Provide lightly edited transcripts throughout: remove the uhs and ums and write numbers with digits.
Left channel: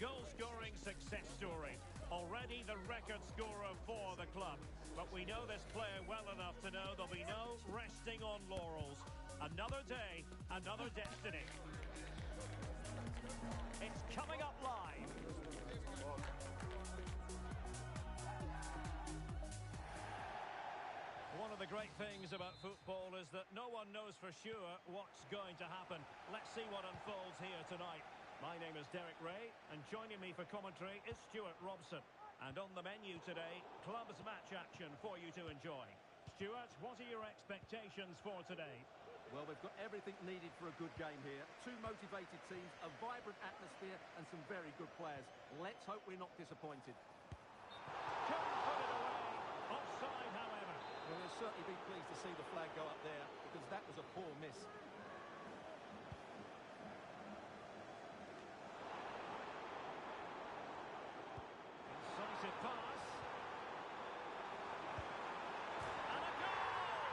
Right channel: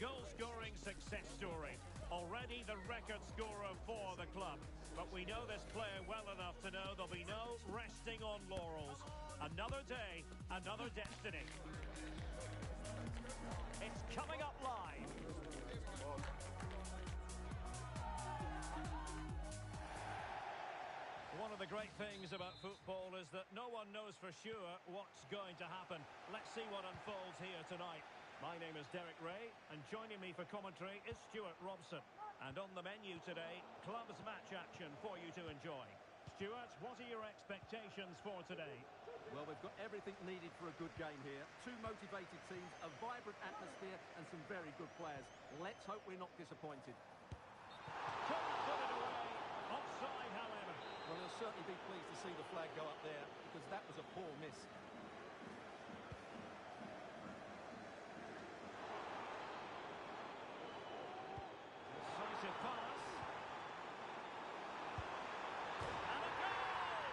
goal-scoring success story. Already the record scorer for the club. But we know this player well enough to know there'll be no resting on laurels. Another day, another destiny. It's coming up live. One of the great things about football is that no one knows for sure what's going to happen. Let's see what unfolds here tonight. My name is Derek Ray, and joining me for commentary is Stuart Robson. And on the menu today, clubs match action for you to enjoy. Stuart, what are your expectations for today? Well, we've got everything needed for a good game here. Two motivated teams, a vibrant atmosphere, and some very good players. Let's hope we're not disappointed. Couldn't put it away. Offside, however. Well, he'll certainly be pleased to see the flag go up there, because that was a poor miss. Incisive pass. And a goal!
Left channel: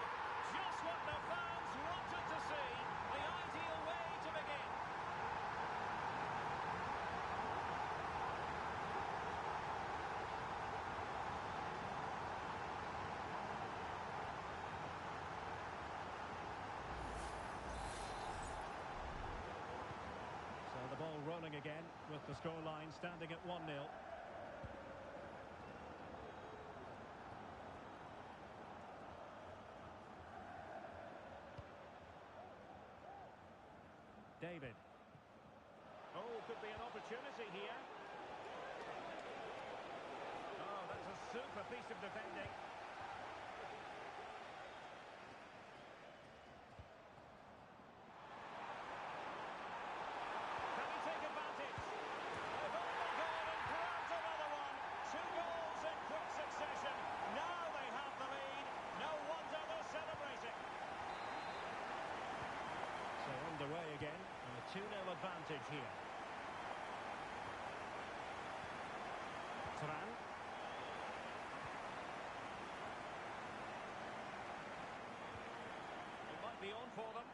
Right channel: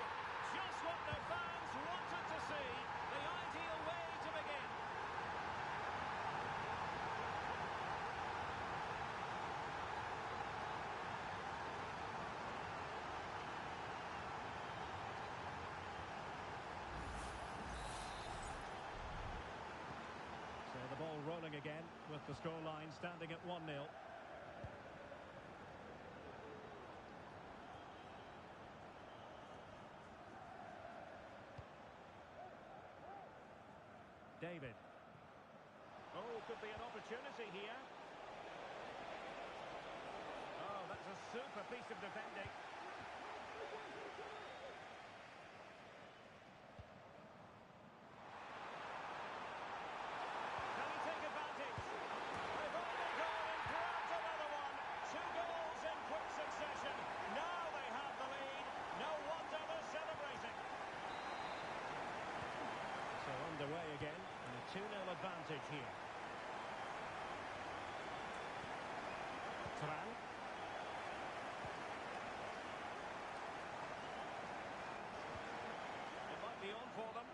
Just what the fans wanted to see. The ideal way to begin. So the ball rolling again with the scoreline standing at 1-0. David. Oh, could be an opportunity here. Oh, that's a super piece of defending. Can he take advantage? They've only gone and grabbed another one. 2 goals in quick succession. Now they have the lead. No wonder they're celebrating. So underway again, and a 2-0 advantage here. Turan. It might be on for them.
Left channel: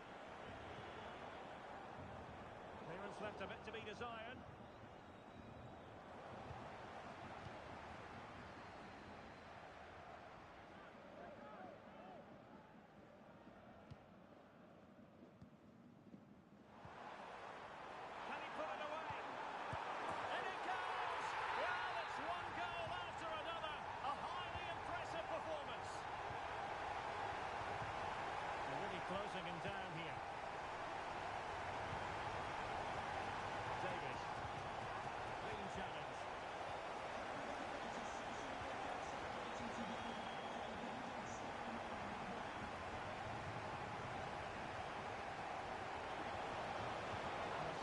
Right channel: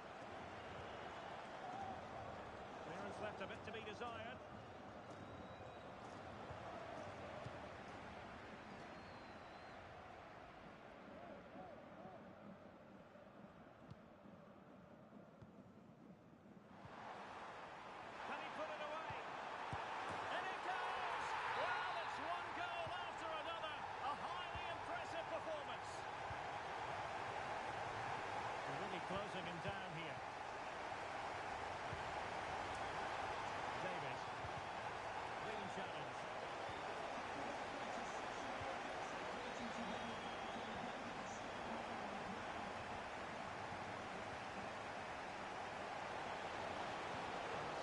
Clearance left a bit to be desired. Can he put it away? And it goes! Well, it's one goal after another. A highly impressive performance. They're really closing him down here. David. Clean challenge.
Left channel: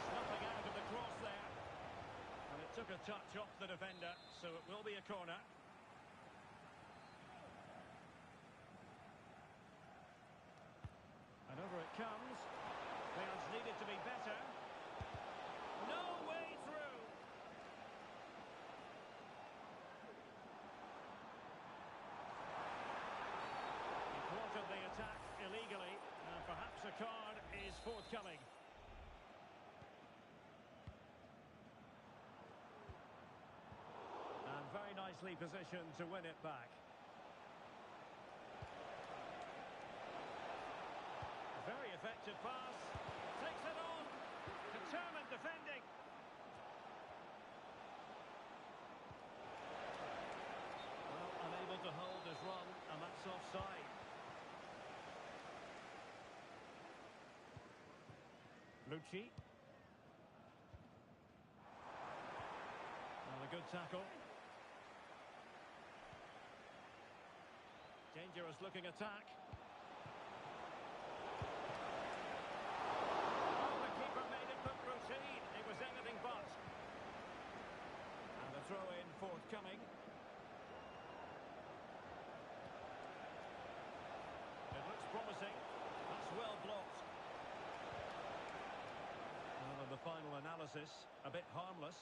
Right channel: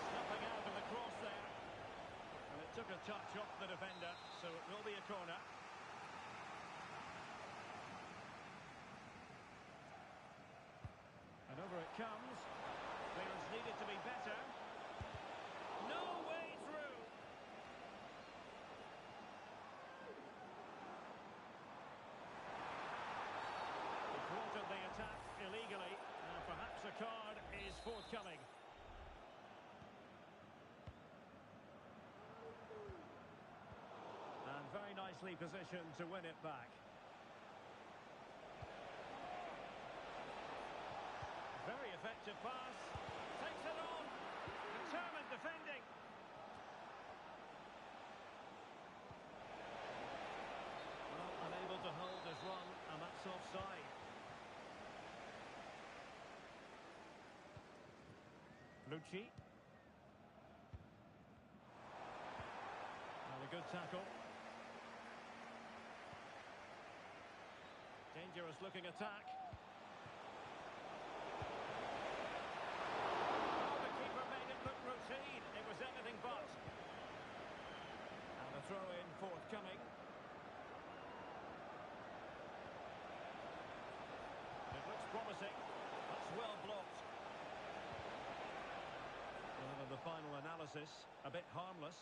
Snuffing out of the cross there. And it took a touch off the defender, so it will be a corner. And over it comes. Clearance needed to be better. No way through. He thwarted the attack illegally. And perhaps a card is forthcoming. And very nicely positioned to win it back. Very effective pass. Takes it on. Determined defending. Well, unable to hold his run, and that's offside. Lucci. Well, a good tackle. Dangerous looking attack. Oh, the keeper made it look routine. It was anything but. And a throw-in forthcoming. It looks promising. That's well blocked. Well, in the final analysis, a bit harmless.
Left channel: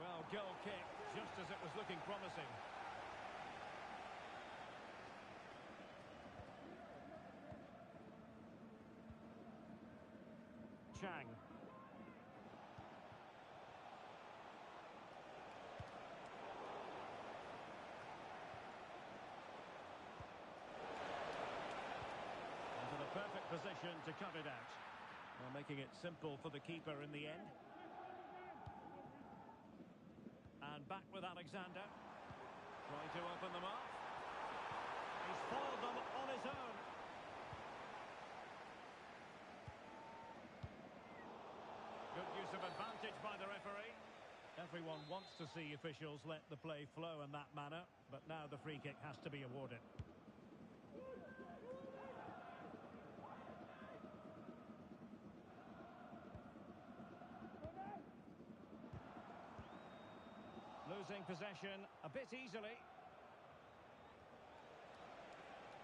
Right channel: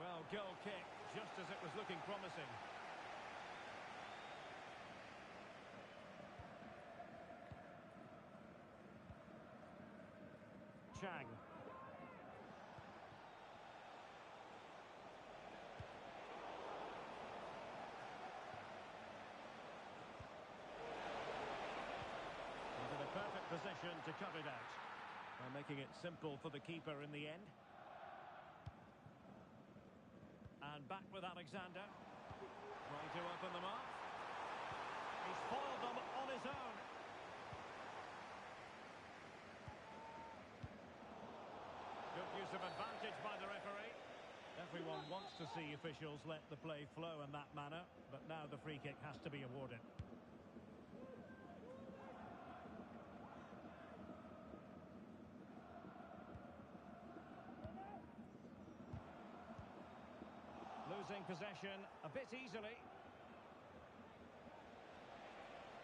Well, goal kick just as it was looking promising. Chang. Into the perfect position to cut it out. Well, making it simple for the keeper in the end. And back with Alexander. Trying to open them up. He's foiled them on his own. Good use of advantage by the referee. Everyone wants to see officials let the play flow in that manner, but now the free kick has to be awarded. Losing possession a bit easily.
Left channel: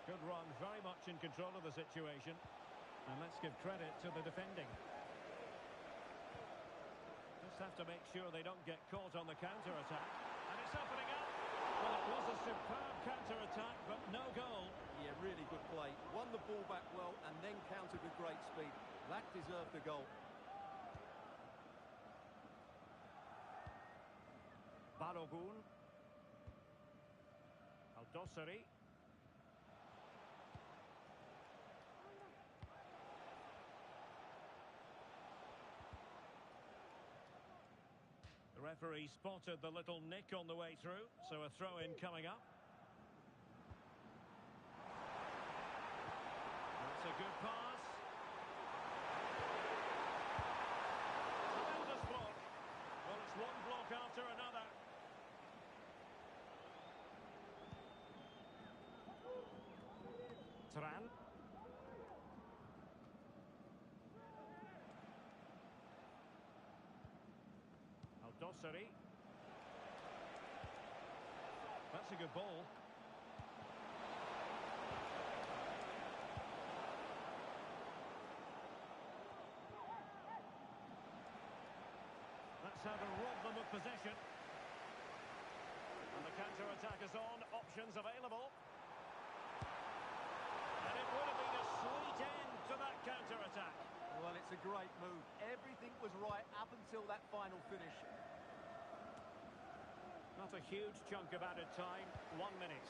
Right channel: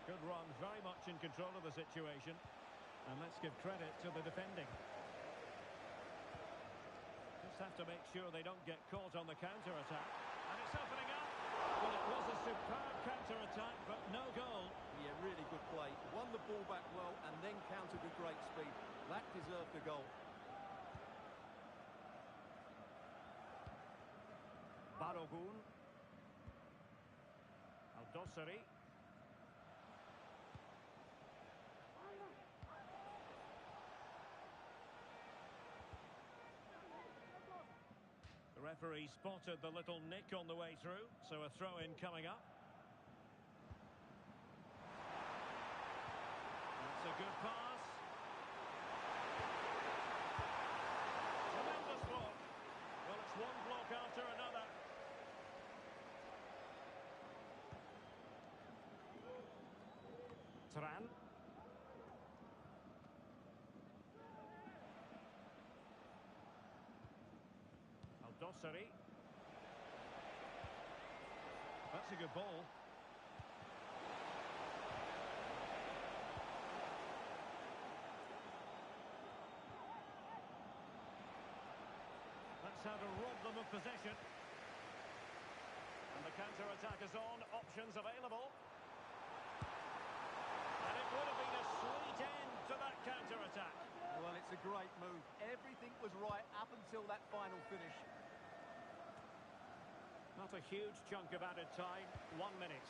Good run, very much in control of the situation. And let's give credit to the defending. Just have to make sure they don't get caught on the counter-attack. And it's opening up. Well, it was a superb counter-attack, but no goal. Yeah, really good play. Won the ball back well and then countered with great speed. That deserved a goal. Balogun. Al-Dossari. The referee spotted the little nick on the way through, so a throw-in coming up. That's a good pass. Tremendous block. Well, it's one block after another. Tran. Al-Dossari. That's a good ball. That's how to rob them of possession. And the counter-attack is on. Options available. And it would have been a sweet end to that counter-attack. Well, it's a great move. Everything was right up until that final finish. Not a huge chunk of added time. 1 minute.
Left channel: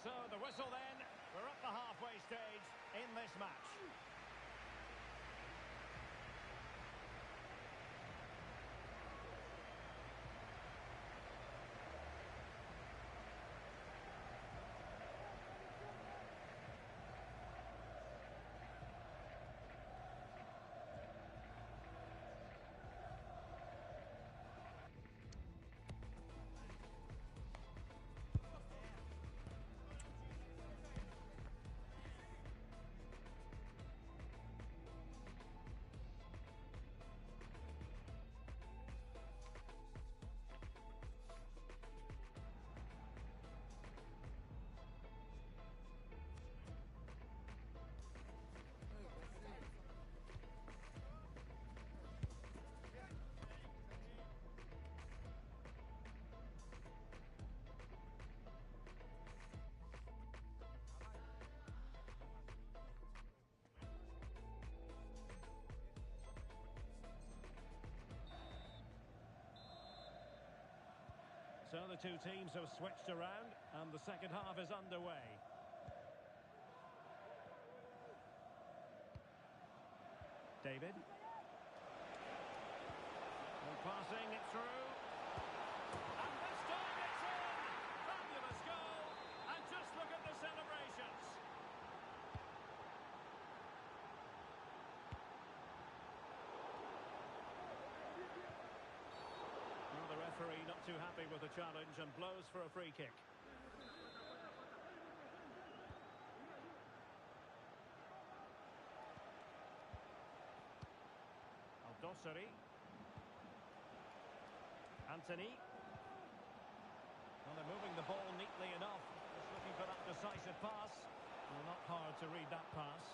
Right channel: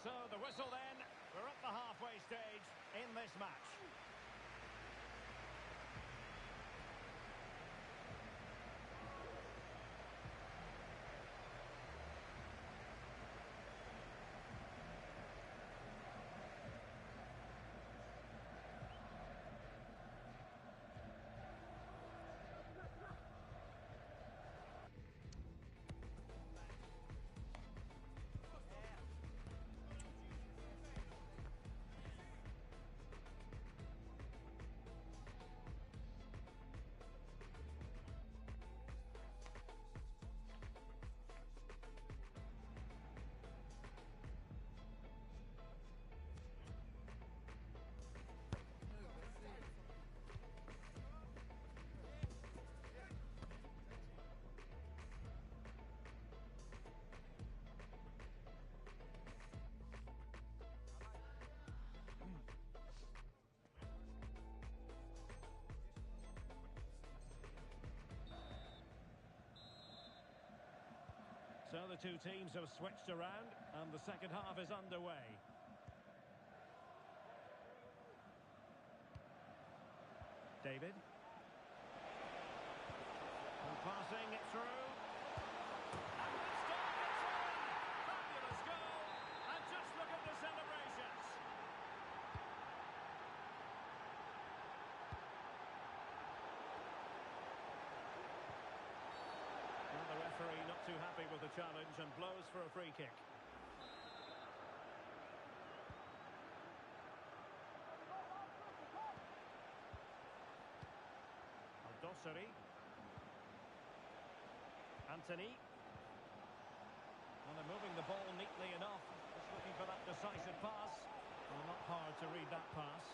So the whistle then. We're at the halfway stage in this match. So the two teams have switched around and the second half is underway. David. And passing it through. And this time it's in! Fabulous goal! And just look at the celebrations. Well, the referee not too happy with the challenge and blows for a free kick. Al-Dossari. Anthony. Well, they're moving the ball neatly enough. Just looking for that decisive pass. Well, not hard to read that pass.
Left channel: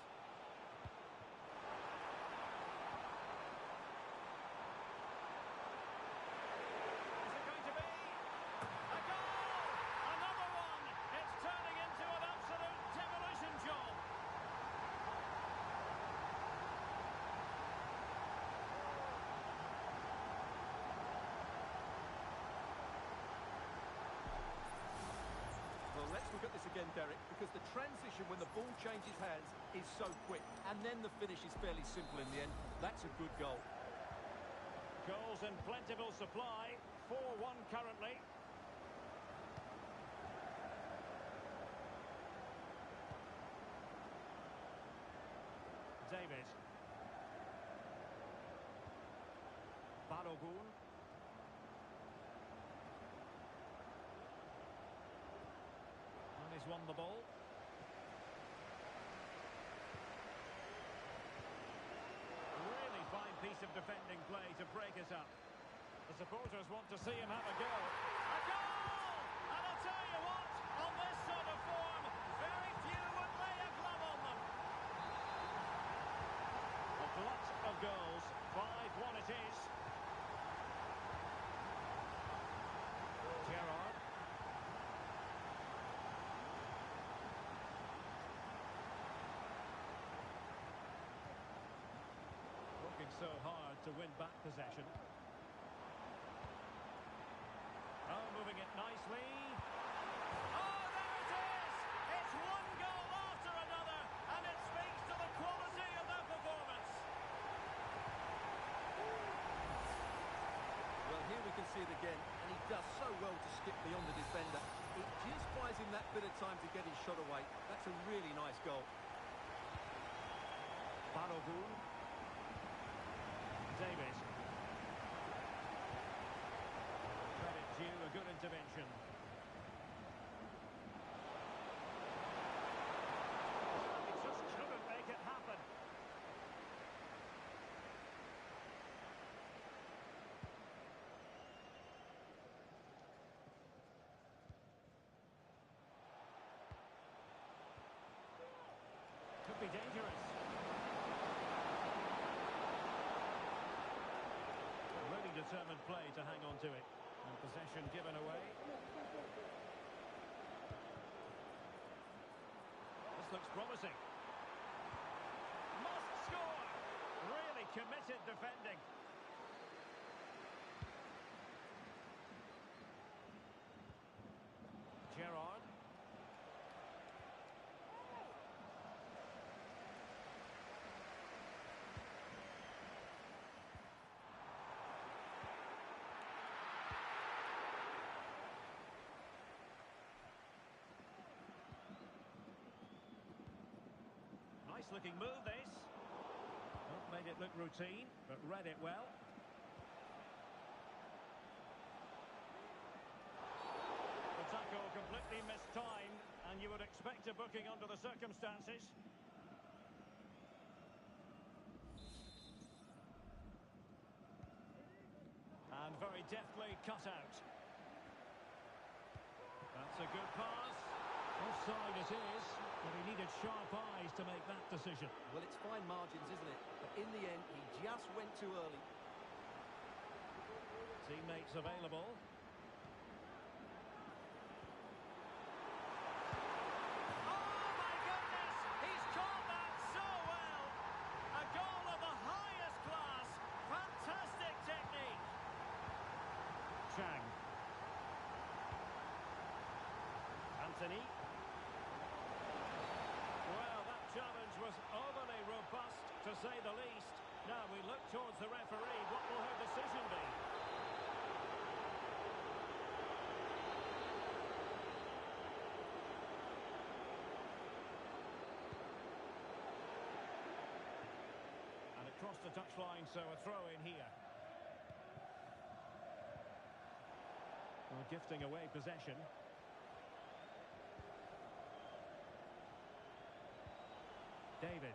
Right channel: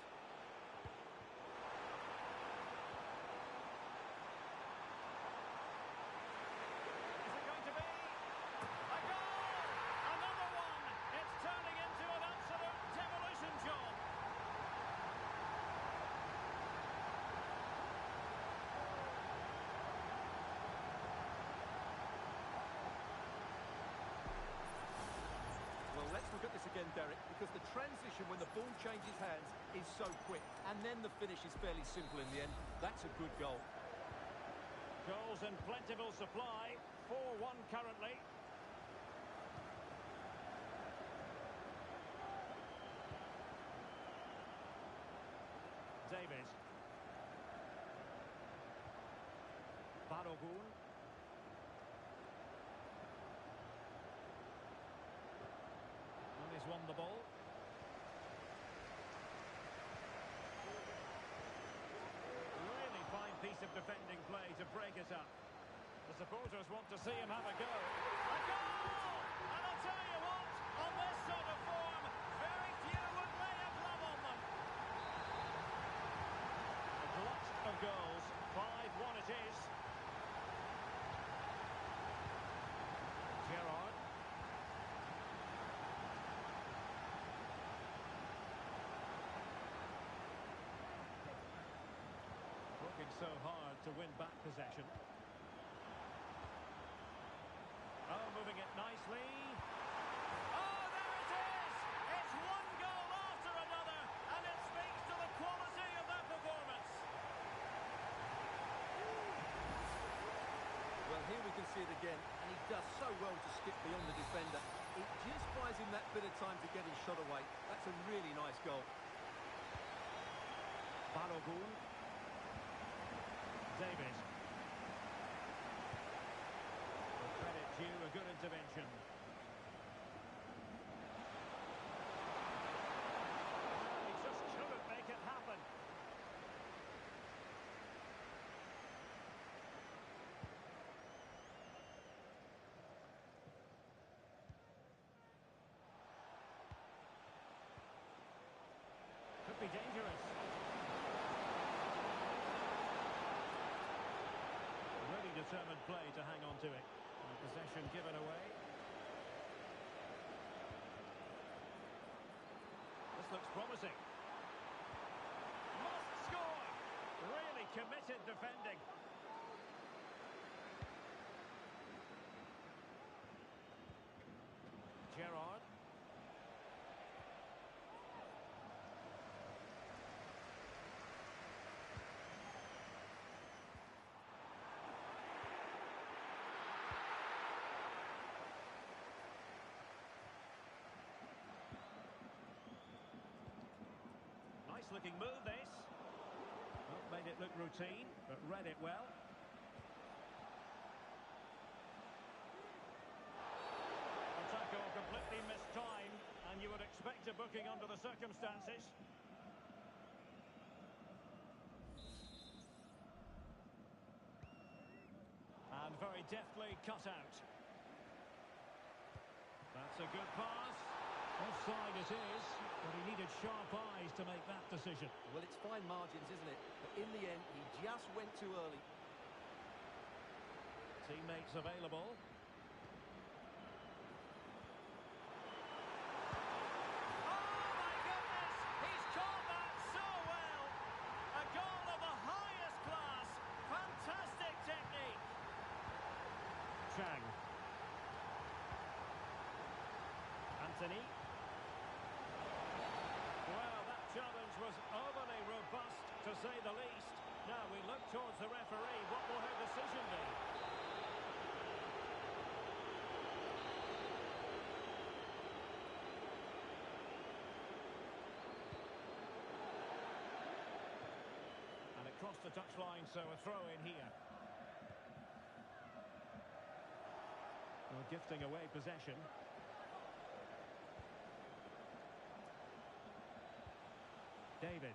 at this again, Derek, because the transition when the ball changes hands is so quick, and then the finish is fairly simple in the end. That's a good goal. Goals in plentiful supply. 4-1 currently. David. Balogun. And he's won the ball. Really fine piece of defending play to break it up. The supporters want to see him have a go. A goal! And I'll tell you what, on this sort of form, very few would lay a glove on them. A glut of goals. 5-1 it is. Gerrard. Working so hard to win back possession. Oh, moving it nicely. Oh, there it is! It's one goal after another, and it speaks to the quality of their performance. Well, here we can see it again, and he does so well to skip beyond the defender. It just buys him that bit of time to get his shot away. That's a really nice goal. Balogun. David. Credit due, a good intervention. Well, he just couldn't make it happen. Could be dangerous. Really determined play to hang on to it. And possession given away. This looks promising. Must score! Really committed defending. Gerrard. Nice looking move this. Not made it look routine, but read it well. The tackle completely mistimed, and you would expect a booking under the circumstances. And very deftly cut out. That's a good pass. Offside it is, but he needed sharp eyes to make that decision. Well, it's fine margins, isn't it? But in the end, he just went too early. Teammates available. Oh, my goodness! He's caught that so well! A goal of the highest class. Fantastic technique. Chang. Anthony. Well, that challenge was overly robust, to say the least. Now we look towards the referee. What will her decision be? And it crossed the touchline, so a throw in here. Well, gifting away possession. David.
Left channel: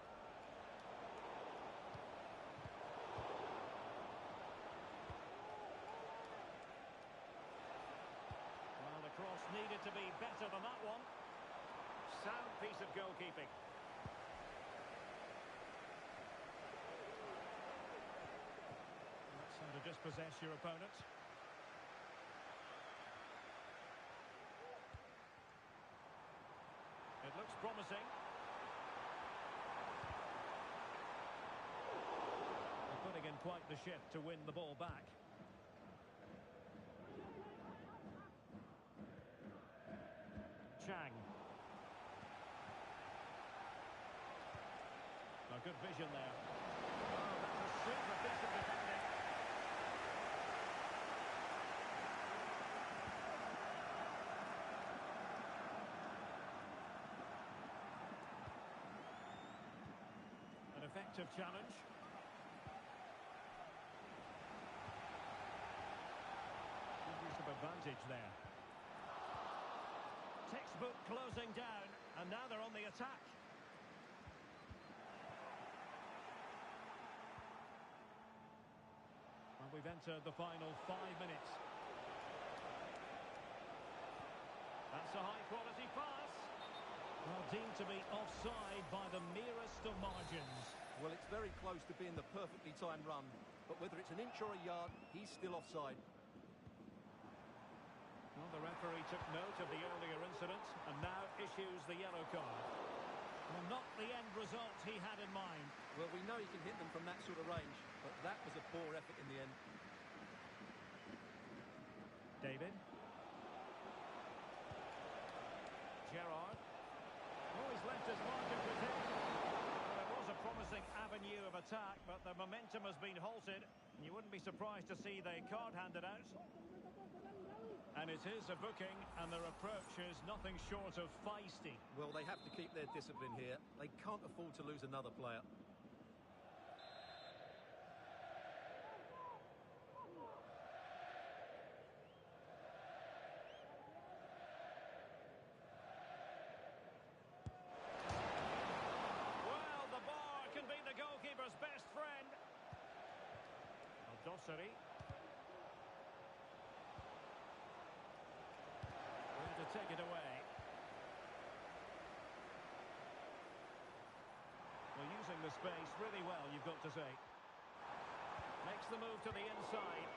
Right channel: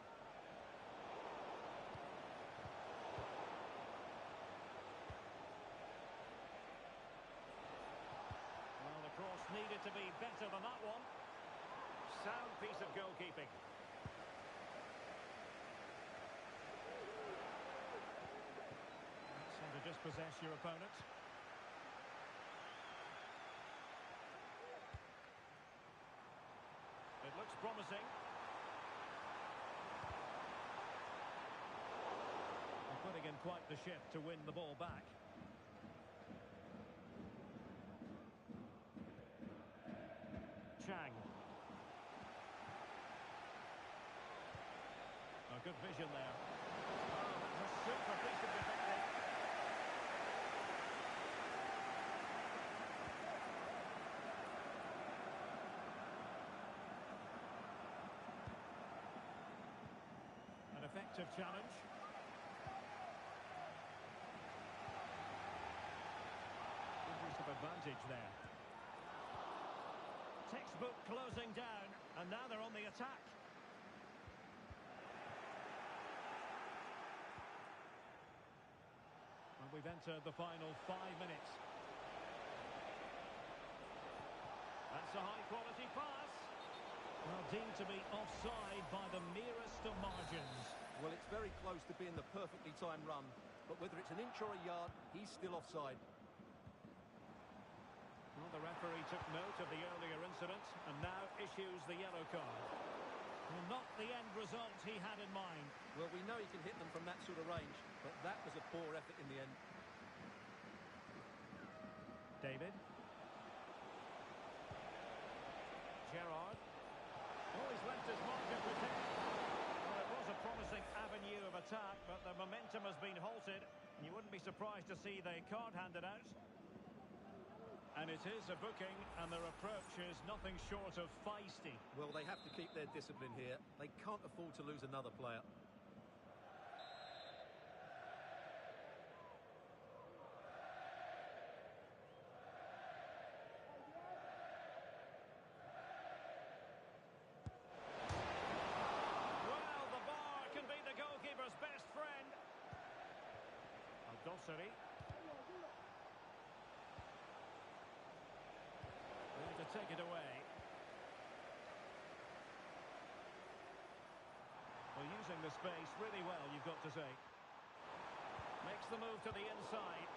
Well, the cross needed to be better than that one. Sound piece of goalkeeping. That's how to dispossess your opponent. It looks promising. Putting in quite the shift to win the ball back. Chang. good vision there. Oh, that's a super piece of defending. An effective challenge. Good use of advantage there. Textbook closing down, and now they're on the attack. And we've entered the final 5 minutes. That's a high-quality pass. Well, deemed to be offside by the merest of margins. Well, it's very close to being the perfectly timed run, but whether it's an inch or a yard, he's still offside. Well, the referee took note of the earlier incident and now issues the yellow card. Well, not the end result he had in mind. Well, we know he can hit them from that sort of range, but that was a poor effort in the end. David. Gerrard. Oh, he's left his mark of protection. Well, it was a promising avenue of attack, but the momentum has been halted, and you wouldn't be surprised to see the card handed out. And it is a booking, and their approach is nothing short of feisty. Well, they have to keep their discipline here. They can't afford to lose another player. Well, the bar can be the goalkeeper's best friend. Al-Dossari. To take it away. Well, using the space really well, you've got to say. Makes the move to the inside.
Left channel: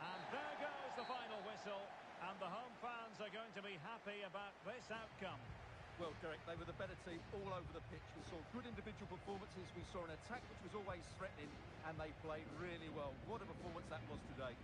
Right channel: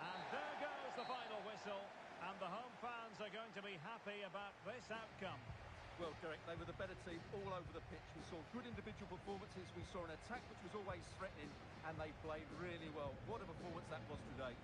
And there goes the final whistle. And the home fans are going to be happy about this outcome. Well, Derek, they were the better team all over the pitch. We saw good individual performances. We saw an attack which was always threatening, and they played really well. What a performance that was today.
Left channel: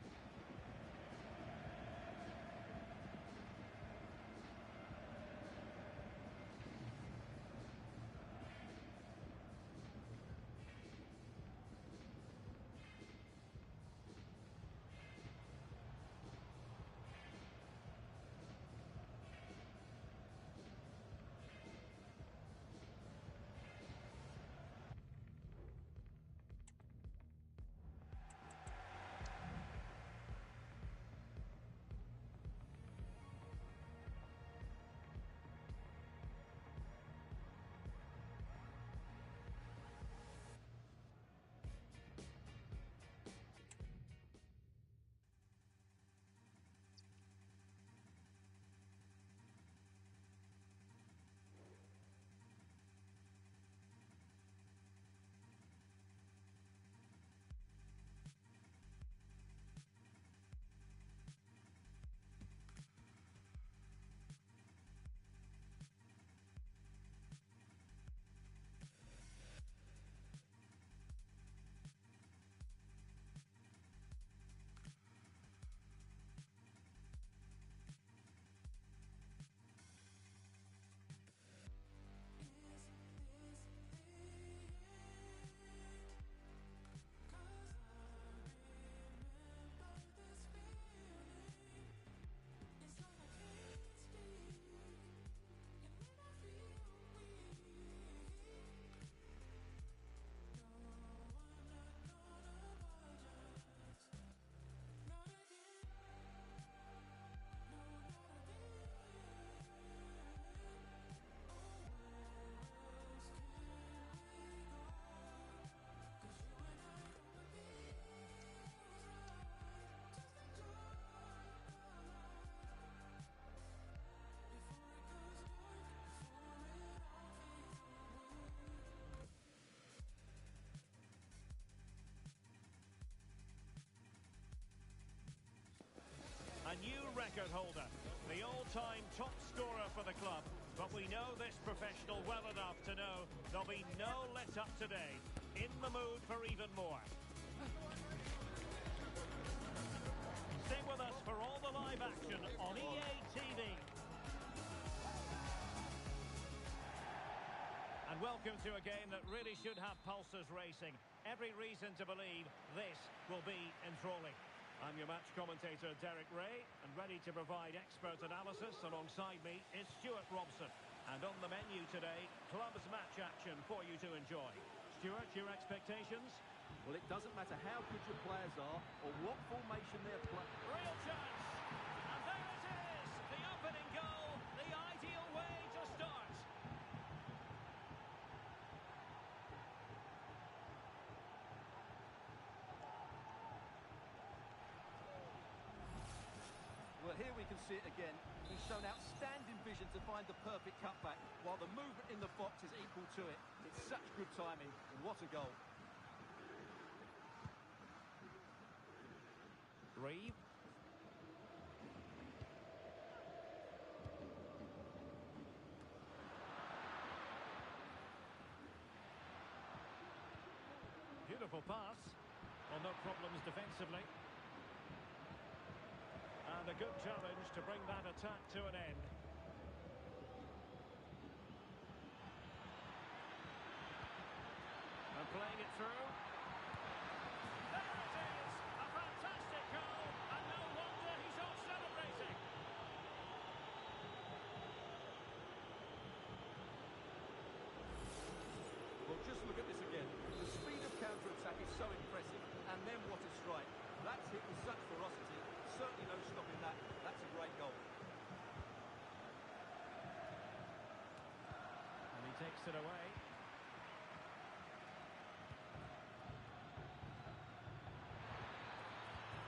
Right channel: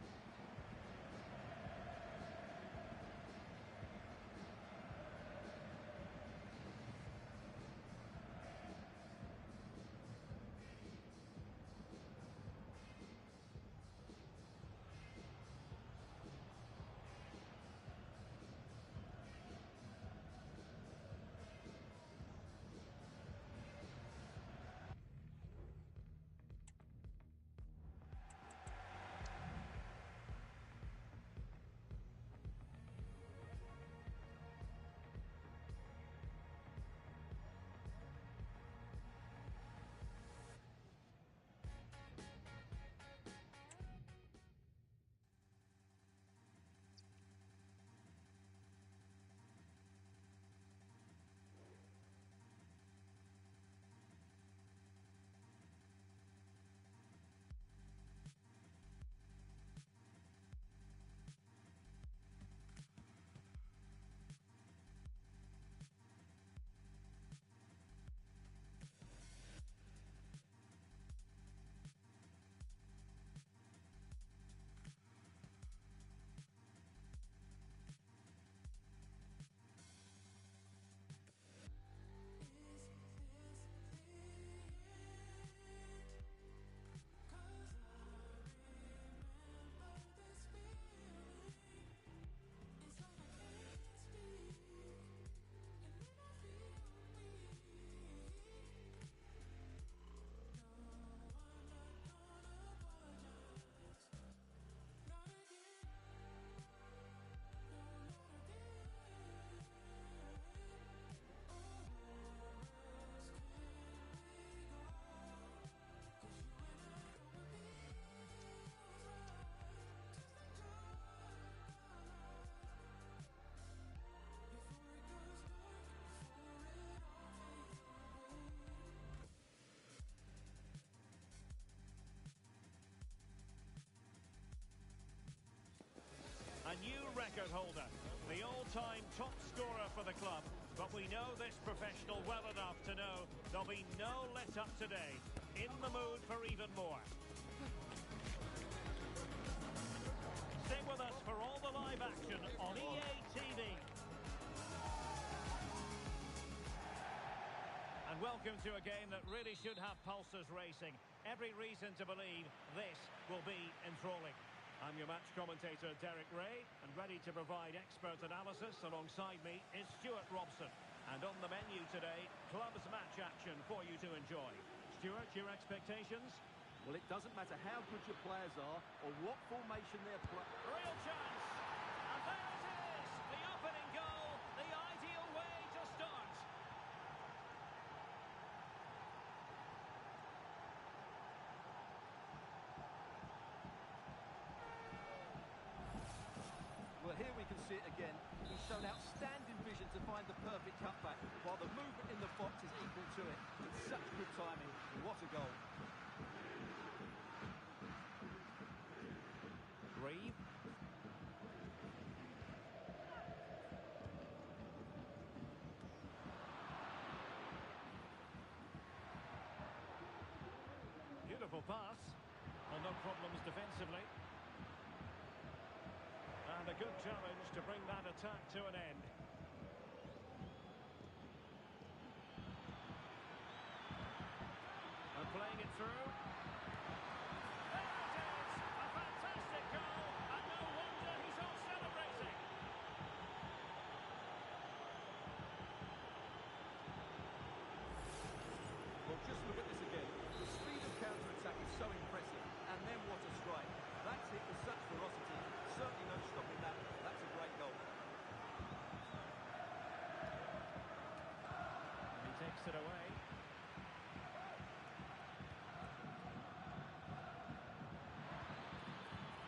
A new record holder, the all-time top scorer for the club. But we know this professional well enough to know there'll be no let-up today. In the mood for even more. Stay with us for all the live action on EA TV. And welcome to a game that really should have pulses racing. Every reason to believe this will be enthralling. I'm your match commentator, Derek Ray, and ready to provide expert analysis alongside me is Stuart Robson. And on the menu today, clubs match action for you to enjoy. Stuart, your expectations? Well, it doesn't matter how good your players are or what formation they're playing. Real chance! And there it is! The opening goal, the ideal way to start. Well, here we can see it again. He's shown outstanding vision to find the perfect cutback, while the movement in the box is equal to it. It's such good timing. What a goal. Reeve. Beautiful pass. Well, no problems defensively. And a good challenge to bring that attack to an end. And playing it through. There it is! A fantastic goal, and no wonder he's off celebrating. Well, just look at this again. The speed of counter-attack is so impressive. And then what a strike. That's hit with such ferocity. Certainly no stopping that. That's a great goal. And he takes it away.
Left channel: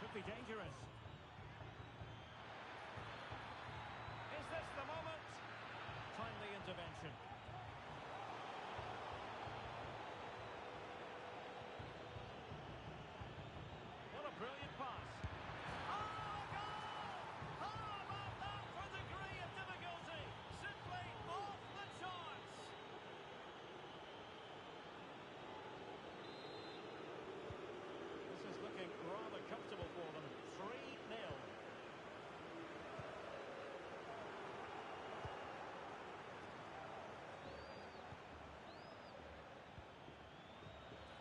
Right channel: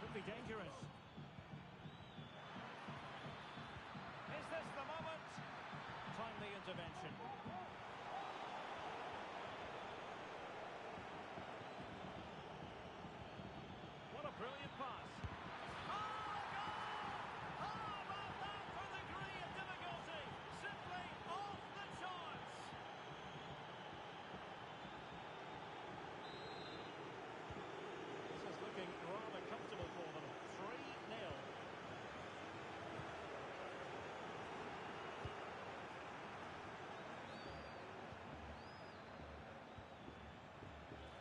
Could be dangerous. Is this the moment? Timely intervention. What a brilliant pass. Oh, goal! How about that for degree of difficulty? Simply off the charts. This is looking rather comfortable for them. 3-0.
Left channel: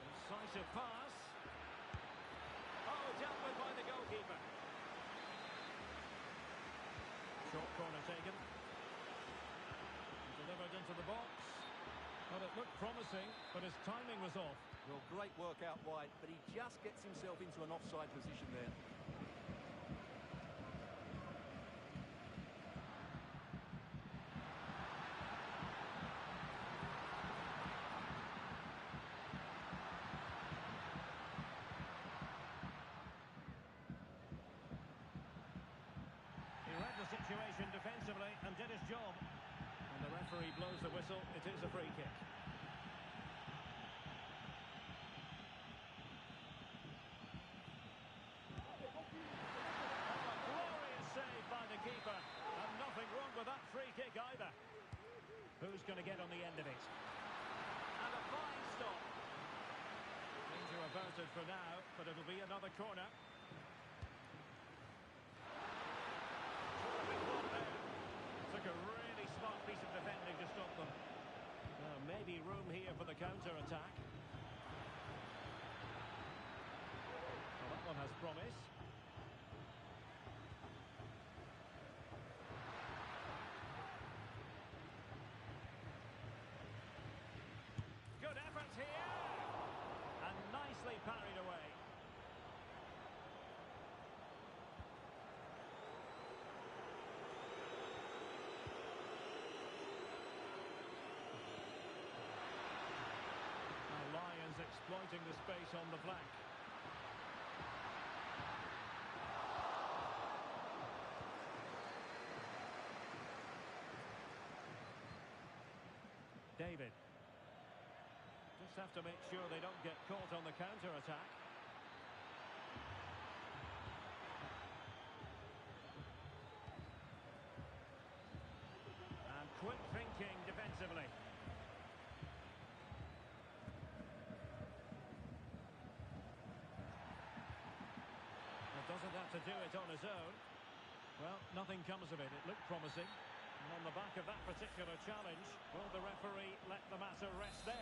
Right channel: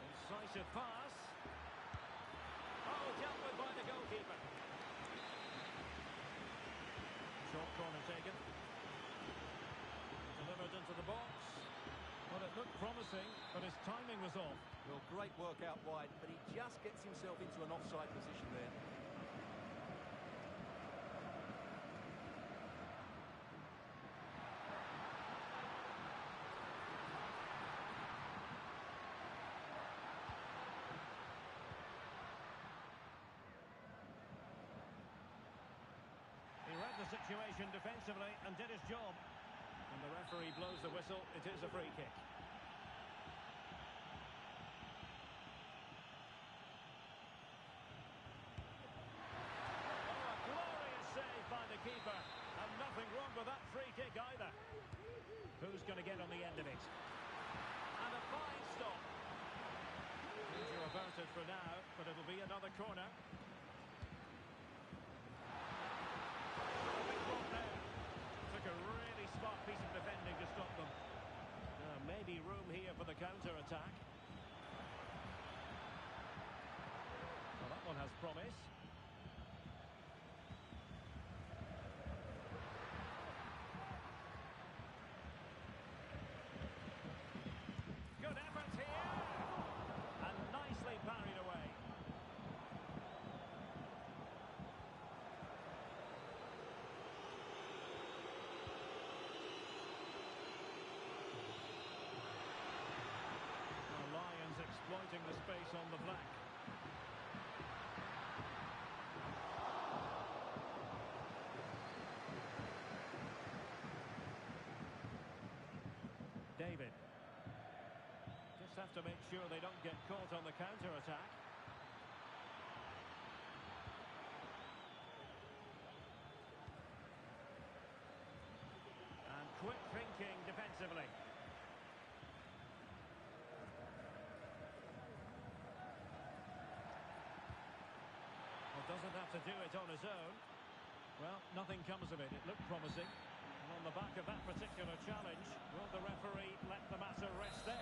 Incisive pass. Oh, dealt with by the goalkeeper. Short corner taken. Delivered into the box. Well, it looked promising, but his timing was off. Well, great work out wide, but he just gets himself into an offside position there. He read the situation defensively and did his job. When the referee blows the whistle, it is a free kick. Oh, a glorious save by the keeper. And nothing wrong with that free kick either. Who's going to get on the end of it? And a fine stop. Danger averted for now, but it'll be another corner. Terrific run there. Took a really smart piece of defending to stop them. Now, maybe room here for the counter-attack. Well, that one has promise. Good effort here. And nicely parried away. Now Lions exploiting the space on the flank. David. Just have to make sure they don't get caught on the counter-attack. And quick thinking defensively. Well, doesn't have to do it on his own. Well, nothing comes of it. It looked promising. And on the back of that particular challenge, will the referee let the matter rest there.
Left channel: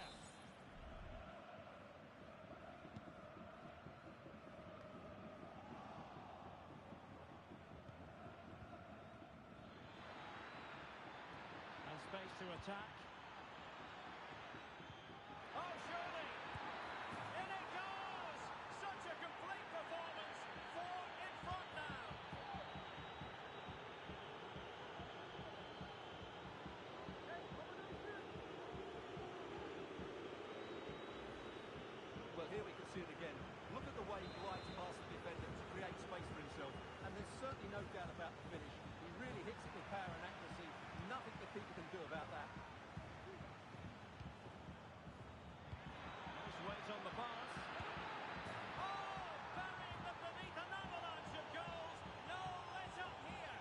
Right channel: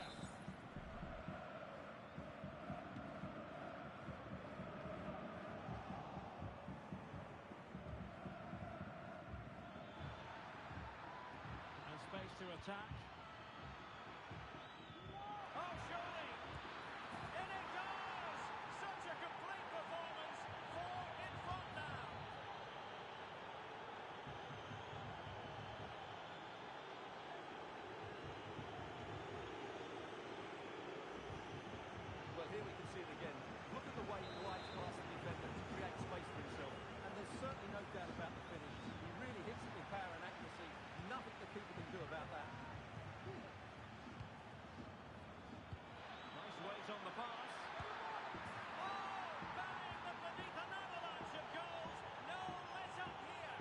And space to attack. Oh, surely! In it goes! Such a complete performance. 4 in front now. Well, here we can see it again. Look at the way he glides past the defender to create space for himself. And there's certainly no doubt about the finish. He really hits it with power and accuracy. Nothing the keeper can do about that. Nice weight on the pass. Oh, burying them beneath an avalanche of goals. No let up here.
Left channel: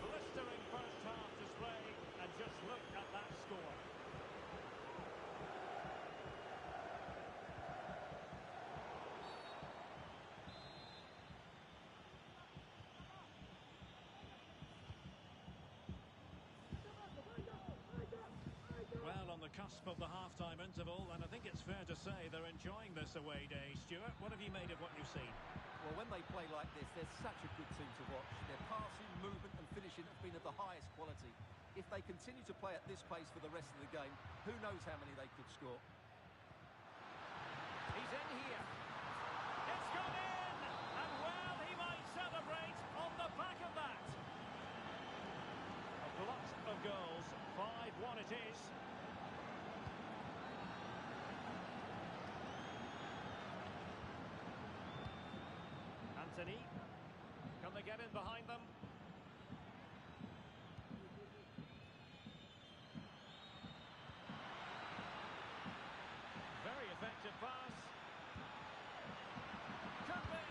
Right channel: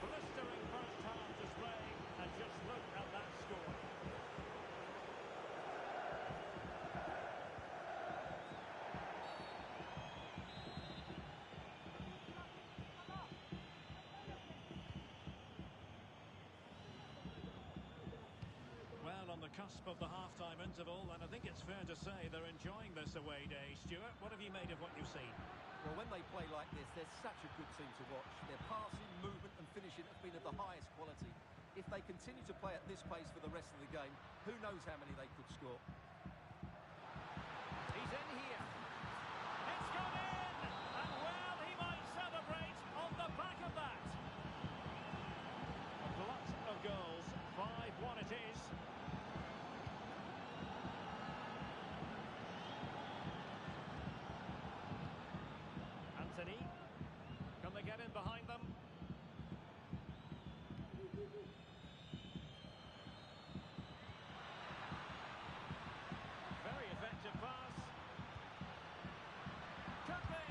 Blistering first half display, and just look at that score. Well, on the cusp of the half-time interval, and I think it's fair to say they're enjoying this away day. Stuart, what have you made of what you've seen? Well, when they play like this, they're such a good team to watch. Their passing, movement and finishing have been of the highest quality. If they continue to play at this pace for the rest of the game, who knows how many they could score. He's in here. It's gone in! And well, he might celebrate on the back of that. A glut of goals. 5-1 it is. Anthony. Can they get in behind them? Very effective pass. Could be.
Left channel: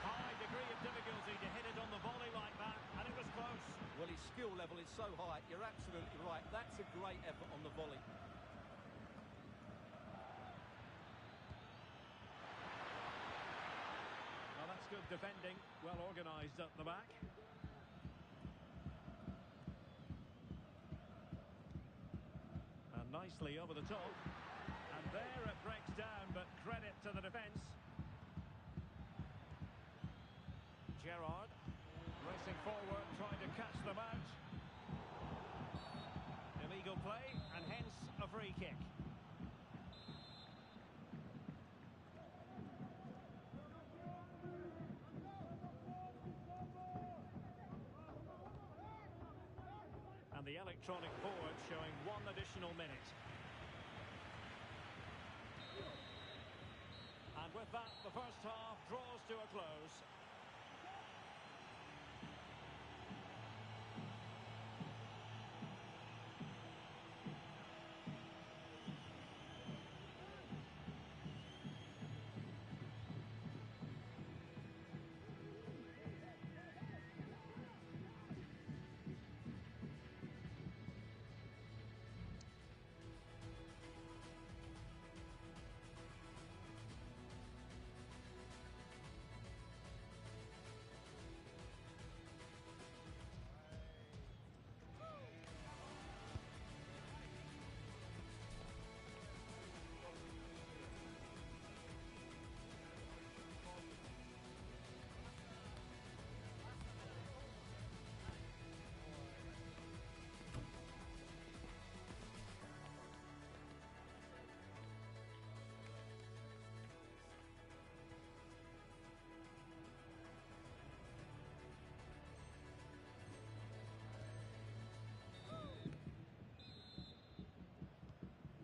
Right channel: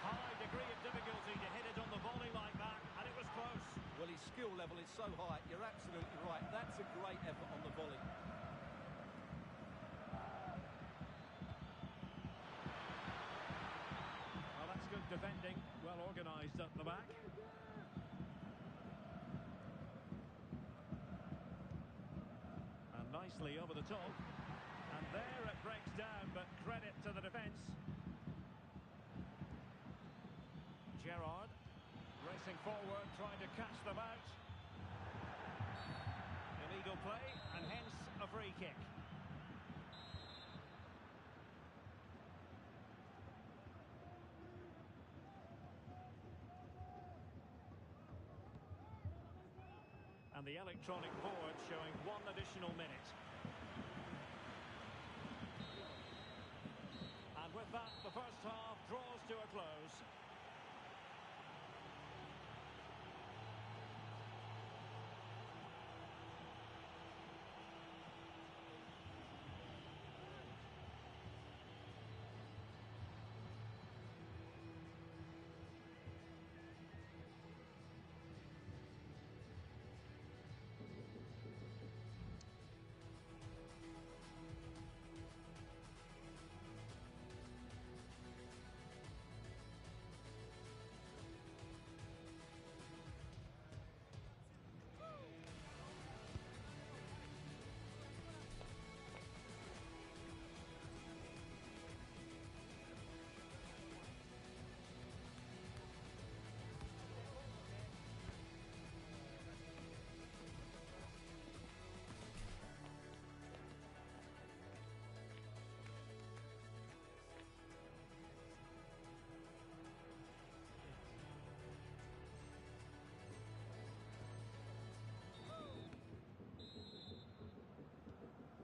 High degree of difficulty to hit it on the volley like that, and it was close. Well, his skill level is so high. You're absolutely right. That's a great effort on the volley. Well, that's good defending. Well organised at the back. And nicely over the top. And there it breaks down, but credit to the defence. Gerrard racing forward, trying to catch them out. Illegal play, and hence a free kick. And the electronic board showing 1 additional minute. And with that, the first half draws to a close.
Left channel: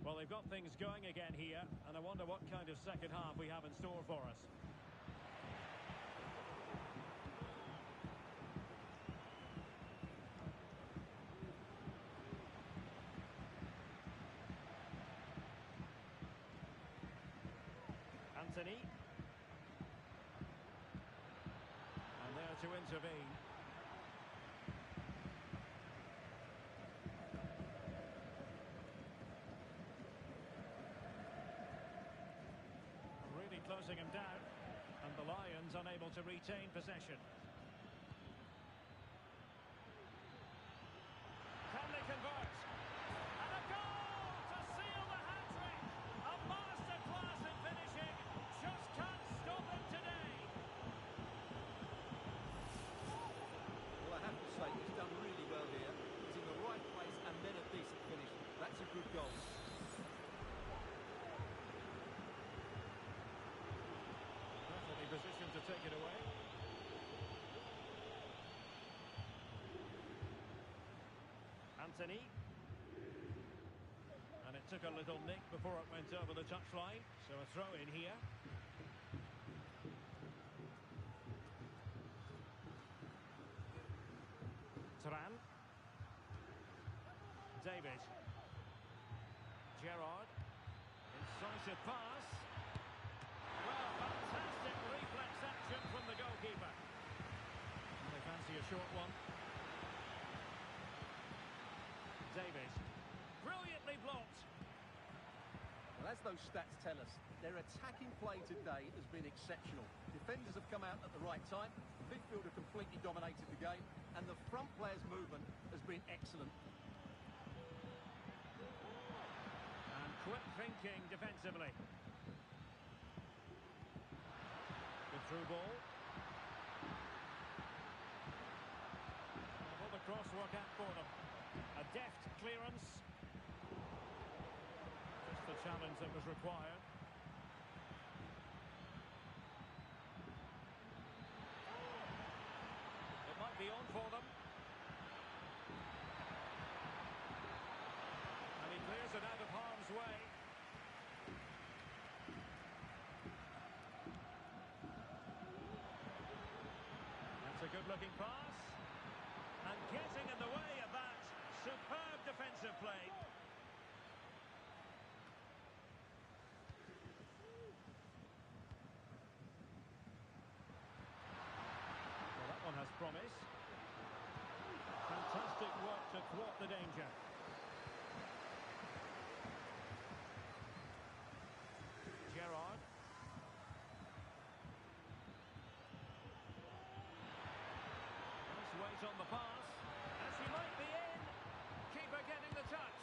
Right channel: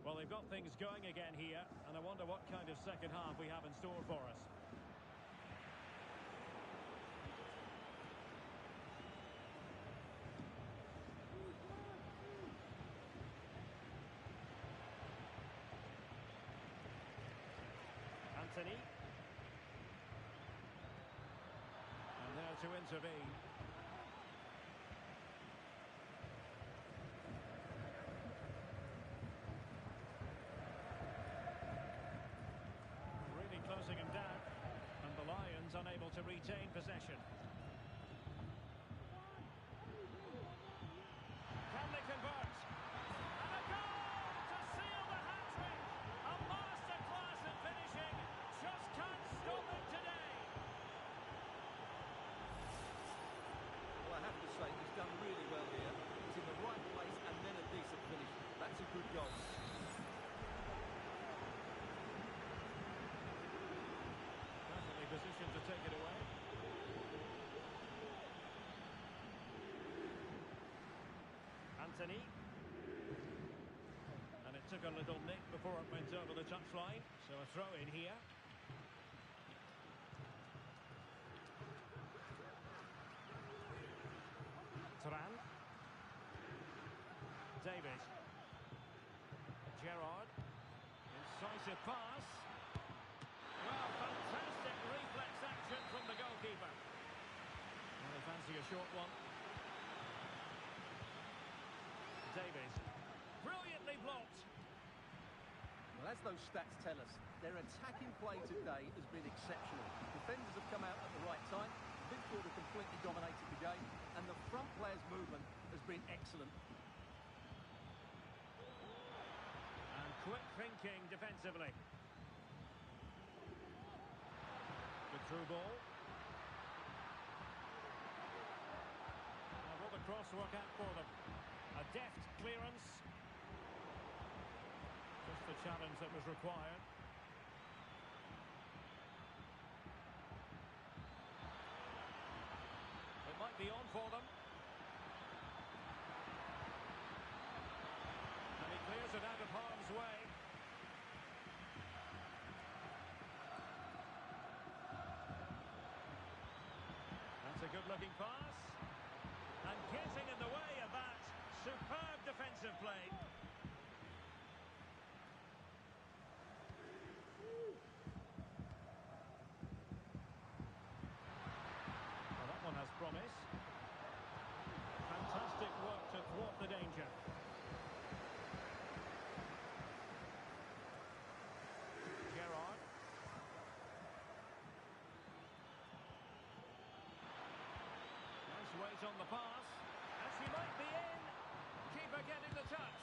Well, they've got things going again here, and I wonder what kind of second half we have in store for us. Anthony. And there to intervene. Really closing him down. And the Lions Netherlands unable to retain possession. Can they convert? And a goal to seal the hat-trick! A masterclass in finishing. Just can't stop him today. Well, I have to say, he's done really well here. He's in the right place and then a decent finish. That's a good goal. Perfectly positioned to take it away. Anthony. And it took a little nick before it went over the touchline. So a throw in here. Turan. David. Gerrard. Incisive pass. Well, fantastic reflex action from the goalkeeper. Well, they fancy a short one. Davies. Brilliantly blocked. Well, as those stats tell us, their attacking play today has been exceptional. Defenders have come out at the right time, the midfielder completely dominated the game, and the front player's movement has been excellent. And quick thinking defensively. Good through ball. Now will the cross work out for them? A deft clearance. Just the challenge that was required. It might be on for them. And he clears it out of harm's way. That's a good-looking pass. And getting in the way of that. Superb defensive play. Well, that one has promise. Fantastic work to thwart the danger. Gerrard. Nice weight on the pass. And she might be in. Keeper getting the touch.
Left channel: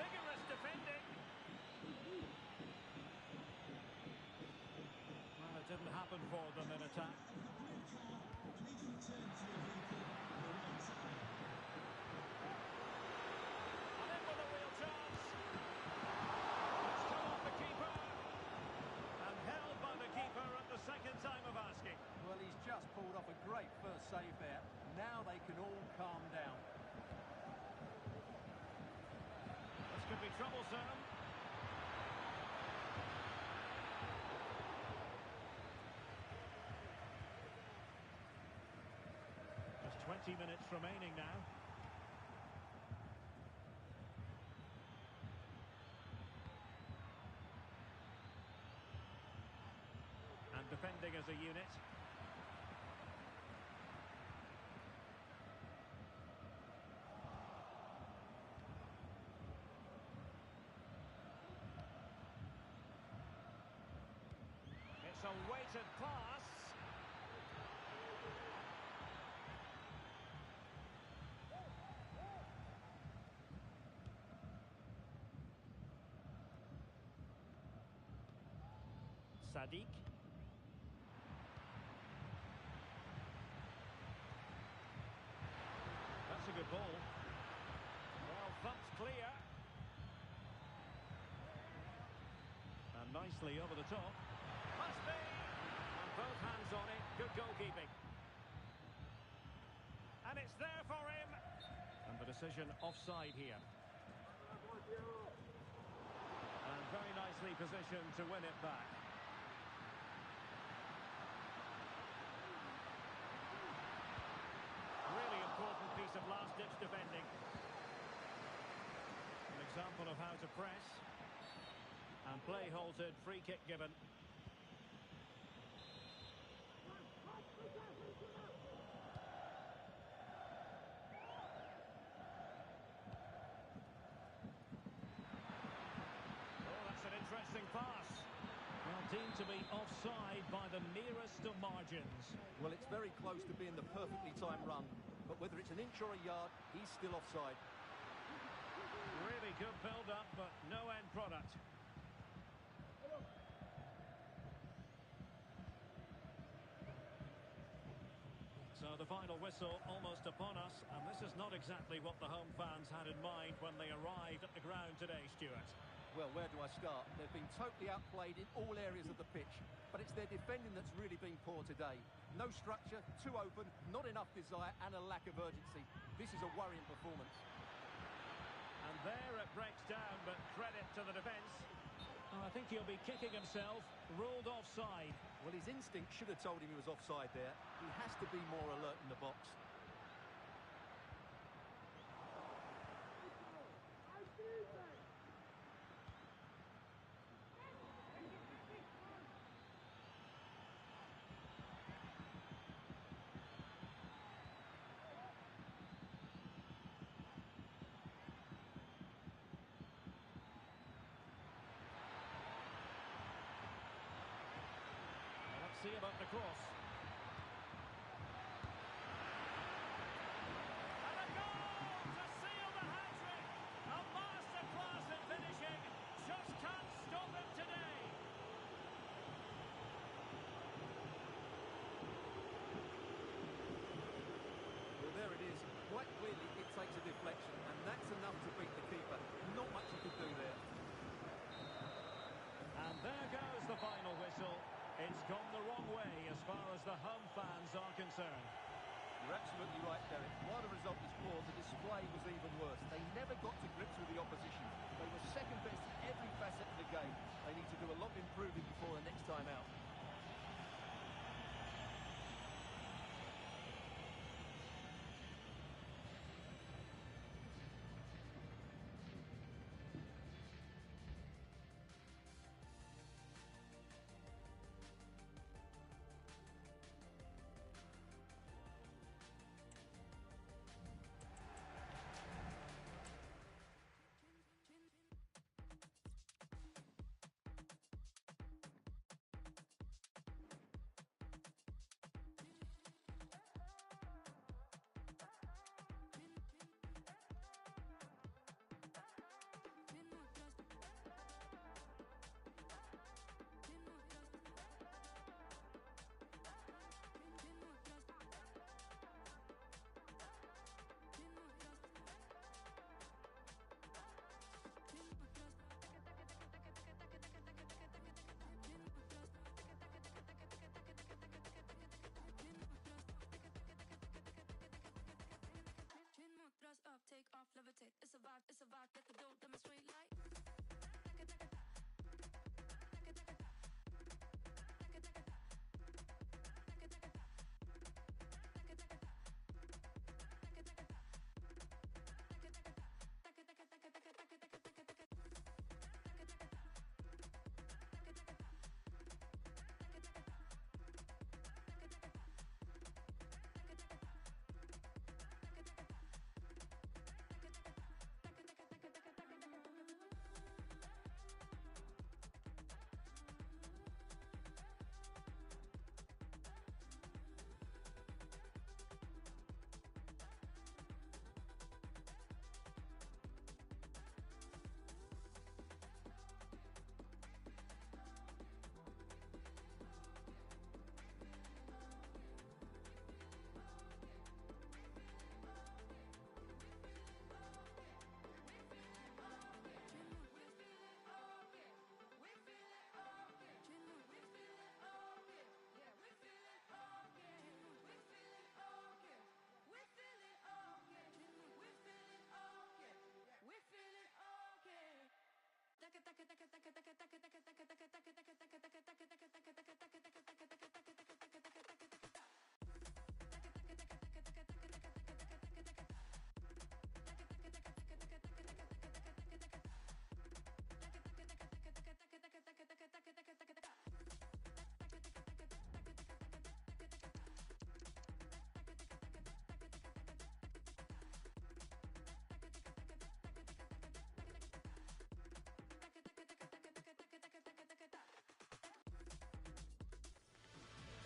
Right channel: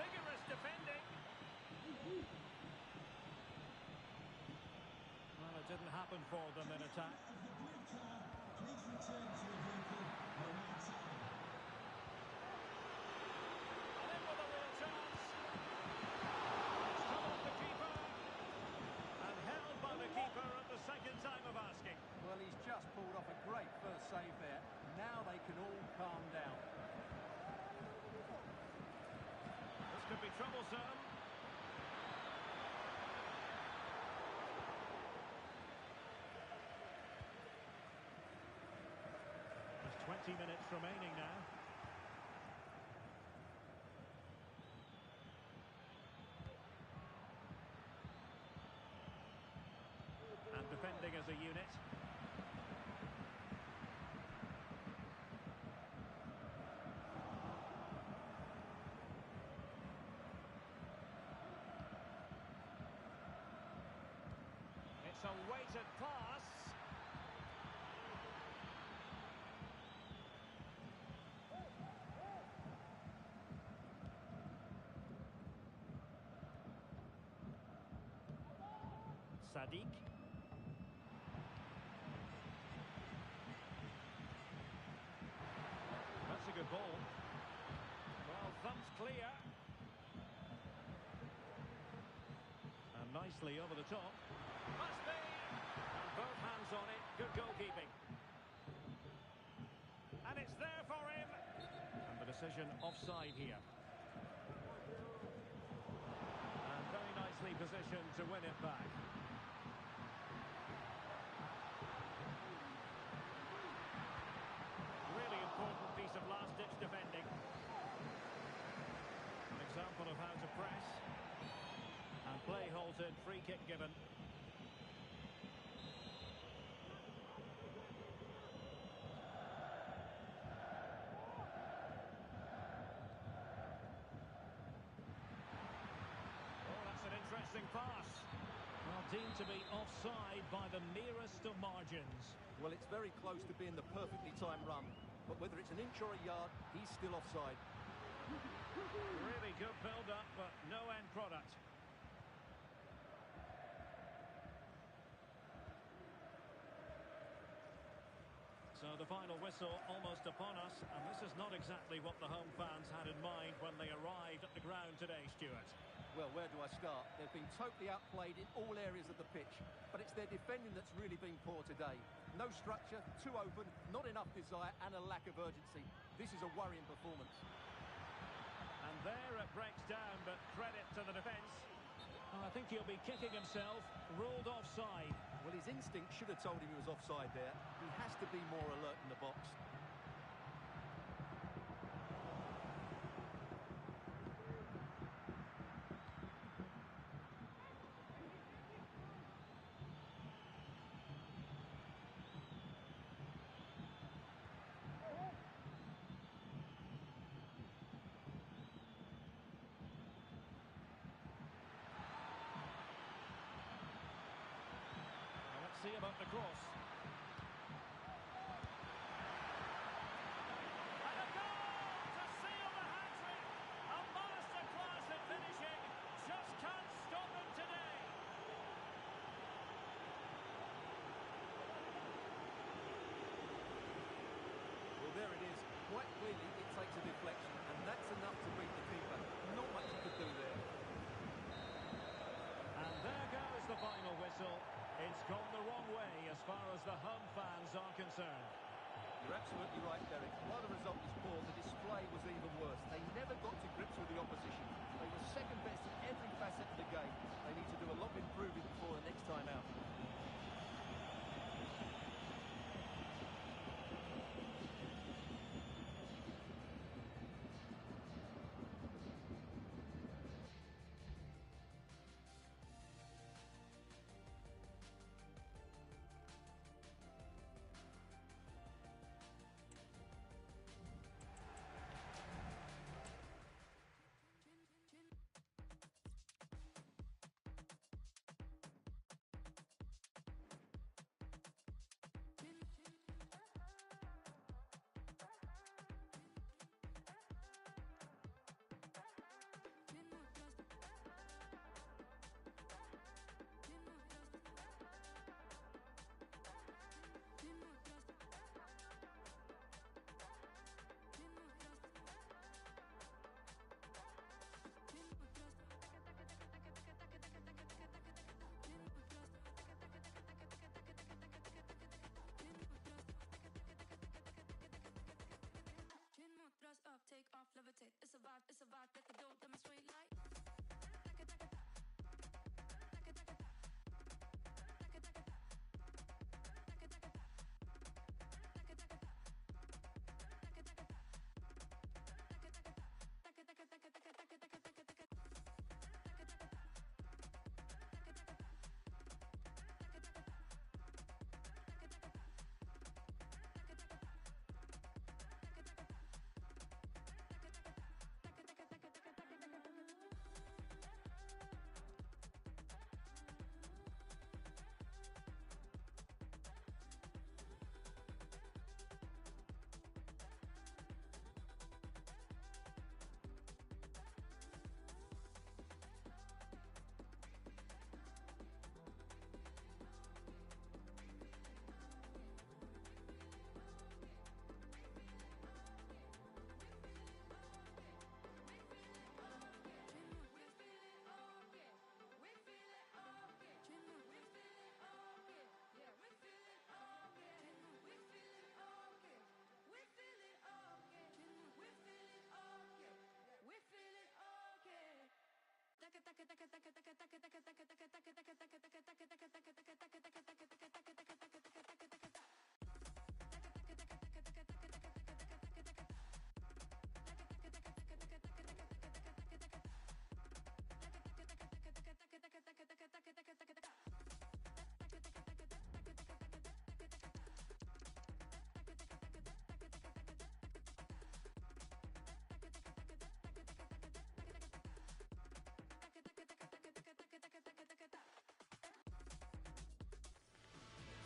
Vigorous defending. Well, it didn't happen for them in attack. And in with a real chance. It's come off the keeper. And held by the keeper at the second time of asking. Well, he's just pulled off a great first save there. Now they can all calm down. This could be troublesome. Just 20 minutes remaining now. And defending as a unit. It's a weighted pass. Sadiq. That's a good ball. Well, thumped clear. And nicely over the top. Must be! And both hands on it. Good goalkeeping. And it's there for him. And the decision offside here. And very nicely positioned to win it back. Really important piece of last-ditch defending. An example of how to press. And play halted, free kick given. Oh, that's an interesting pass. Well, deemed to be offside by the merest of margins. Well, it's very close to being the perfectly timed run, but whether it's an inch or a yard, he's still offside. Really good build-up, but no end product. So the final whistle almost upon us, and this is not exactly what the home fans had in mind when they arrived at the ground today, Stuart. Well, where do I start? They've been totally outplayed in all areas of the pitch, but it's their defending that's really been poor today. No structure, too open, not enough desire, and a lack of urgency. This is a worrying performance. And there it breaks down, but credit to the defence. Oh, I think he'll be kicking himself, ruled offside. Well, his instinct should have told him he was offside there. He has to be more alert in the box. Well, let's see about the cross. And a goal to seal the hat-trick! A masterclass in finishing. Just can't stop him today. Well, there it is. Quite clearly, it takes a deflection, and that's enough to beat the keeper. Not much he could do there. And there goes the final whistle. It's gone the wrong way as far as the home fans are concerned. You're absolutely right, Derek. While the result was poor, the display was even worse. They never got to grips with the opposition. They were second best in every facet of the game. They need to do a lot of improving before the next time out.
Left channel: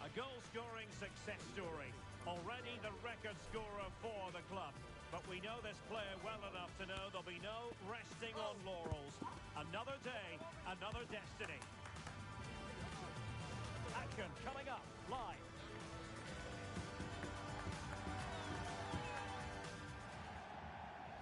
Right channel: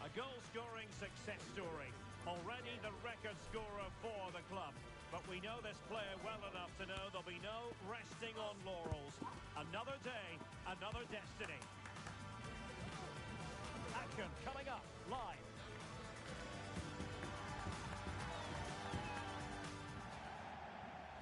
A goal-scoring success story. Already the record scorer for the club. But we know this player well enough to know there'll be no resting on laurels. Another day, another destiny. Action coming up live.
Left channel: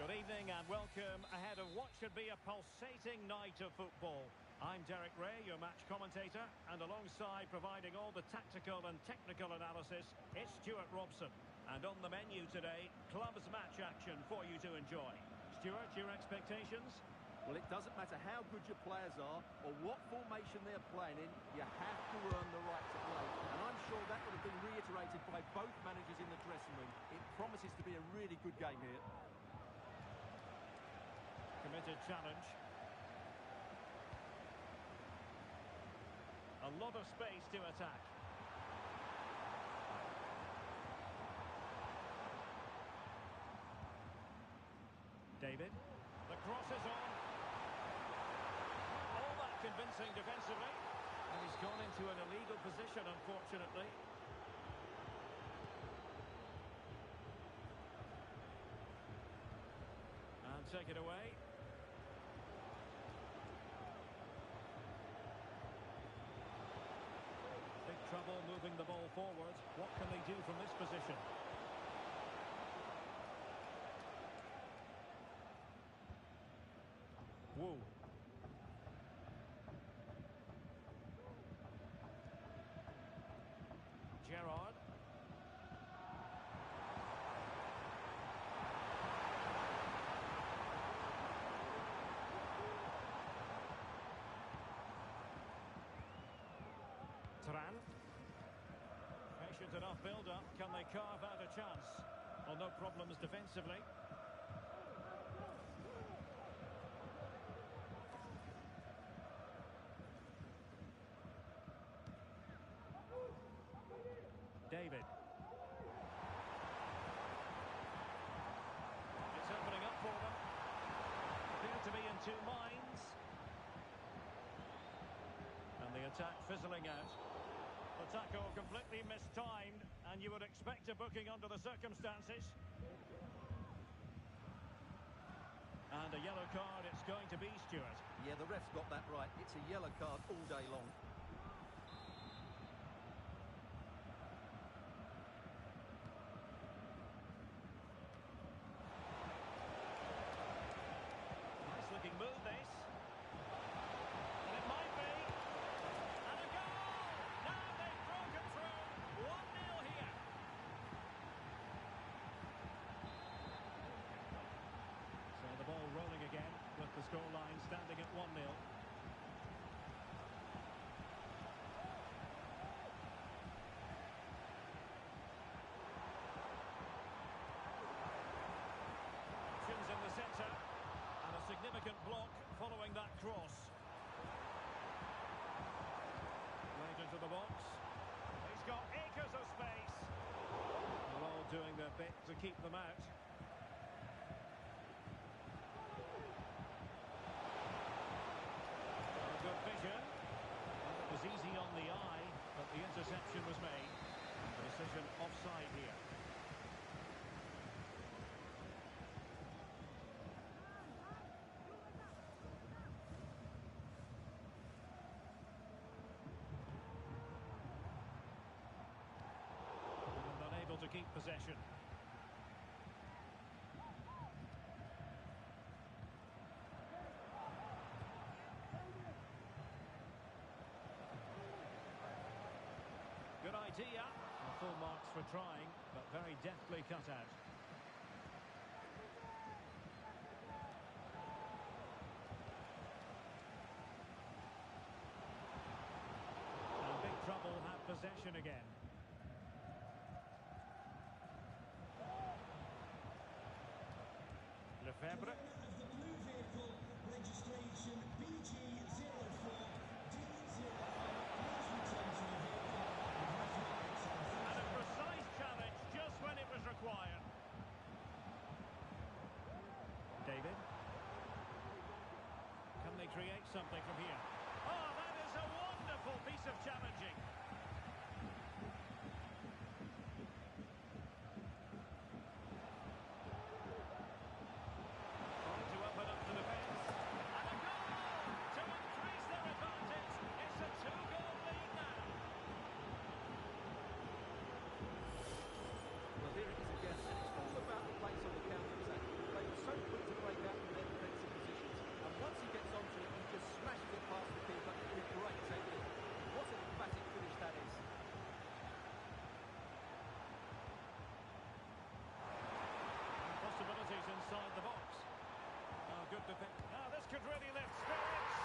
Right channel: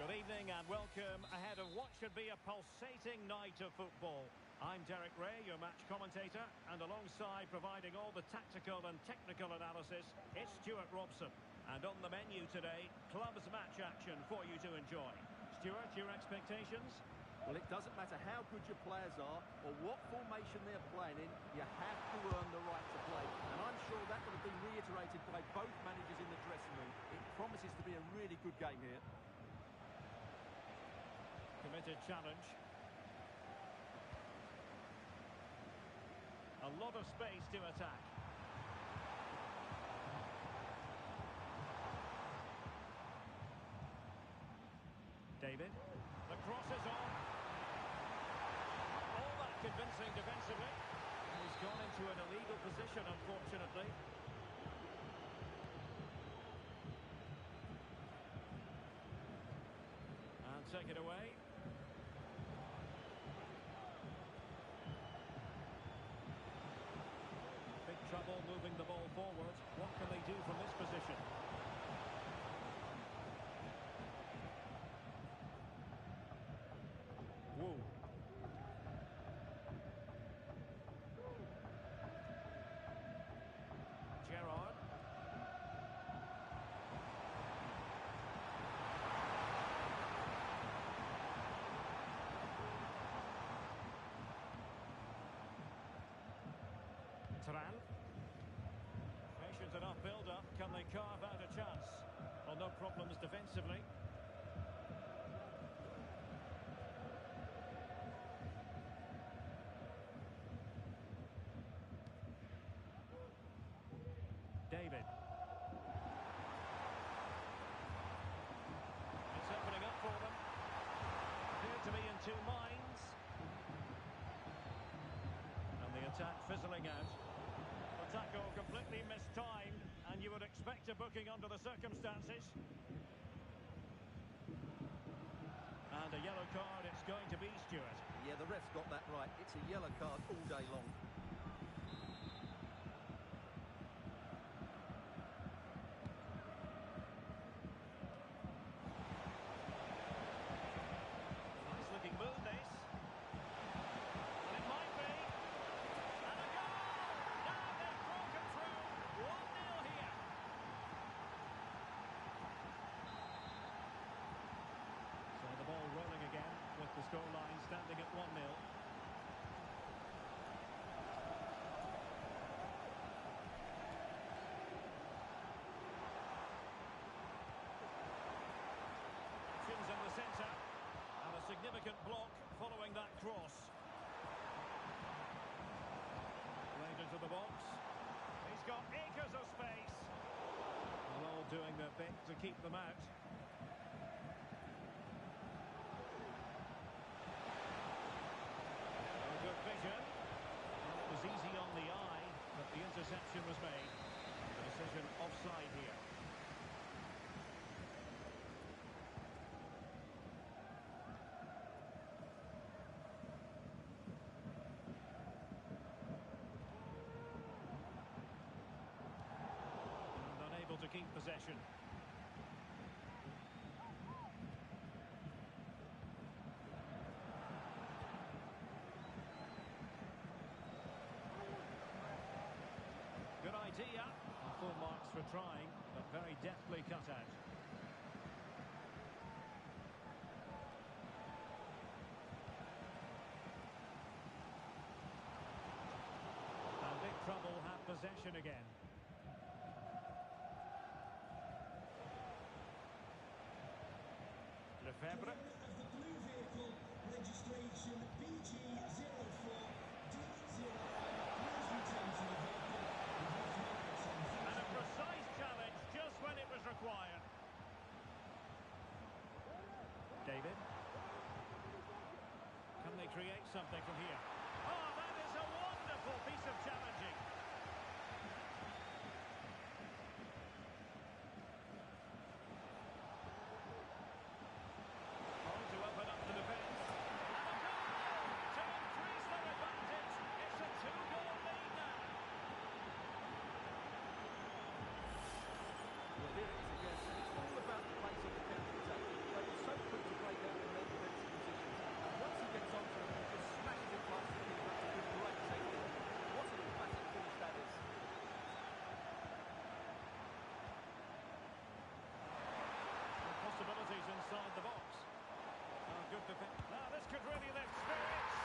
Good evening and welcome ahead of what should be a pulsating night of football. I'm Derek Ray, your match commentator, and alongside providing all the tactical and technical analysis, it's Stuart Robson. And on the menu today, clubs match action for you to enjoy. Stuart, your expectations? Well, it doesn't matter how good your players are or what formation they're playing in, you have to earn the right to play. And I'm sure that would have been reiterated by both managers in the dressing room. It promises to be a really good game here. Committed challenge. A lot of space to attack. David. The cross is on. All that convincing defensively. And he's gone into an illegal position, unfortunately. And take it away. Big trouble moving the ball forward. What can they do from this position? Woo. Gerrard. Turan. Patient enough build-up. Can they carve out a chance? Well, no problems defensively. David. It's opening up for them. Appear to be in two minds. And the attack fizzling out. The tackle completely mistimed, and you would expect a booking under the circumstances. And a yellow card it's going to be, Stuart. Yeah, the ref's got that right. It's a yellow card all day long. Looking move this, and it might be, and a goal. Now they've broken through. 1-0 here. So the ball rolling again with the scoreline standing at 1-0. Options in the centre. And a significant block following that cross. Played into the box. He's got acres of space. Well, all doing their bit to keep them out. Oh, good vision. Well, it was easy on the eye, but the interception was made. And the decision offside here. To keep possession. Good idea. Well, full marks for trying, but very deftly cut out. And big trouble have possession again. Lefebvre. Of the blue vehicle, registration BG04D05. Please return to the vehicle with reflects on. And a precise challenge just when it was required. David. Can they create something from here? Oh, that is a wonderful piece of challenging. inside the box. Oh, good defense. Now this could really lift spirits.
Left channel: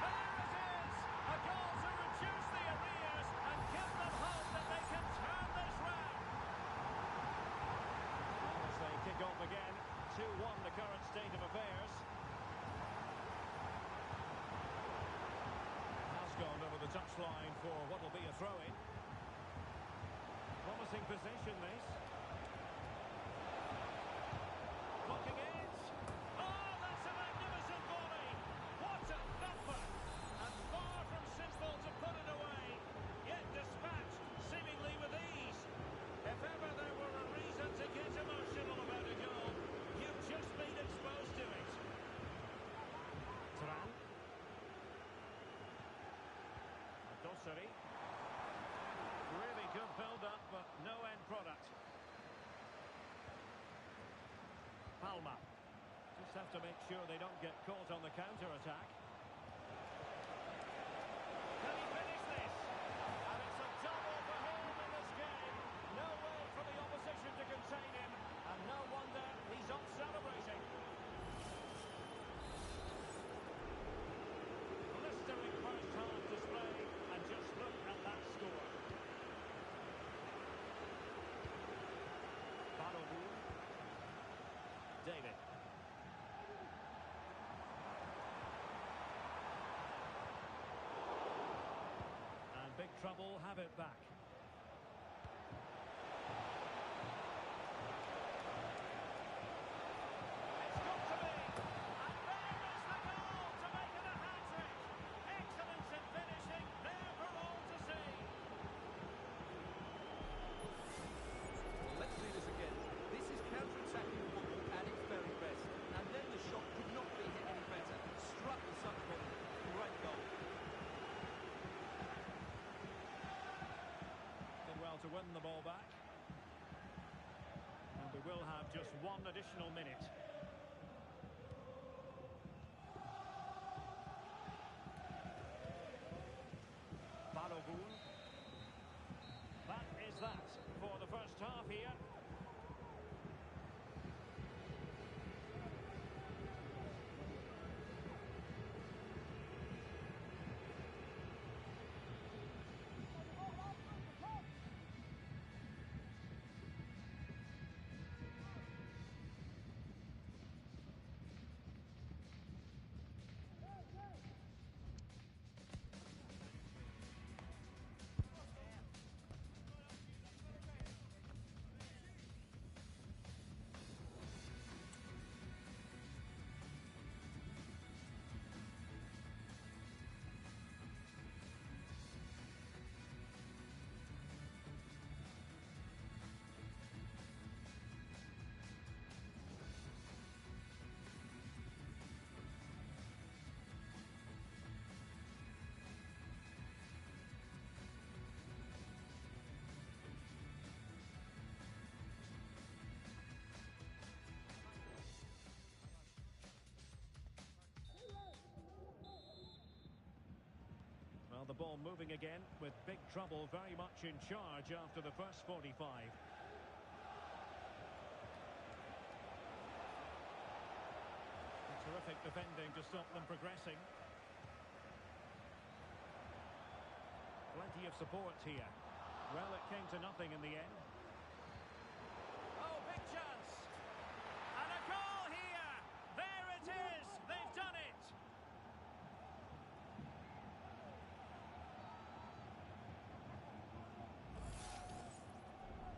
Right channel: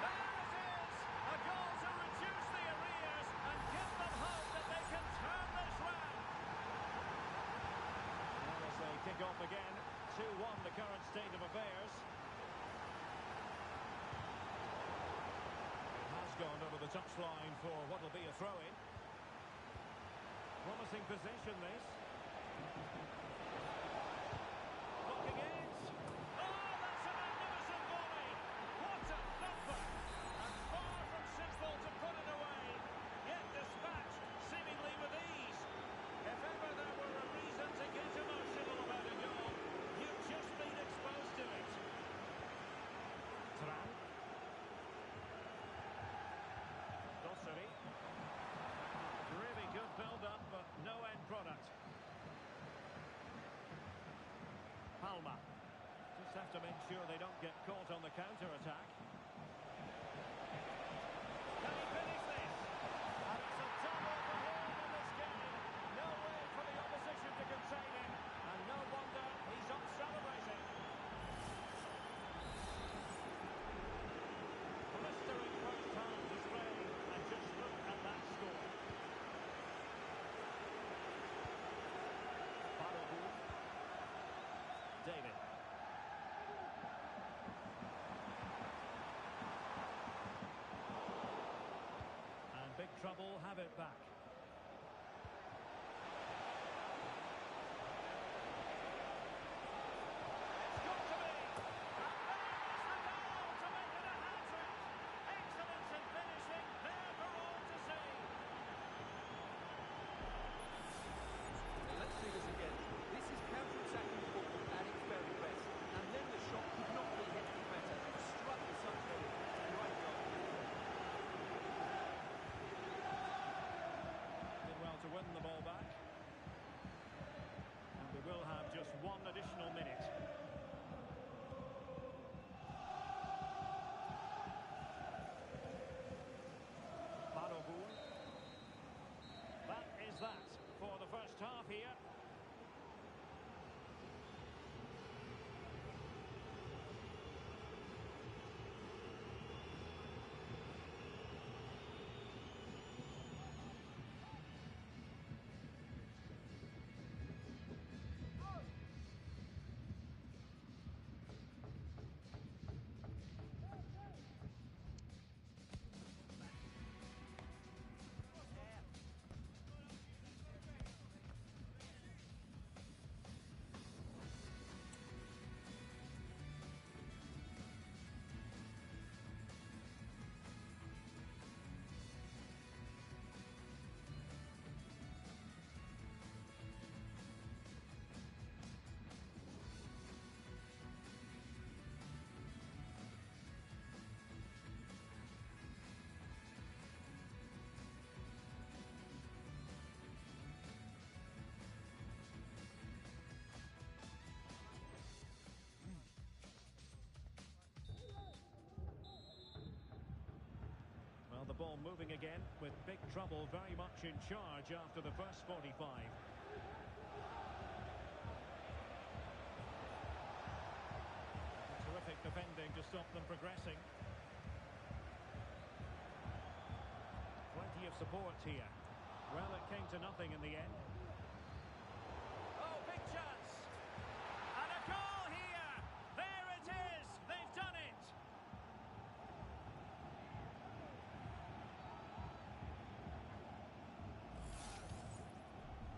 There it is! A goal to reduce the arrears and give them hope that they can turn this round. Now as they kick off again, 2-1 the current state of affairs. It has gone over the touchline for what will be a throw-in. Promising possession this. Blocking it. Oh, that's a magnificent volley. What a thumper. And far from simple to put it away. Yet dispatched seemingly with ease. If ever there were a reason to get emotional about a goal, you've just been exposed to it. Tran. Dosseri. Really good build-up, but no end product. Palma. Just have to make sure they don't get caught on the counter-attack. Can he finish this? And it's a double for him in this game. No way for the opposition to contain him. And no wonder he's up celebrating. Blistering first-half display, and just look at that score. Balogun. David. And big trouble have it back. It's got to be. And there is the goal to make it a hat-trick. Excellence in finishing, there for all to see. Well, let's see this again. This is counter-attacking football at its very best. And then the shot could not be hit any better. Struck with such heading. Great goal. Did well to win the ball back. And we will have just one additional minute. Balogun. That is that for the first half here. Well, the ball moving again with big trouble very much in charge after the first 45. Terrific defending to stop them progressing. Plenty of support here. Well, it came to nothing in the end. Oh, big chance! And a goal here! There it is! They've done it!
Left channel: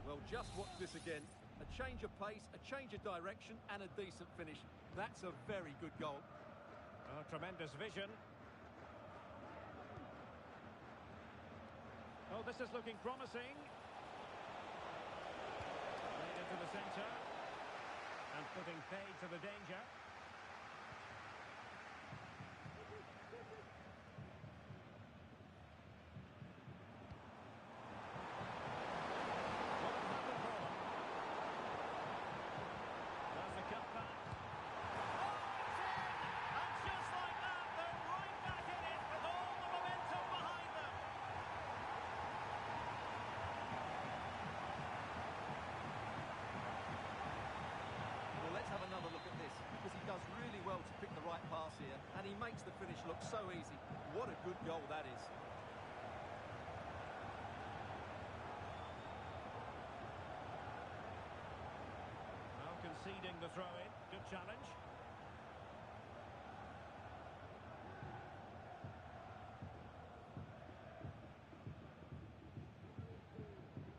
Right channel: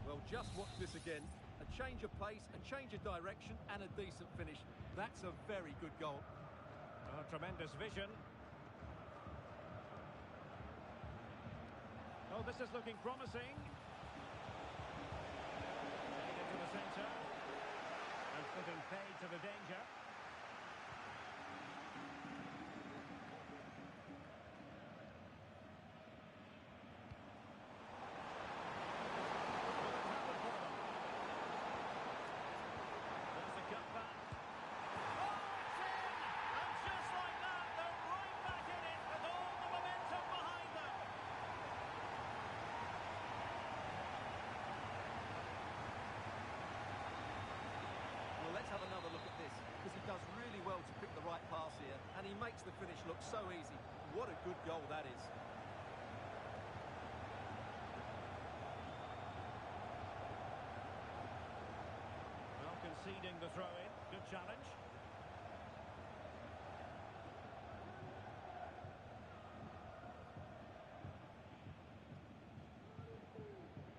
Well, just watch this again. A change of pace, a change of direction, and a decent finish. That's a very good goal. Oh, tremendous vision. Oh, this is looking promising. Played into the centre. And putting fade to the danger. Will it happen for them? There's the cutback. Oh, it's in! And just like that, they're right back in it with all the momentum behind them. Well, let's have another does really well to pick the right pass here, and he makes the finish look so easy. What a good goal that is. Well, conceding the throw-in. Good challenge.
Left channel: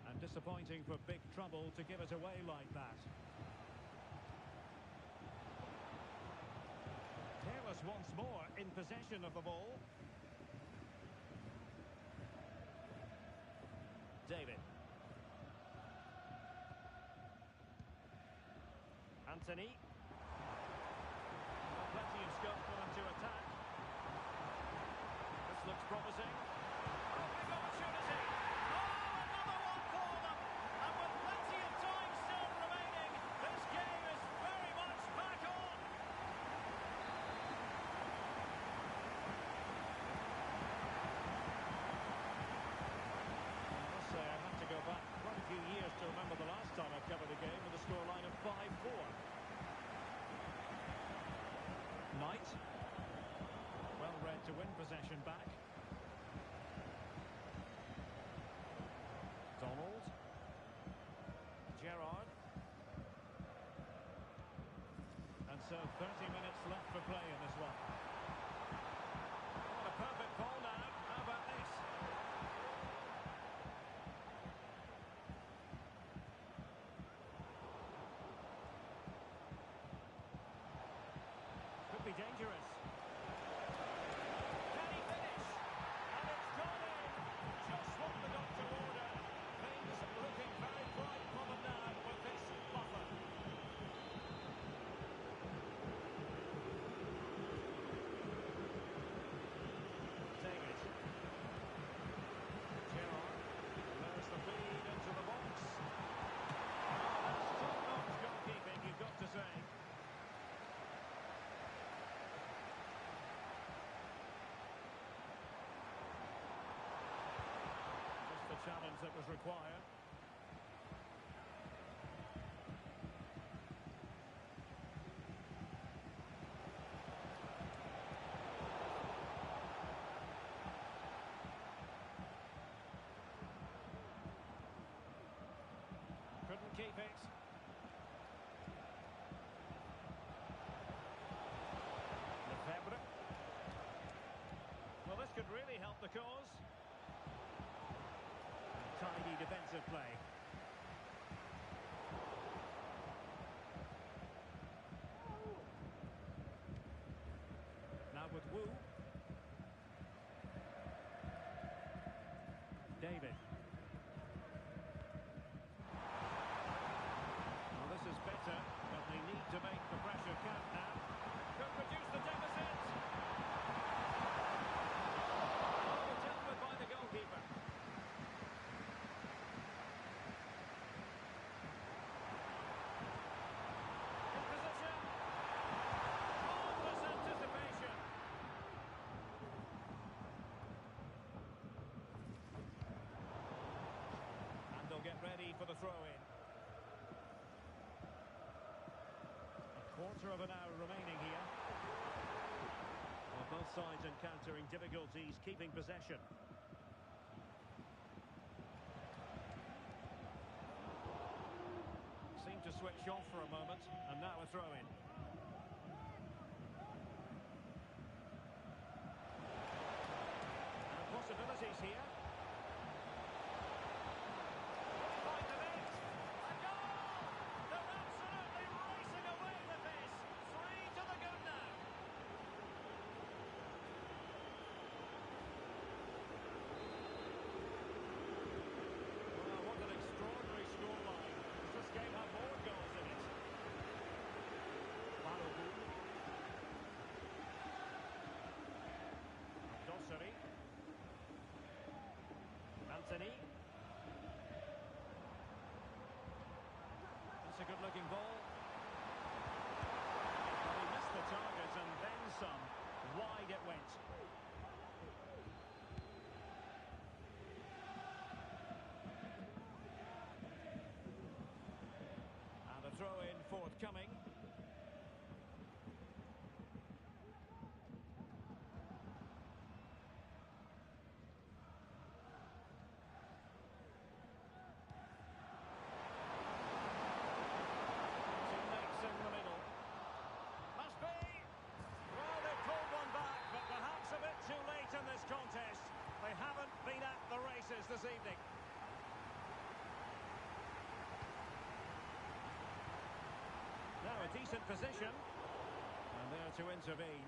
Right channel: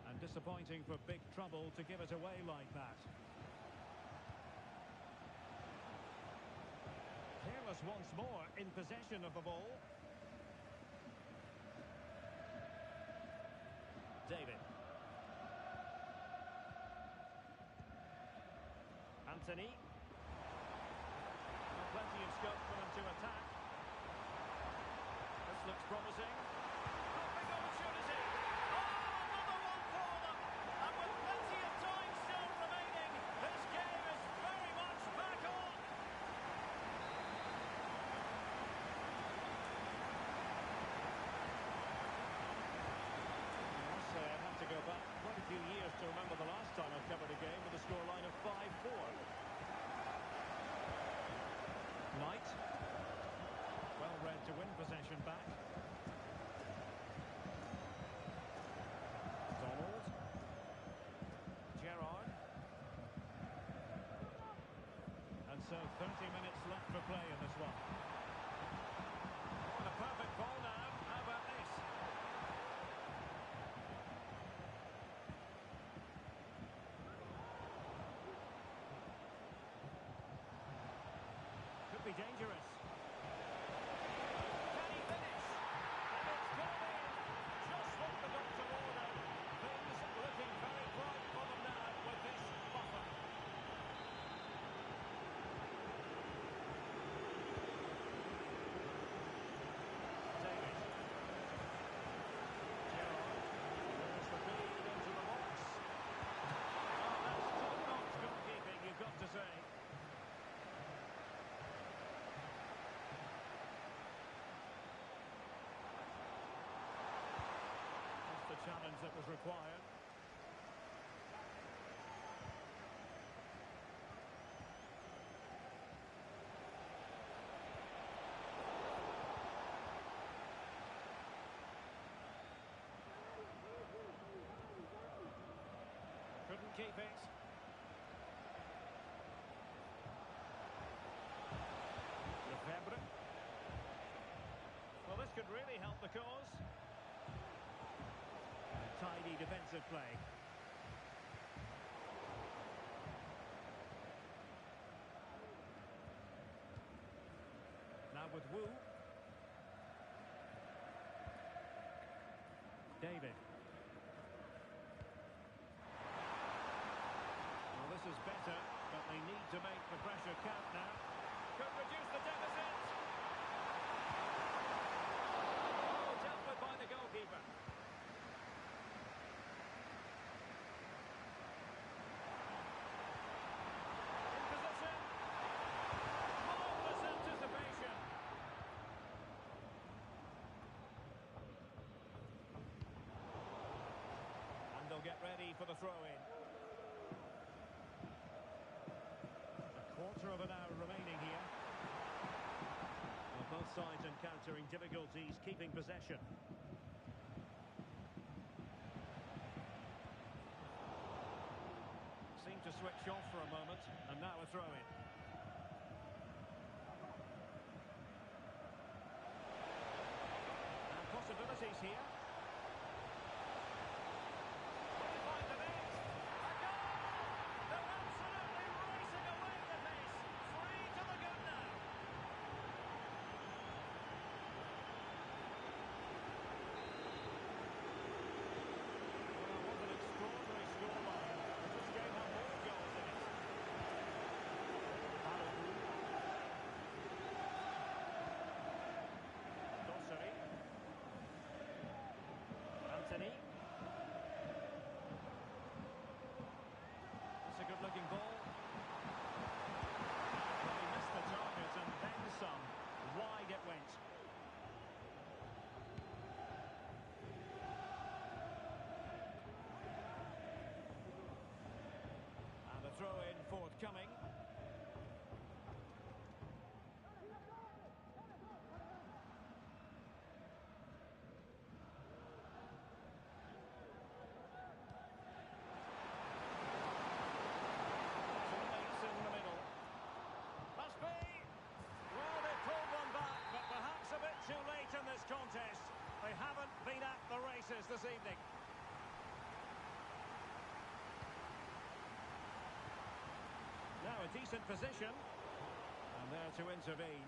And disappointing for big trouble to give it away like that. Careless once more in possession of the ball. David. Anthony. Well, plenty of scope for them to attack. This looks promising. Oh, big opportunity. Oh, another one for them. And with plenty of time still remaining, this game is very much back on. I must say, I'd have to go back quite a few years to remember the last time I covered a game with a scoreline of 5-4. Knight. Well read to win possession back. Donald. Gerrard. And so 30 minutes left for play in this one. Oh, and a perfect ball now. How about this? Could be dangerous. Can he finish? And it's gone in. Just what the doctor ordered. Things looking very bright for them now with this buffer. David. Gerrard lures the feed into the box. Oh, that's top-notch goalkeeping, you've got to say. Just the challenge that was required. Couldn't keep it. Lefebvre. Well, this could really help the cause. And tidy defensive play. Now with Wu. David. Well, this is better, but they need to make the pressure count now. Could reduce the deficit. Oh, dealt with by the goalkeeper. In position. Marvellous anticipation. And they'll get ready for the throw-in. Quarter of an hour remaining here. Well, both sides encountering difficulties keeping possession. Seemed to switch off for a moment, and now a throw-in. And possibilities here. Will he find the net? A goal! They're absolutely racing away with this. 3 to the good now. Well, what an extraordinary scoreline. Does this game have more goals in it? Balogun. Dosseri. Anthony. That's a good-looking ball. Well, he missed the target and then some. Wide it went. And a throw-in forthcoming. faces this evening. Now a decent position. And there to intervene.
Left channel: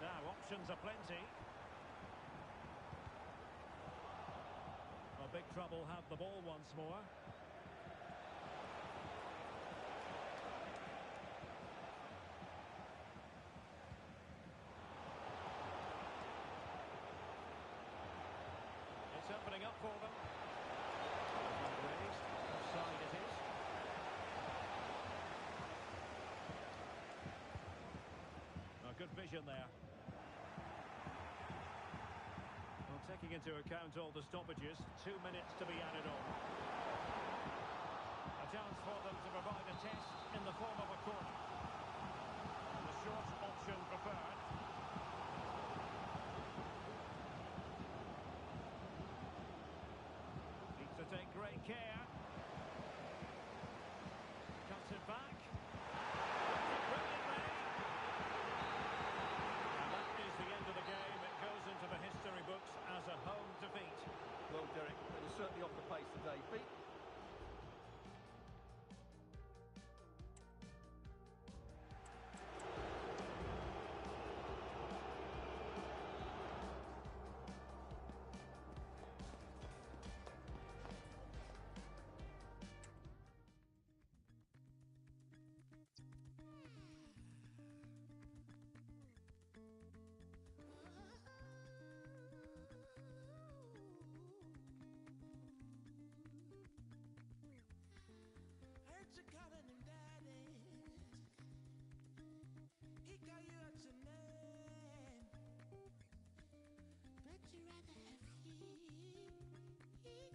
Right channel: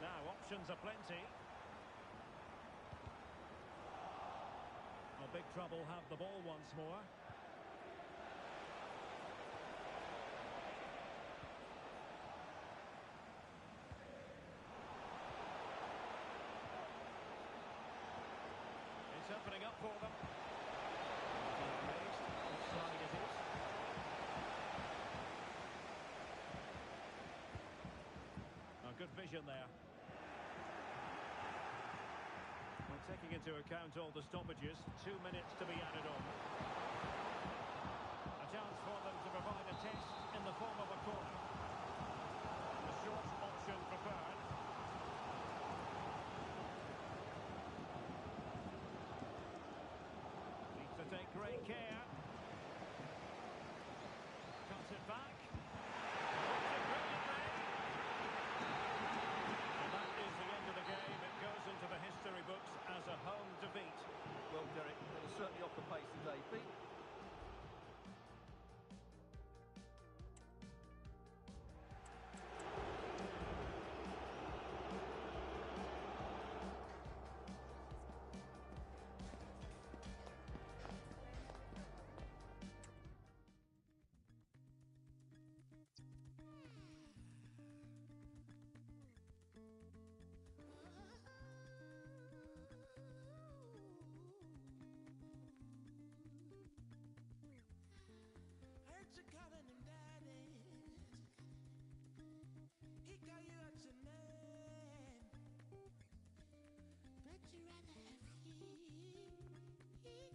Now options are plenty. Big trouble have the ball once more. It's opening up for them. Flag raised. Offside it is. Good vision there. Well, taking into account all the stoppages, 2 minutes to be added on. A chance for them to provide a test in the form of a corner. And the short option preferred. Needs to take great care. Cuts it back. Puts it brilliantly. And that is the end of the game. It goes into the history books as a home defeat. Well, Derek, they were certainly off the pace today. Beat You calling him daddy. He call you out your name. But you rather have heat. If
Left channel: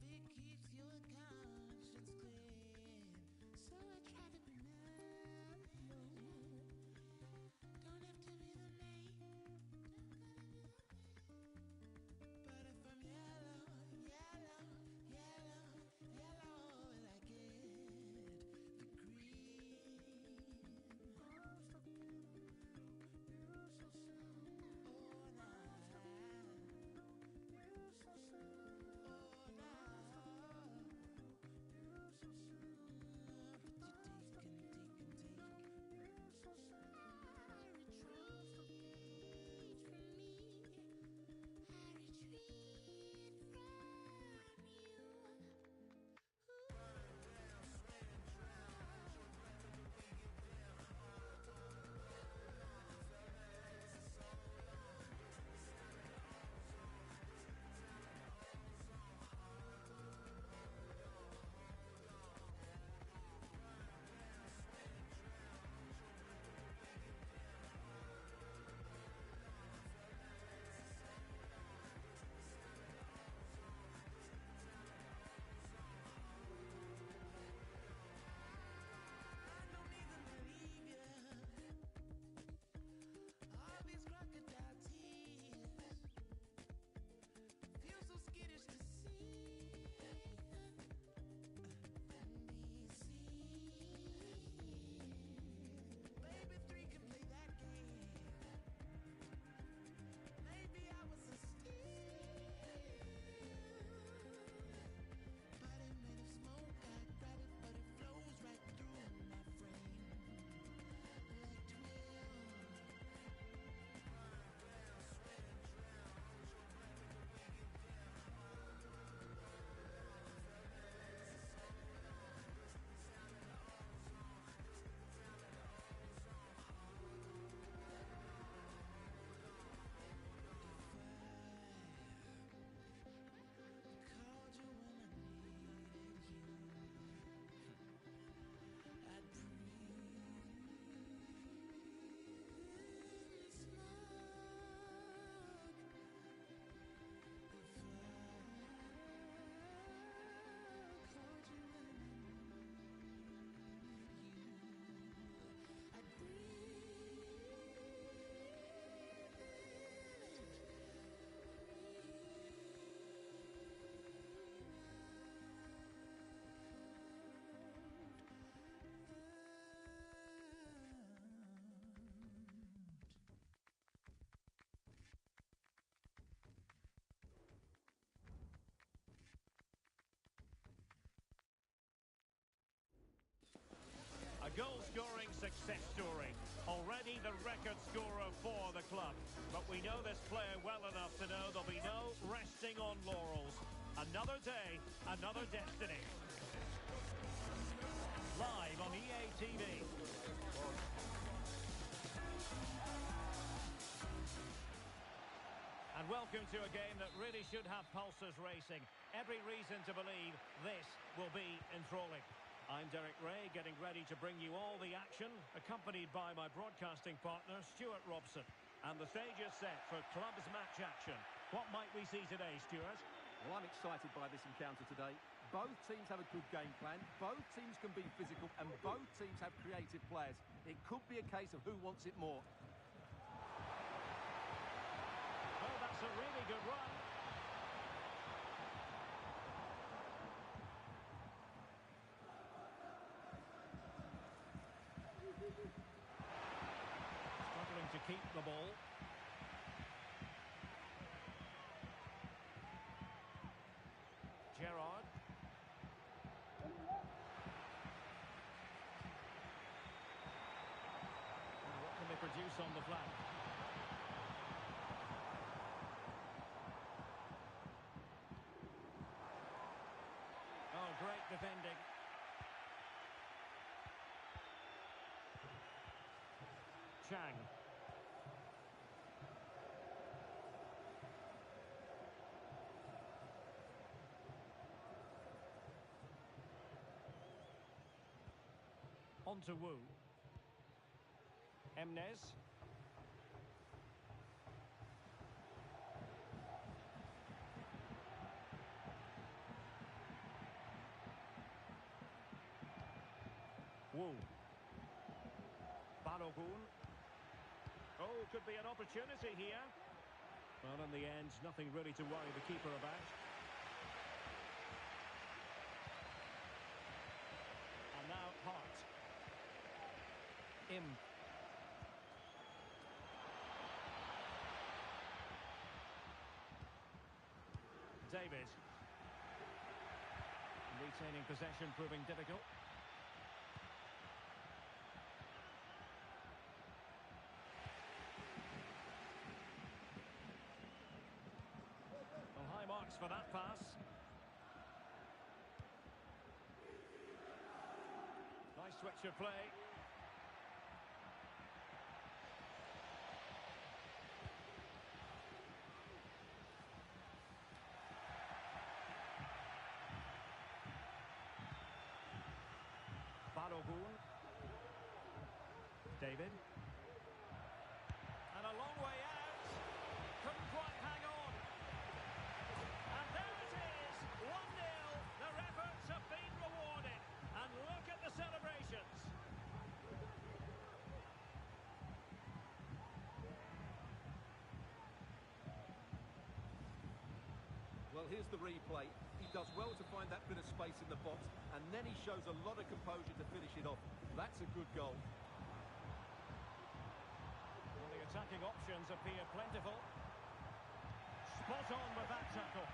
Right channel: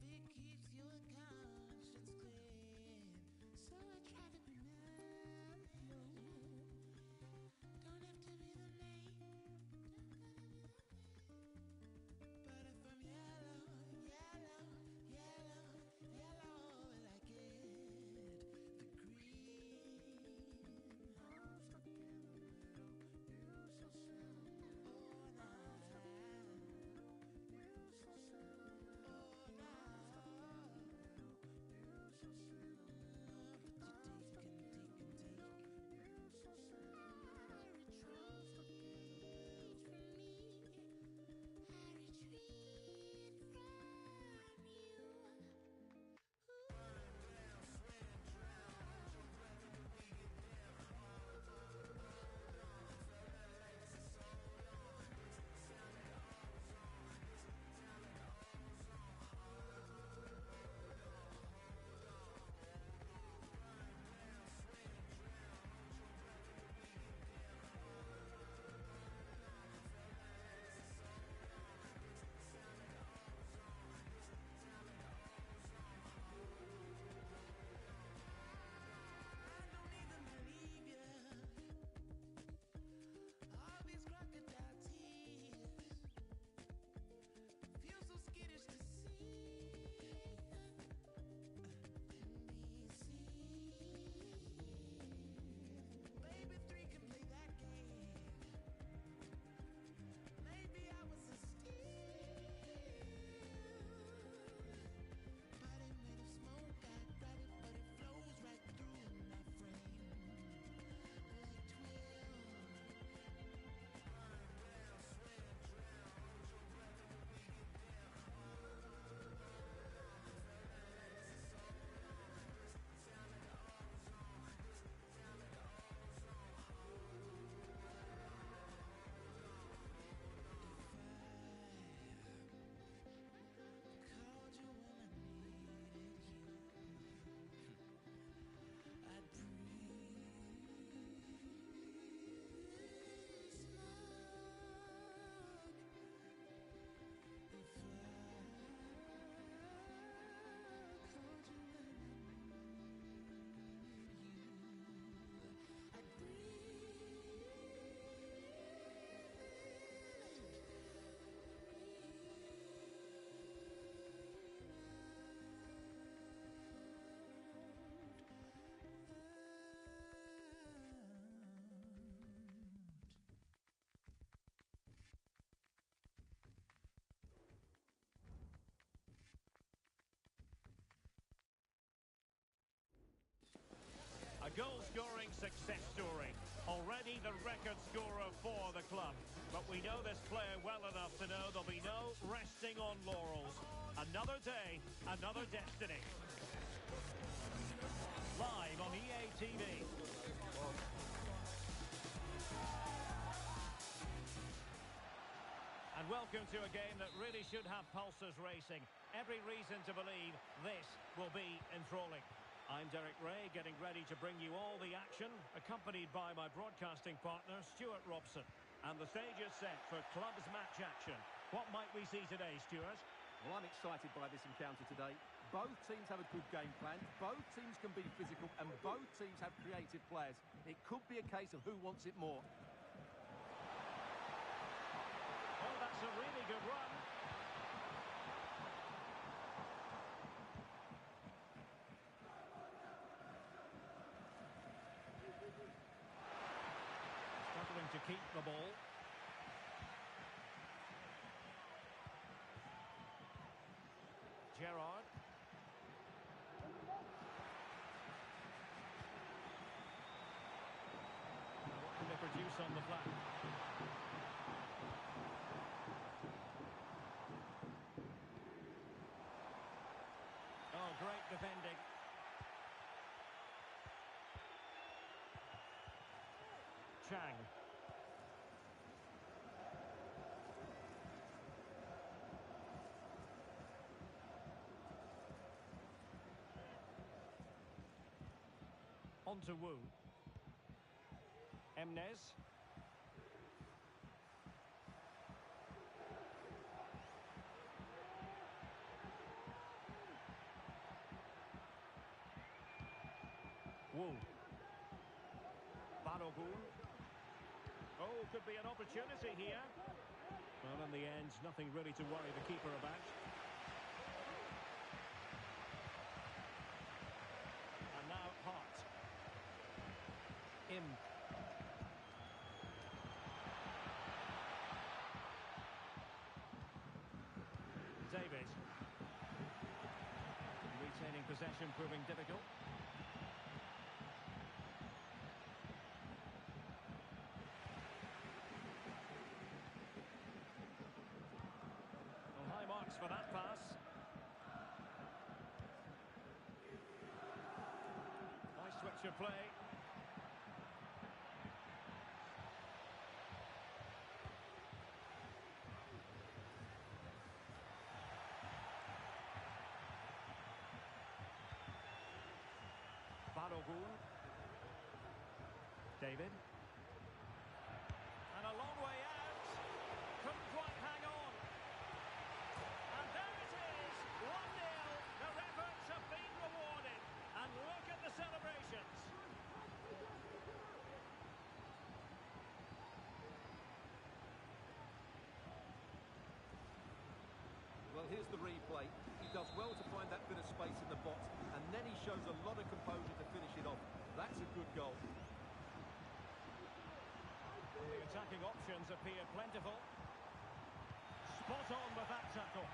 it keeps your conscience clean. So I try to be nice. Don't have to be the main. But if I'm yellow, yellow, yellow, yellow. goal-scoring success story. Already the record scorer for the club. But we know this player well enough to know there'll be no resting on laurels. Another day, another destiny. Live on EA TV. And welcome to a game that really should have pulses racing. Every reason to believe this will be enthralling. I'm Derek Ray, getting ready to bring you all the action, accompanied by my broadcasting partner, Stuart Robson. And the stage is set for clubs match action. What might we see today, Stuart? Well, I'm excited by this encounter today. Both teams have a good game plan, both teams can be physical, and both teams have creative players. It could be a case of who wants it more. Oh, that's a really good run. Struggling to keep the ball. Gerrard. Now what can they produce on the flank? Oh, great defending. Chang. On to Wu. Emnes. Wu. Balogun. Oh, could be an opportunity here. Well, in the end, nothing really to worry the keeper about. And now Hart. Im. David. Retaining possession proving difficult. Well, high marks for that pass. Nice switch of play. Balogun. David. And a long way out. Couldn't quite hang on. And there it is. 1-0. Their efforts have been rewarded. And look at the celebrations. Well, here's the replay. He does well to find that bit of space in the box, and then he shows a lot of composure to finish it off. That's a good goal. Well, the attacking options appear plentiful. Spot on with that tackle.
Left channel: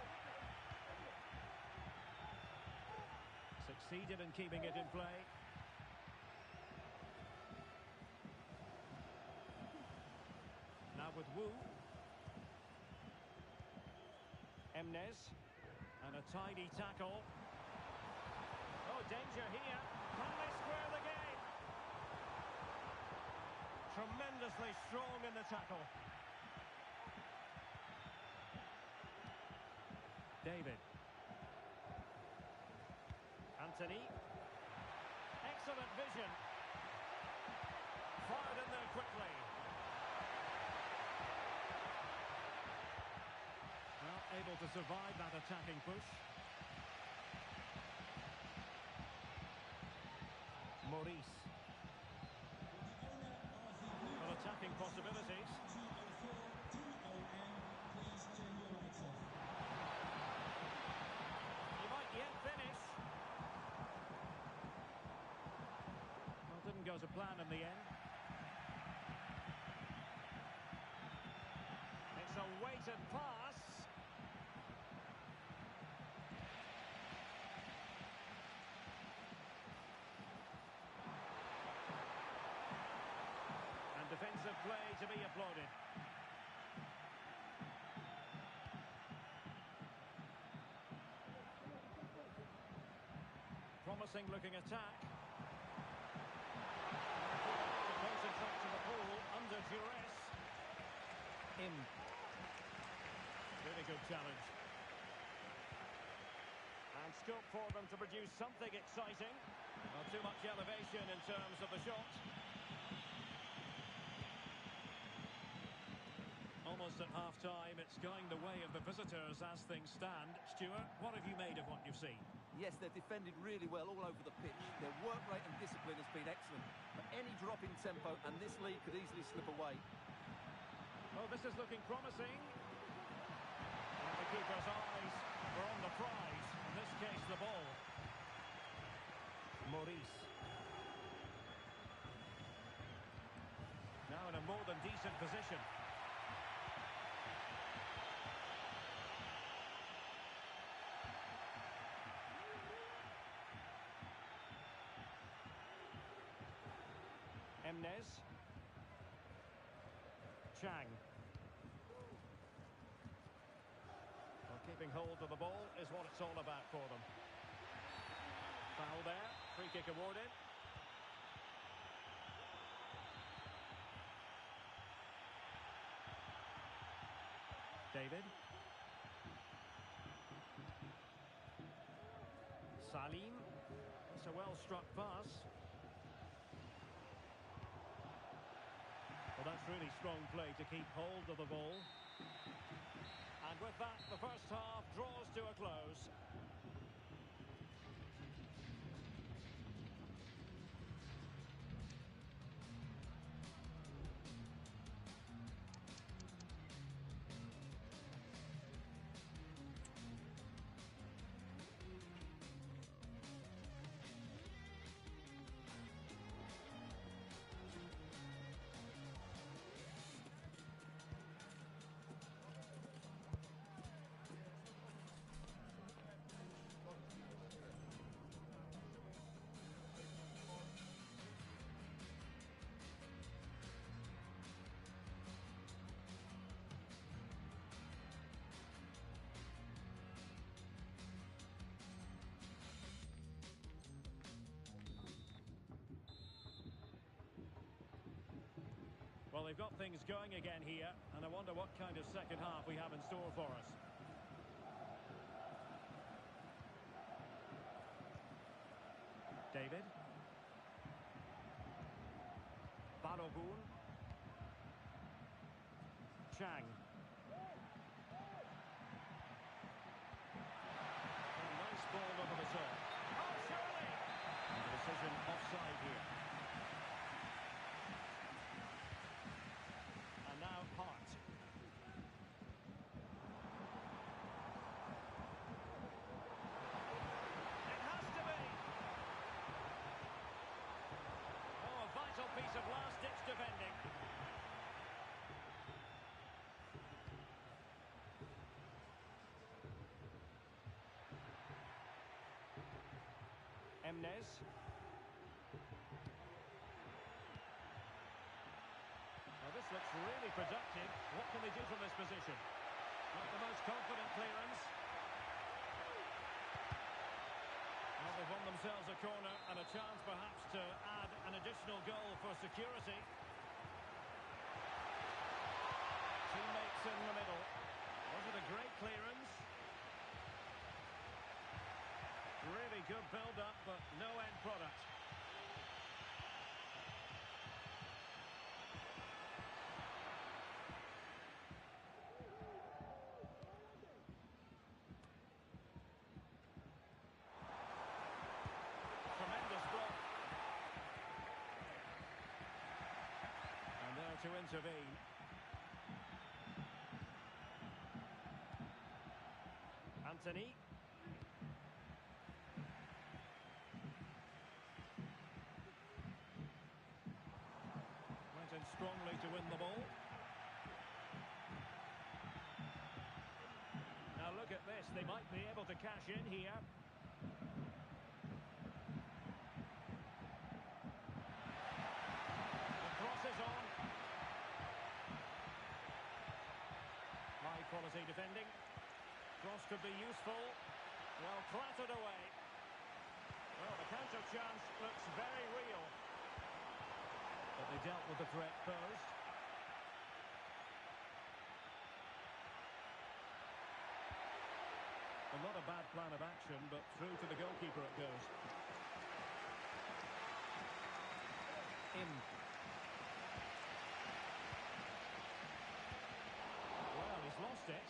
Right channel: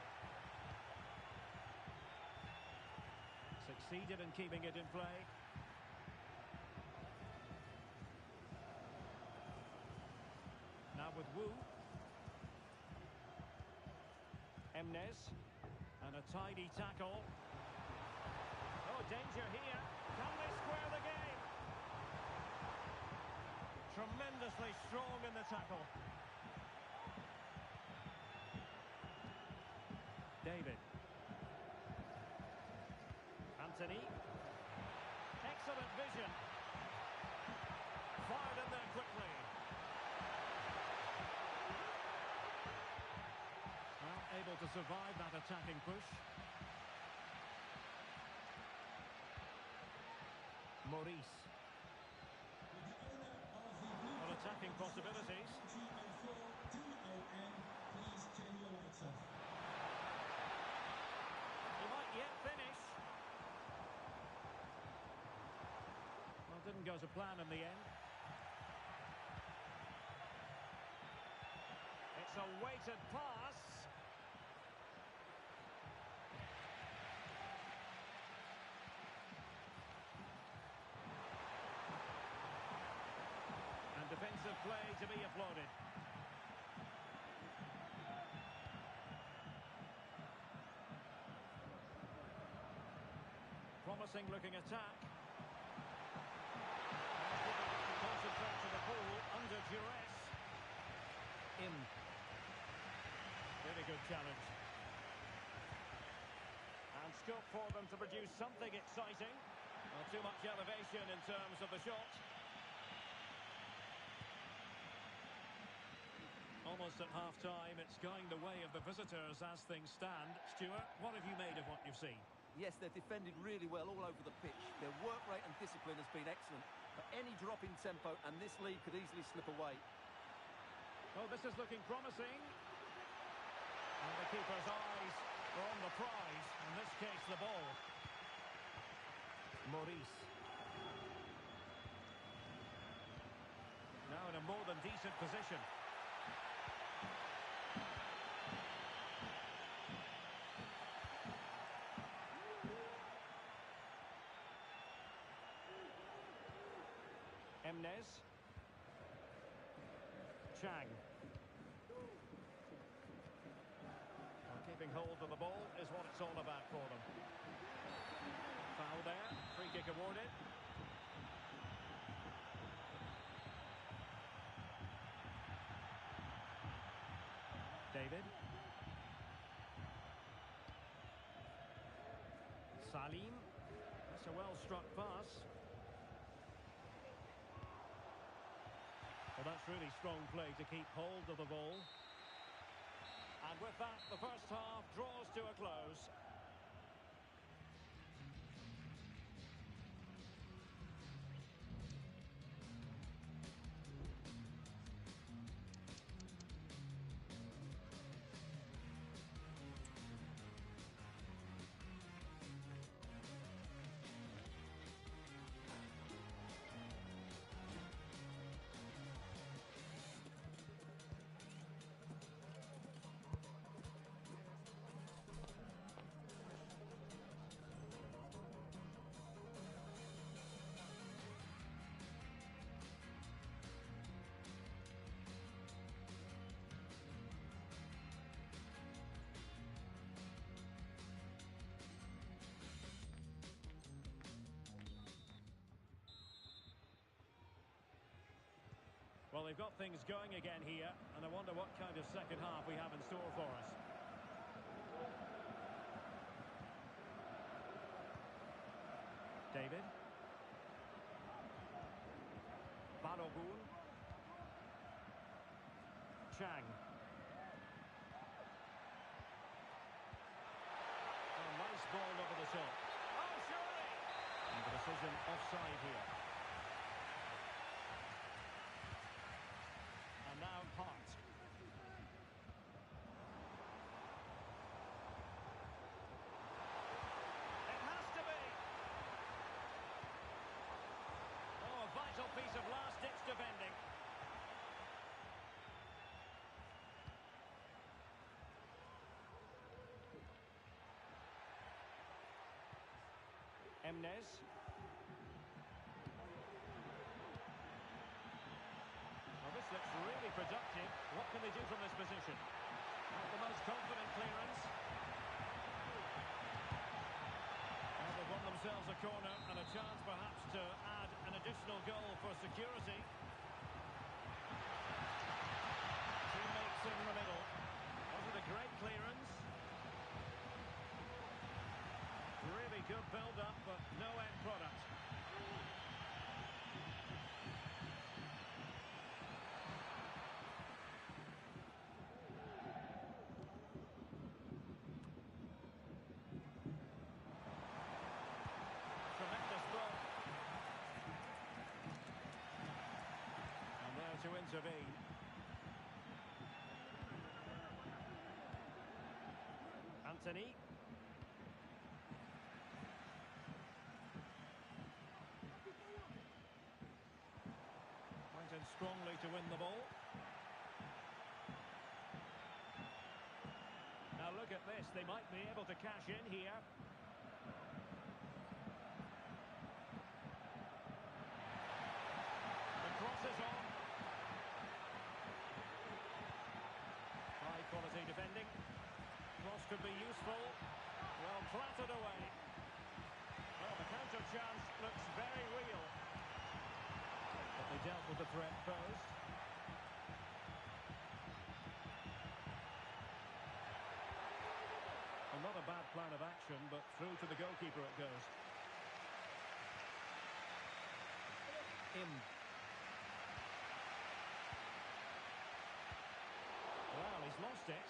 Succeeded in keeping it in play. Now with Wu. Emnes. And a tidy tackle. Oh, danger here. Can they square the game? Tremendously strong in the tackle. David. Anthony. Excellent vision. Fired in there quickly. Well, able to survive that attacking push. Maurice. Well, attacking possibilities. He might yet finish. Well, didn't go to plan in the end. It's a weighted pass. of play to be applauded. Promising looking attack. To concentrate to the pool under duress. Really good challenge. And scope for them to produce something exciting. Not too much elevation in terms of the shot. Almost at half-time, it's going the way of the visitors as things stand. Stuart, what have you made of what you've seen? Yes, they've defended really well all over the pitch. Their work rate and discipline has been excellent. But any drop in tempo and this lead could easily slip away. Oh, this is looking promising. Well, the keeper's eyes were on the prize. In this case, the ball. Maurice. Now in a more than decent position. Emnes. Chang. Well, keeping hold of the ball is what it's all about for them. Foul there. Free kick awarded. David. Salim. That's a well-struck pass. Well, that's really strong play to keep hold of the ball. And with that, the first half draws to a close. Well, they've got things going again here, and I wonder what kind of second half we have in store for us. David. Balogun. Chang. Oh, nice ball over the top. Oh, surely! And the decision offside here. And now Hart. It has to be! Oh, a vital piece of last-ditch defending. Emnes. Well, this looks really productive. What can they do from this position? Not the most confident clearance. Well, they've won themselves a corner and a chance perhaps to add an additional goal for security. Teammates in the middle. Was it a great clearance? Really good build-up, but no end product. Tremendous block. And there to intervene. Anthony. Went in strongly to win the ball. Now look at this, they might be able to cash in here. The cross is on. Quality defending. Cross could be useful. Well, clattered away. Well, the counter chance looks very real. But they dealt with the threat posed. Well, not a bad plan of action, but through to the goalkeeper it goes. In. Well, he's lost it.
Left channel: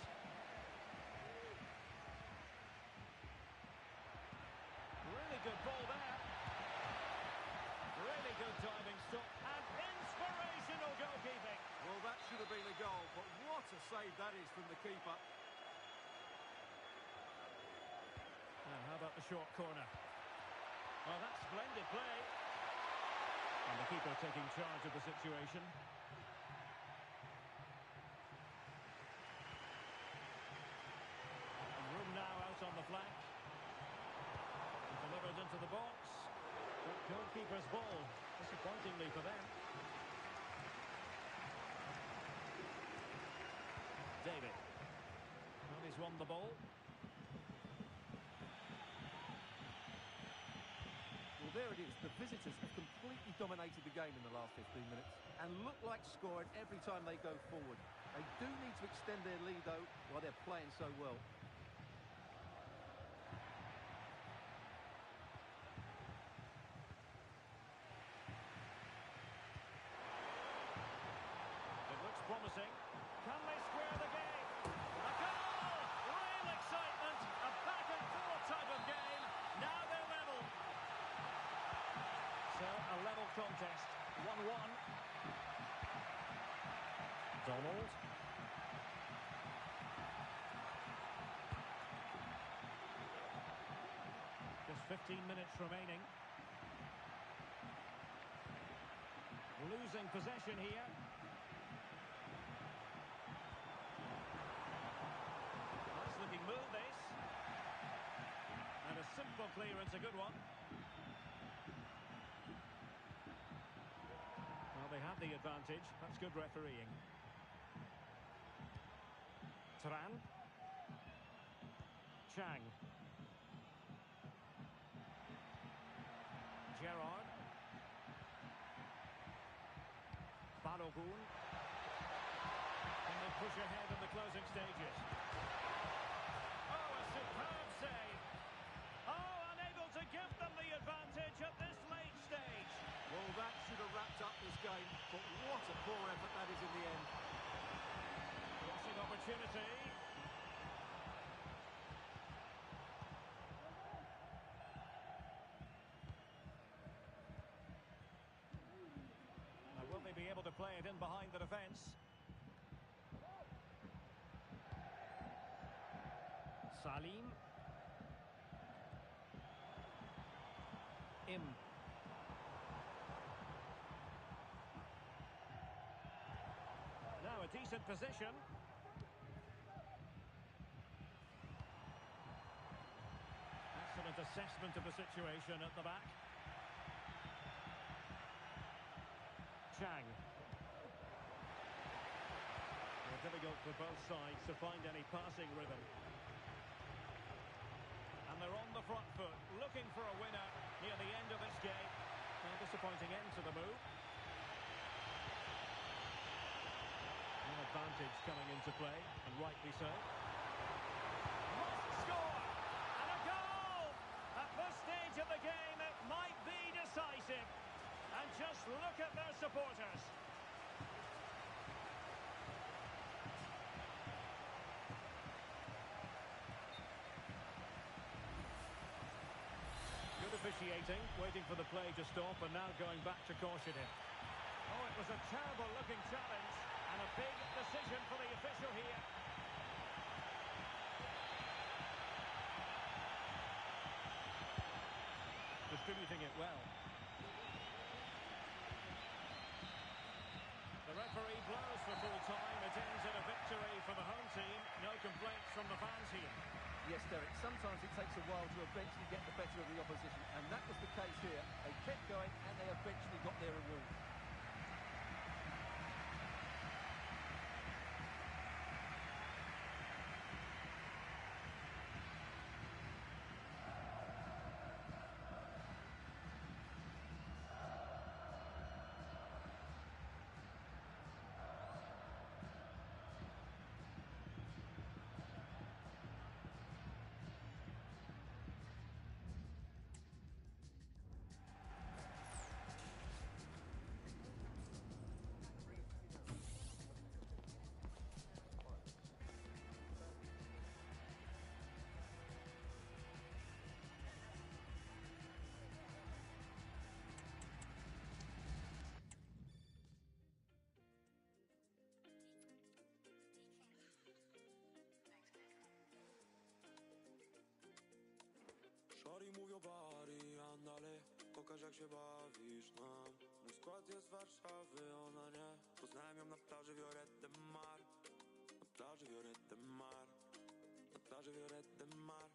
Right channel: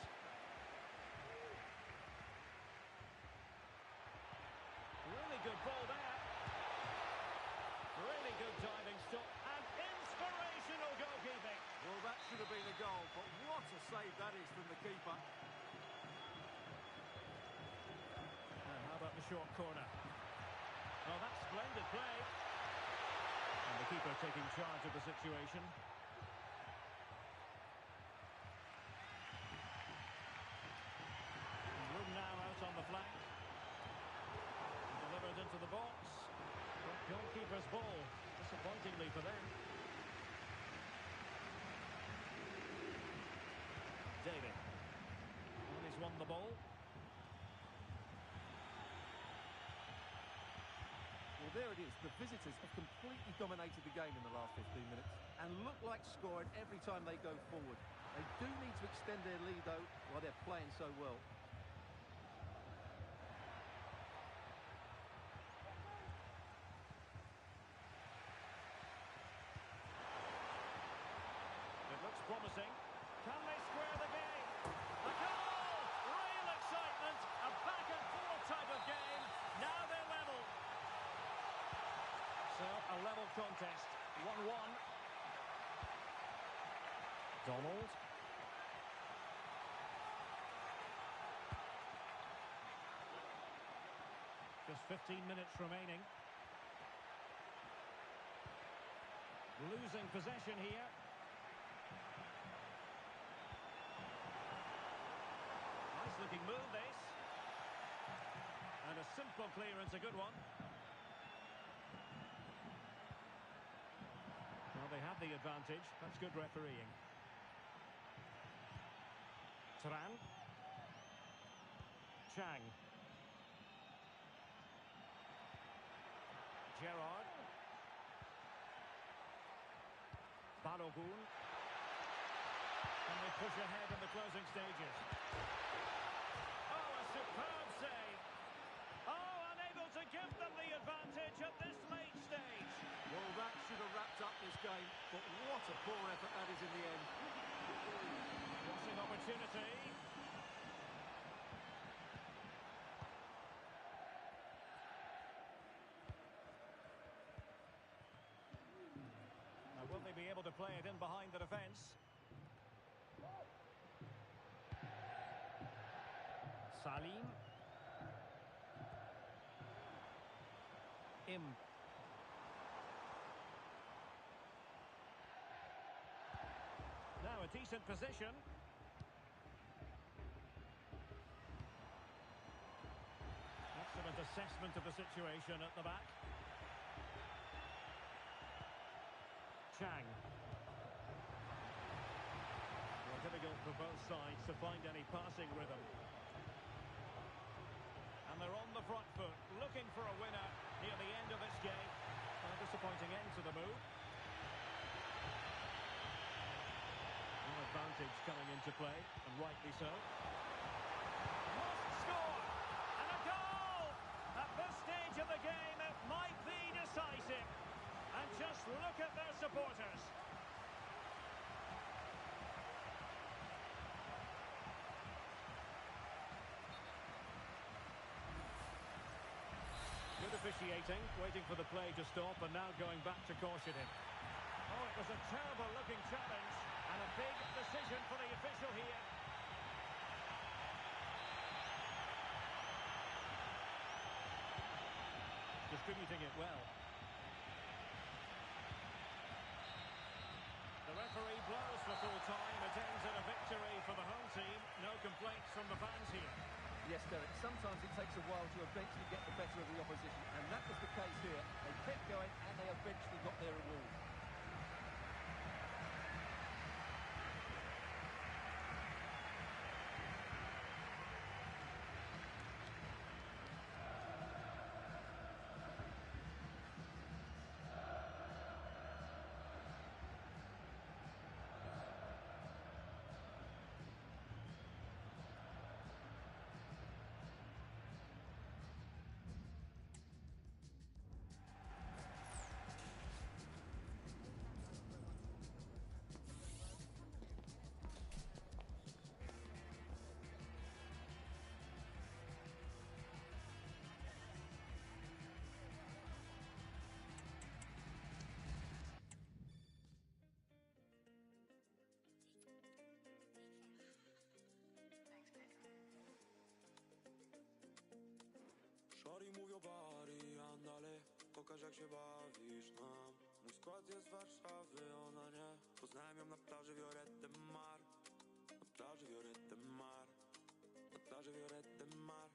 Really good ball there. Really good diving stop and inspirational goalkeeping. Well, that should have been a goal, but what a save that is from the keeper. And how about the short corner? Oh, that's splendid play. And the keeper taking charge of the situation. And room now out on the flank. Delivered into the box. But goalkeeper's ball, disappointingly for them. David. Well, he's won the ball. Well, there it is. The visitors have completely dominated the game in the last 15 minutes and look like scoring every time they go forward. They do need to extend their lead, though, while they're playing so well. It looks promising. Can they square the game? A goal! Real excitement. A back-and-forth type of game. Now they're level. So, a level contest. 1-1. Donald. Just 15 minutes remaining. Losing possession here. Nice looking move, this. And a simple clearance, a good one. Well, they have the advantage. That's good refereeing. Turan. Chang. Gerrard. Balogun. Can they push ahead in the closing stages? Oh, a superb save. Oh, unable to give them the advantage at this late stage. Well, that should have wrapped up this game, but what a poor effort that is in the end. Crossing opportunity. Now, will they be able to play it in behind the defence? Salim. Im. Now a decent position. Excellent assessment of the situation at the back. Chang. Well, difficult for both sides to find any passing rhythm. And they're on the front foot, looking for a winner near the end of this game. Well, disappointing end to the move. One advantage coming into play, and rightly so. Must score! And a goal! At this stage of the game, it might be decisive. And just look at their supporters. Good officiating, waiting for the play to stop and now going back to caution him. Oh, it was a terrible-looking challenge and a big decision for the official here. Distributing it well. The referee blows for full time. It ends in a victory for the home team. No complaints from the fans here. Yes, Derek, sometimes it takes a while to eventually get the better of the opposition, and that was the case here. They kept going, and they eventually got their reward. mówią bari, andale, pokaż jak się bawisz nam. Mój skład jest z Warszawy, ona nie. Poznałem ją na plaży Vioret de Mar. Na plaży Vioret de Mar. Na plaży Vioret de Mar.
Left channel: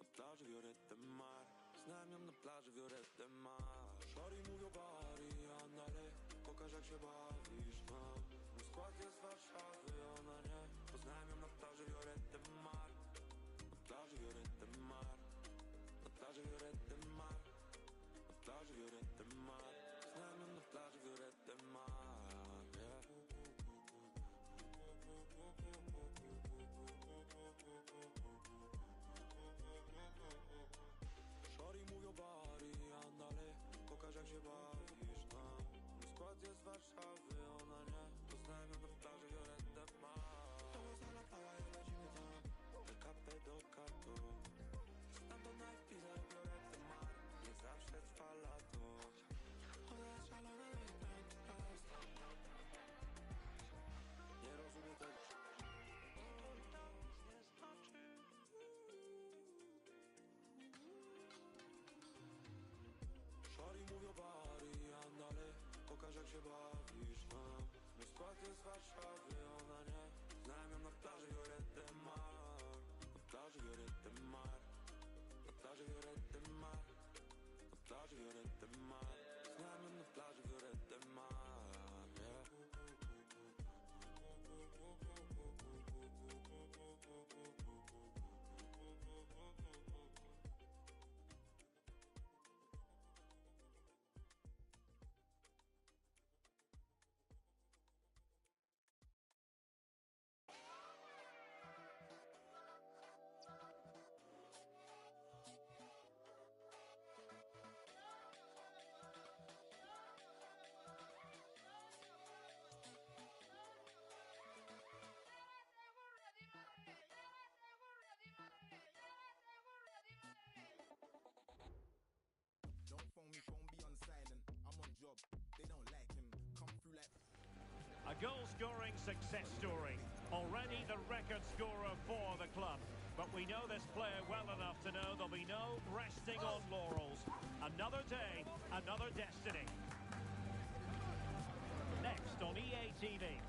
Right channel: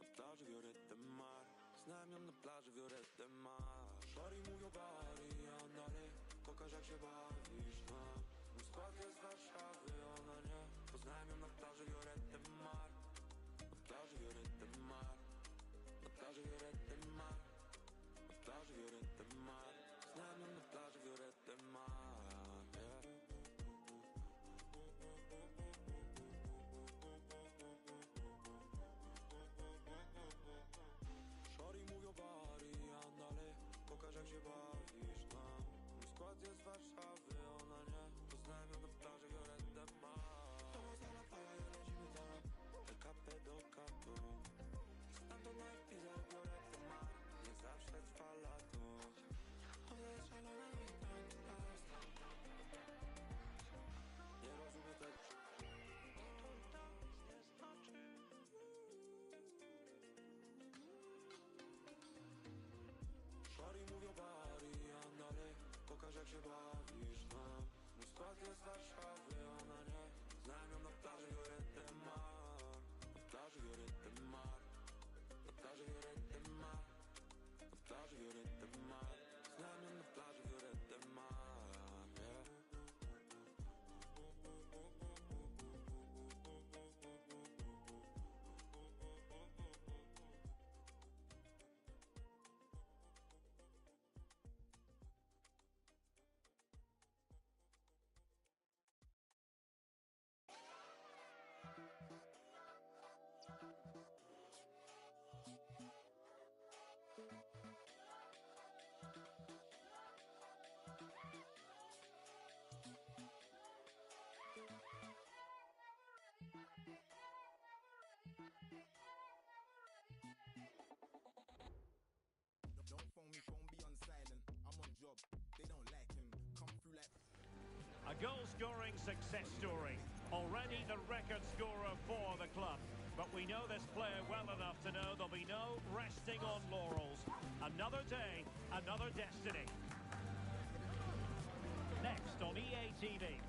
Na plaży Vioret de Mar. Znałem ją na plaży Vioret de Mar. Szori mówią bari, andale, pokaż jak się bawisz nam. Mój skład jest z Warszawy, ona nie. Poznałem ją na plaży Vioret de Mar. Na plaży Vioret de Mar. Na plaży Vioret de Mar. Na plaży Vioret de Mar. Znałem ją na plaży Vioret de Mar, yeah. Szori mówią bari, andale, pokaż jak się bawisz nam. Mój skład jest z Warszawy, ona nie. Poznałem ją na plaży Vioret de Mar. Vamos a la playa i lecimy tam. Del Cape do Cato. Stamtąd na Ibiza i Vioret de Mar. Nie zawsze trwa lato. Ona jest szalona, no i tranquila. Nie rozumiem tego. Szori mówią bari, andale, pokaż jak się bawisz nam. Mój skład jest z Warszawy, ona nie. Znałem ją na plaży Vioret de Mar. Na plaży Vioret de Mar. Na plaży Vioret de Mar. Na plaży Vioret de Mar. Znałem ją na plaży Vioret de Mar, yeah. Don't phone me, phone be on silent. I'm on job, they don't like him. Come through like. A goal-scoring success story. Already the record scorer for the club. But we know this player well enough to know there'll be no resting on laurels. Another day, another destiny. Next on EA TV.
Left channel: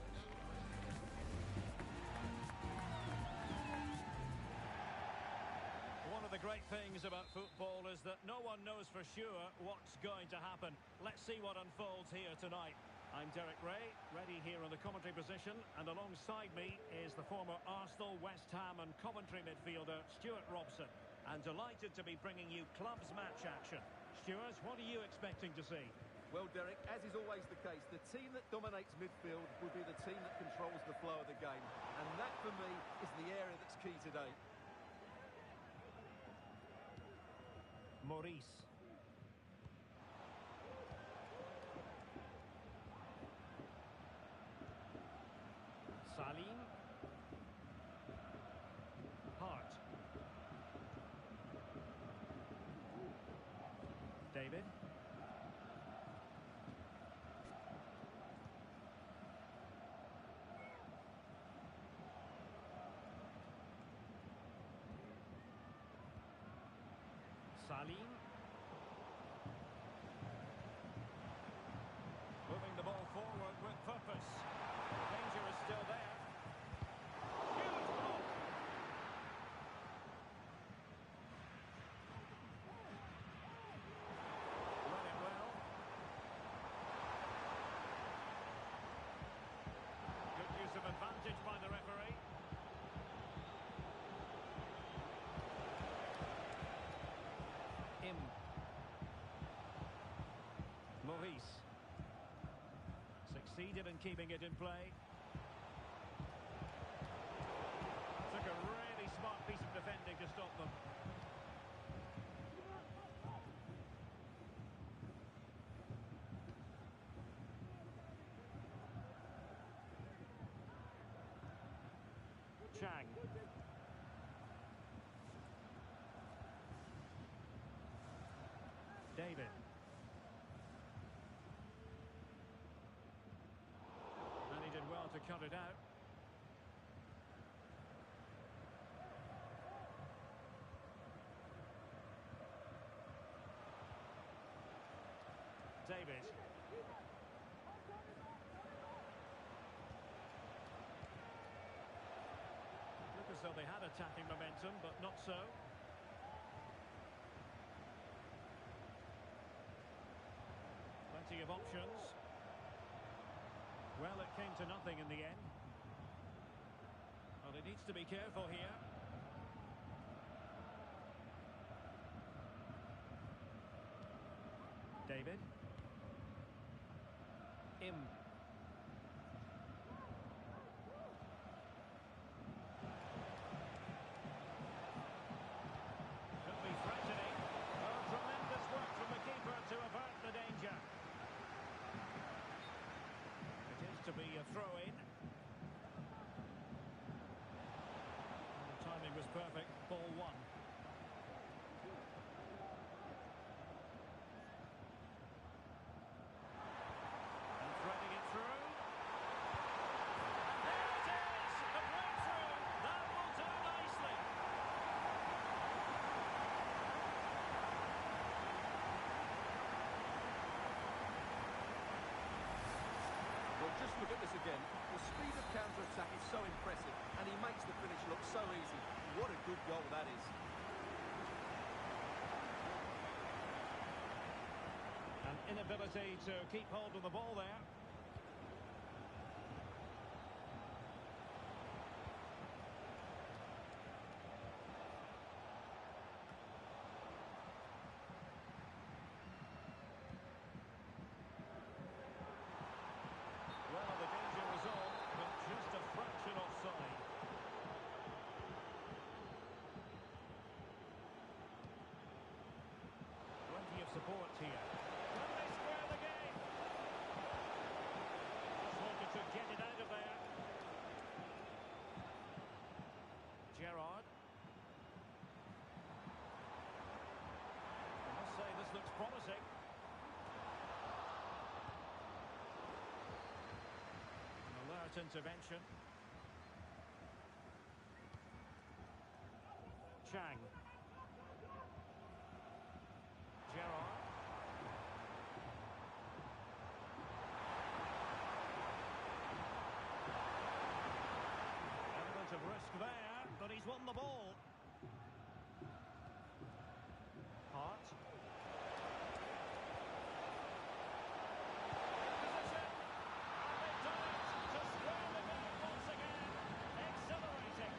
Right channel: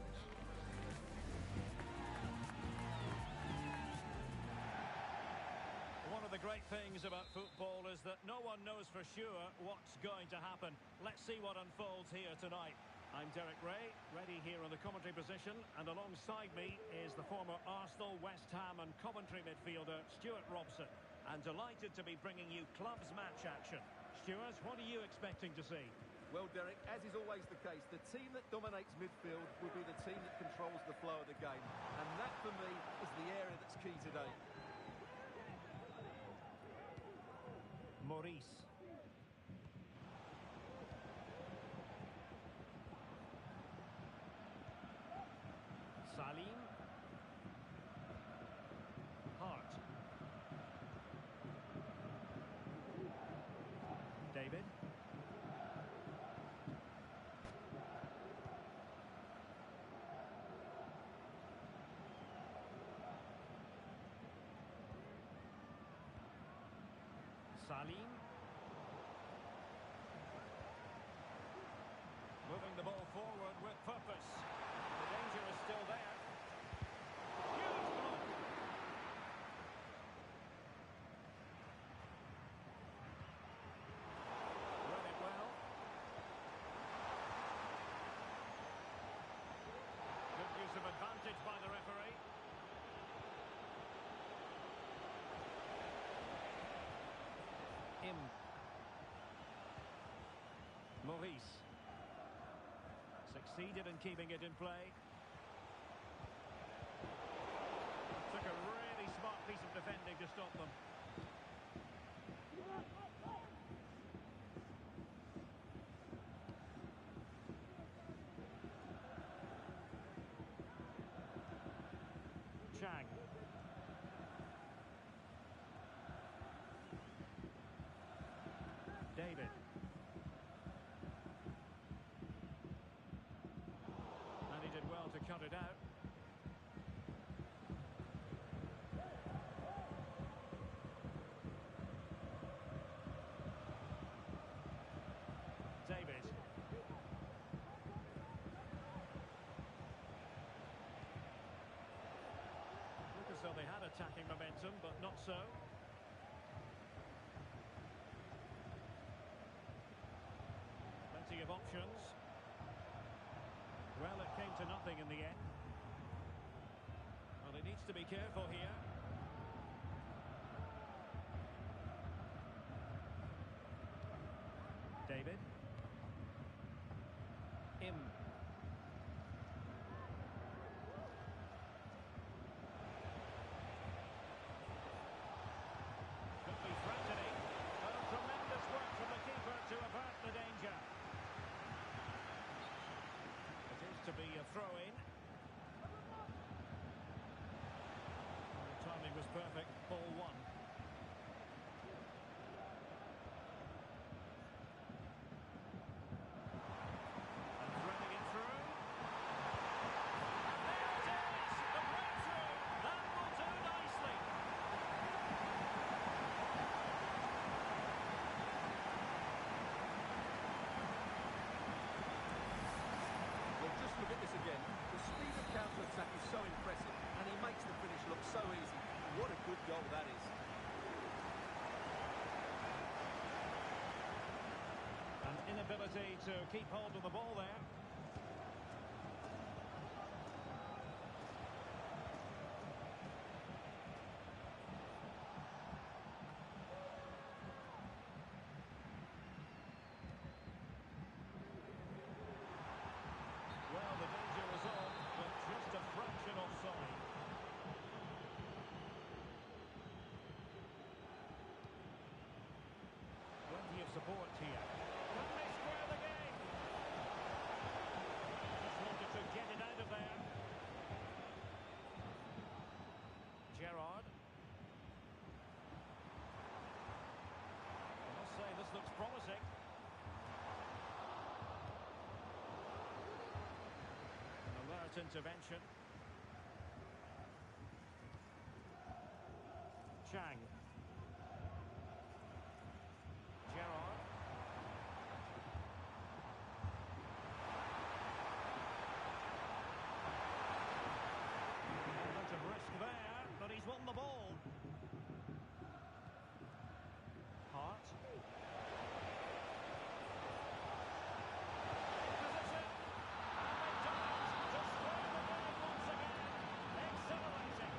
One of the great things about football is that no one knows for sure what's going to happen. Let's see what unfolds here tonight. I'm Derek Ray, ready here in the commentary position, and alongside me is the former Arsenal, West Ham and Coventry midfielder, Stuart Robson. And delighted to be bringing you clubs match action. Stuart, what are you expecting to see? Well, Derek, as is always the case, the team that dominates midfield will be the team that controls the flow of the game. And that, for me, is the area that's key today. Maurice. Salim. Hart. David. Salim. Moving the ball forward with purpose. The danger is still there. Huge block. Read it well. Good use of advantage by the referee. Maurice succeeded in keeping it in play. Took a really smart piece of defending to stop them. Chang. David. And he did well to cut it out. David. Look as though they had attacking momentum, but not so. Plenty of options. Well, it came to nothing in the end. Well, he needs to be careful here. David. Im. Could be threatening. Oh, tremendous work from the keeper to avert the danger. It is to be a throw-in. The timing was perfect. Ball one. And threading it through. And there it is! The breakthrough! That will do nicely. Well, just look at this again. The speed of counter-attack is so impressive, and he makes the finish look so easy. What a good goal that is. An inability to keep hold of the ball there. Well, the danger was on, but just a fraction offside. Plenty of support here. Can they square the game? Just wanted to get it out of there. Gerrard. I must say, this looks promising. An alert intervention. Chang. Gerrard. Element of risk there, but he's won the ball. Hart. In position. And they've done it to square the game once again. Exhilarating.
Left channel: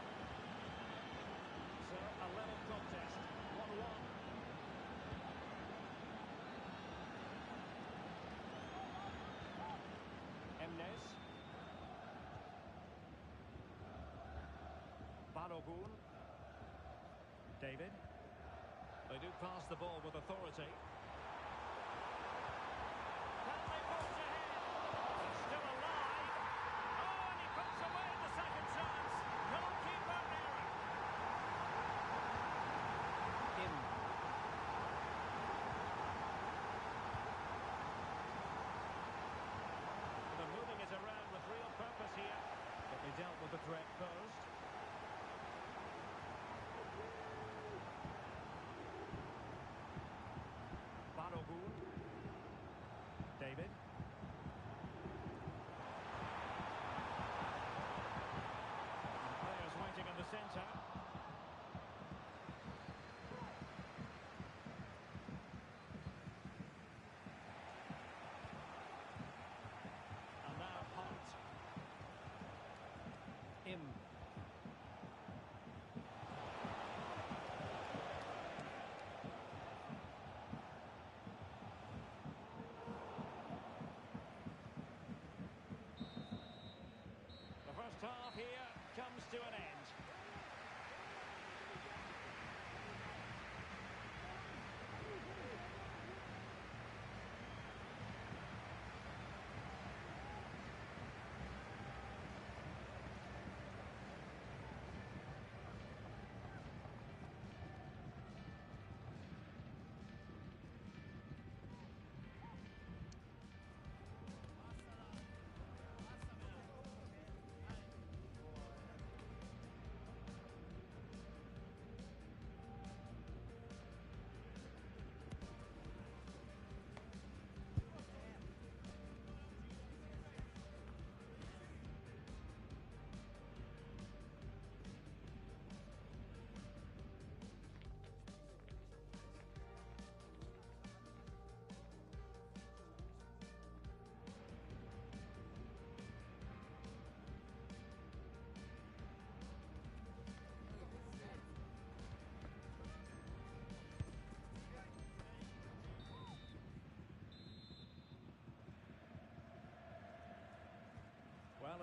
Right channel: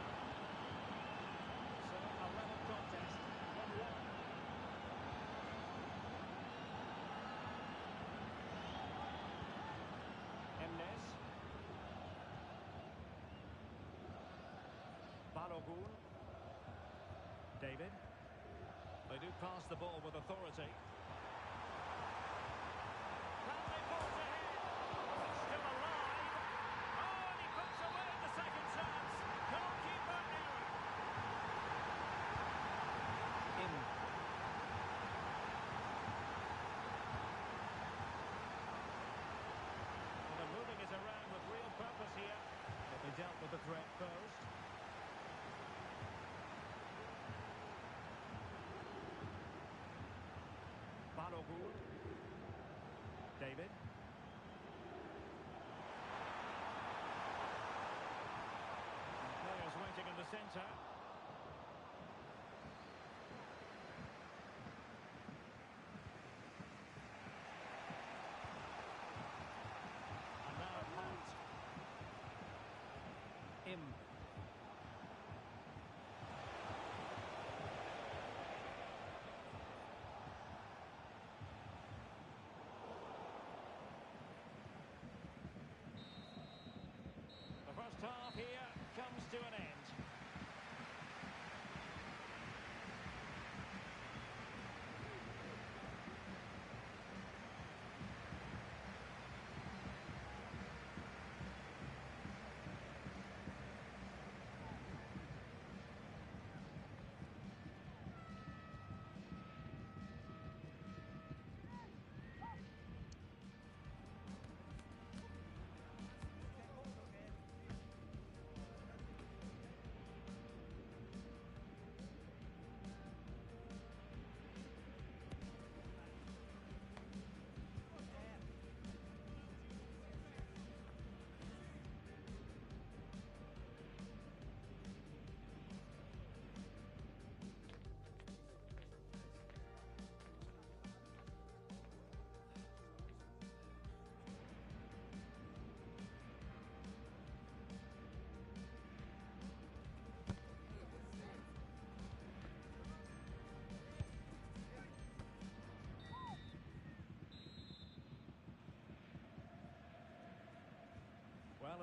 So, a level contest. 1-1. Emnes. Balogun. David. They do pass the ball with authority. Can they forge ahead? It's still alive. Oh, and he puts away the second chance. Goalkeeper error. In. Well, they're moving it around with real purpose here. But they dealt with the threat posed. Balogun. David. And players waiting in the centre. And now Hunt. Im. The first half here comes to an end.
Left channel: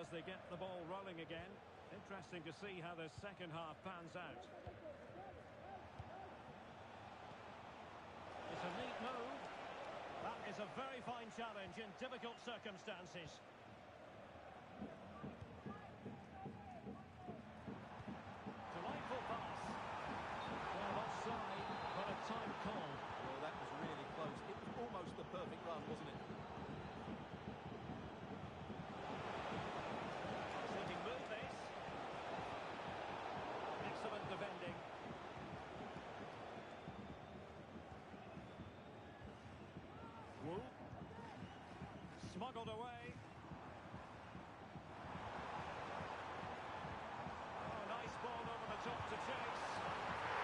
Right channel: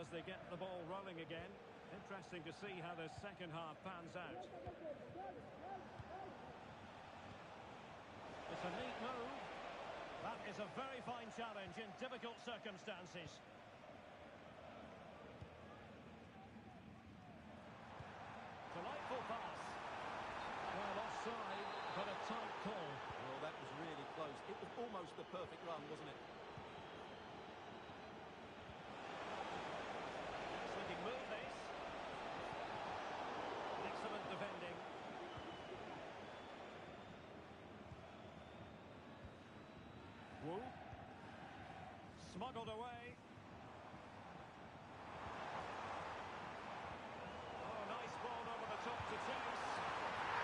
as they get the ball rolling again. Interesting to see how the second half pans out. It's a neat move. That is a very fine challenge in difficult circumstances. Delightful pass. Well, offside, but a tight call. Well, that was really close. It was almost the perfect run, wasn't it? Nice looking move, this. Excellent defending. Wu. Smuggled away. Oh, nice ball over the top to chase.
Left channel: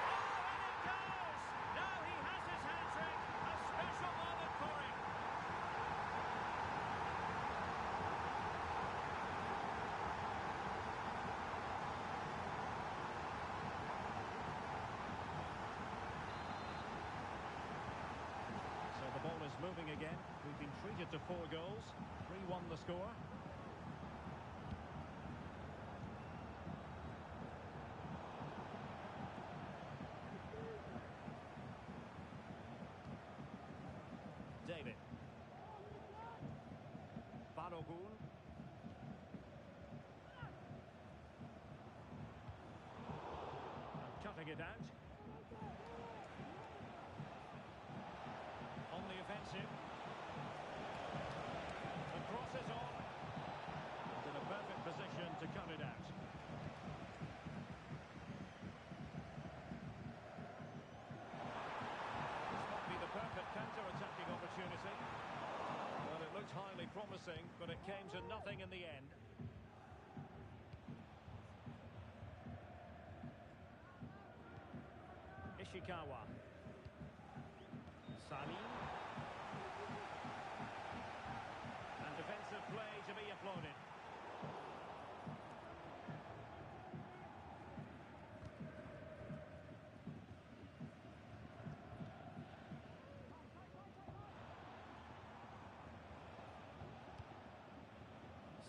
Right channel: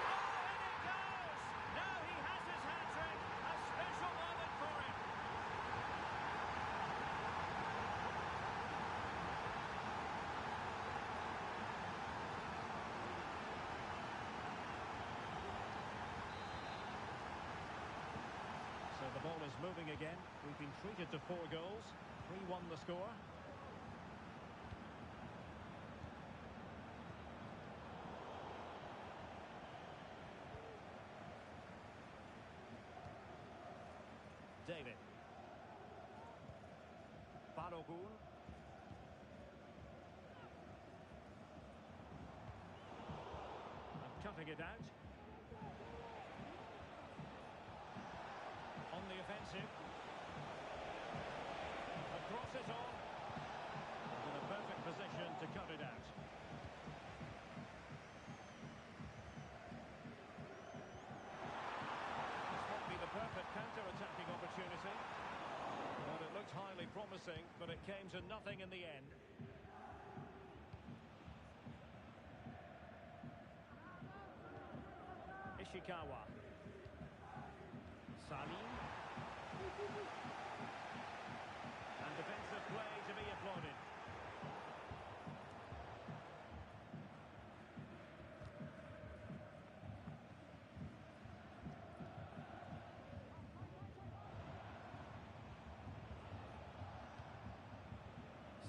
Oh, and it goes! Now he has his hat-trick. A special moment for him. So the ball is moving again. We've been treated to 4 goals. 3-1 the score. David. Balogun. And cutting it out. On the offensive. The cross is on. And in a perfect position to cut it out. This might be the perfect counter-attacking opportunity. Well, it looked highly promising, but it came to nothing in the end. Ishikawa. Salim. And defensive play to be applauded.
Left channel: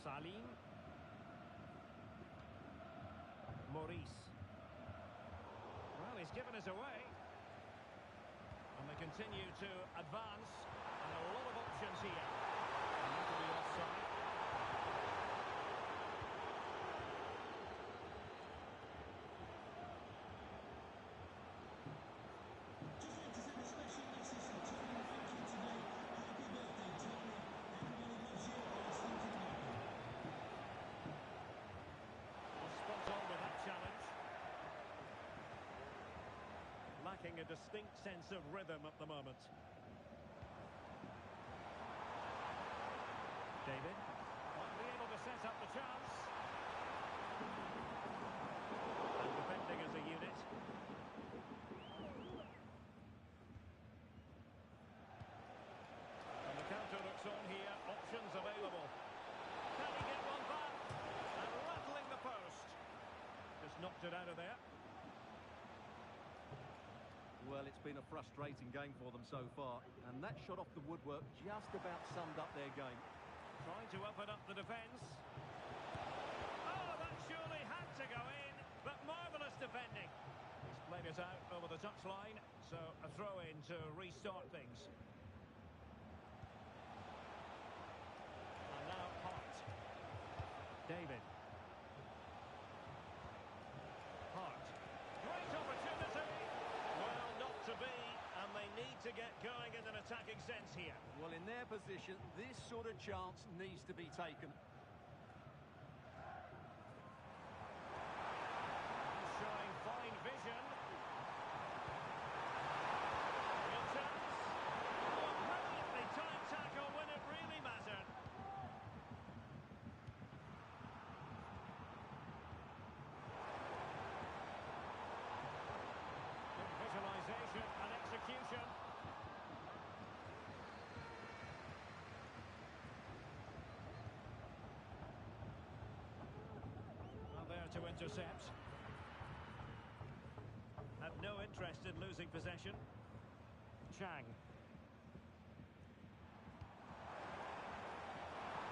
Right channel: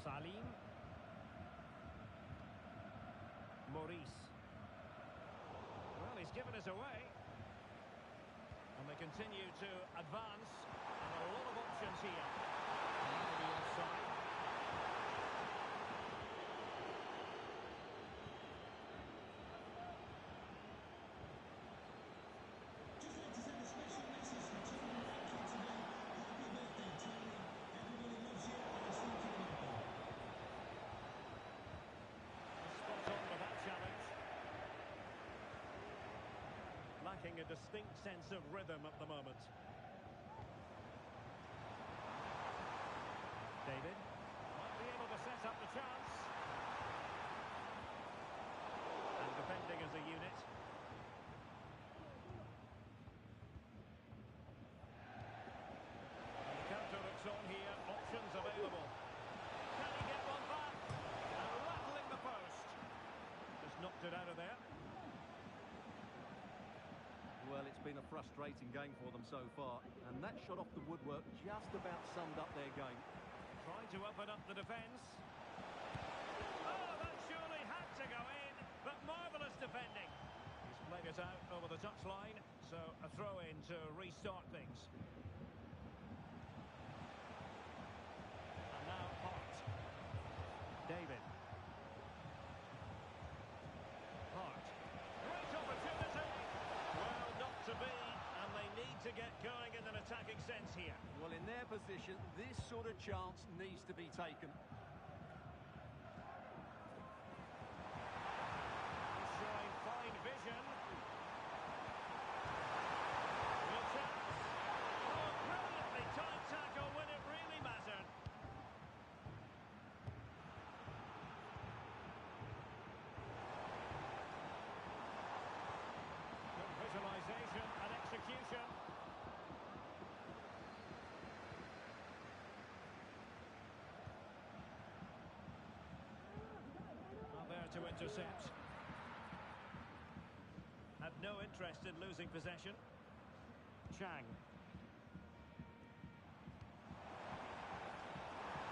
Salim. Maurice. Well, he's given us away. And they continue to advance. And a lot of options here. And that will be offside. Just like to send a special message to Tony Rankin today. Happy birthday, Tony. Everybody loves you and is thinking about you. Well, spot on with that challenge. Lacking a distinct sense of rhythm at the moment. David might be able to set up the chance. And defending as a unit. And the counter looks on here. Options available. Can he get one back? And rattling the post. Just knocked it out of there. Well, it's been a frustrating game for them so far, and that shot off the woodwork just about summed up their game. Trying to open up the defence. Oh, that surely had to go in, but marvellous defending. He's played it out over the touchline, so a throw-in to restart things. And now Hart. David. Hart. Great opportunity. Well, not to be, and they need to get going in an attacking sense here. Well, in their position, this sort of chance needs to be taken. He's showing fine vision. Real chance. Oh, brilliantly timed tackle when it really mattered. Good visualisation and execution. Well, there to intercept. Had no interest in losing possession. Chang.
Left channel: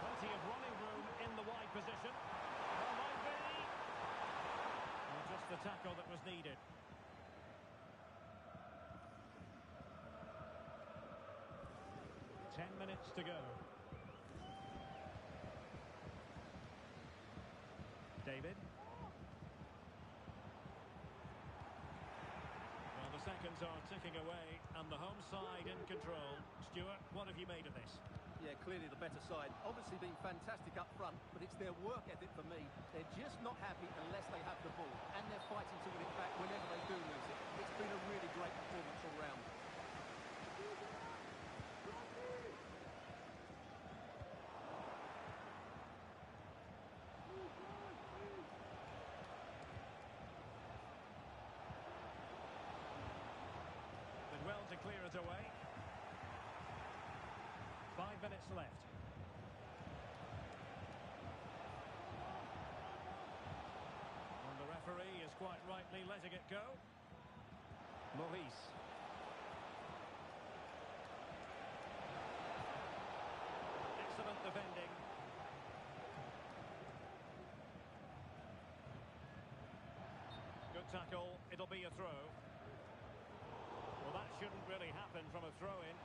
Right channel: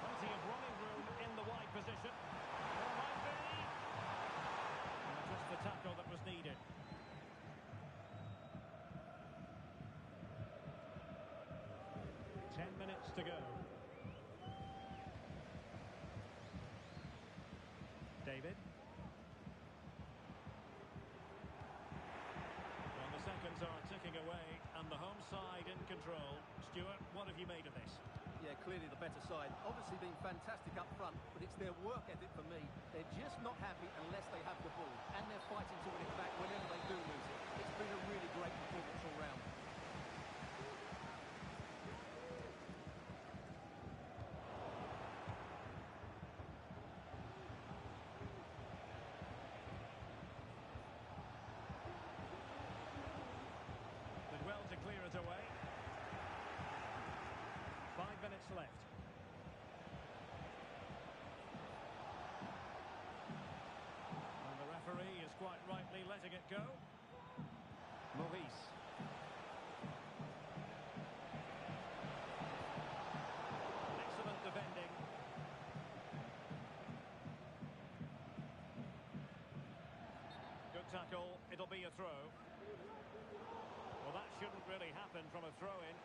Plenty of running room in the wide position. Well, might be. Well, just the tackle that was needed. Minutes to go. David. Well, the seconds are ticking away and the home side in control. Stuart, what have you made of this? Yeah, clearly the better side. Obviously been fantastic up front, but it's their work ethic for me. They're just not happy unless they have the ball, and they're fighting to win it back whenever they do lose it. It's been a really great performance all round. Well to clear it away. 5 minutes left. And the referee is quite rightly letting it go. Maurice. Excellent defending. Good tackle. It'll be a throw. Well, that shouldn't really happen from a throw-in.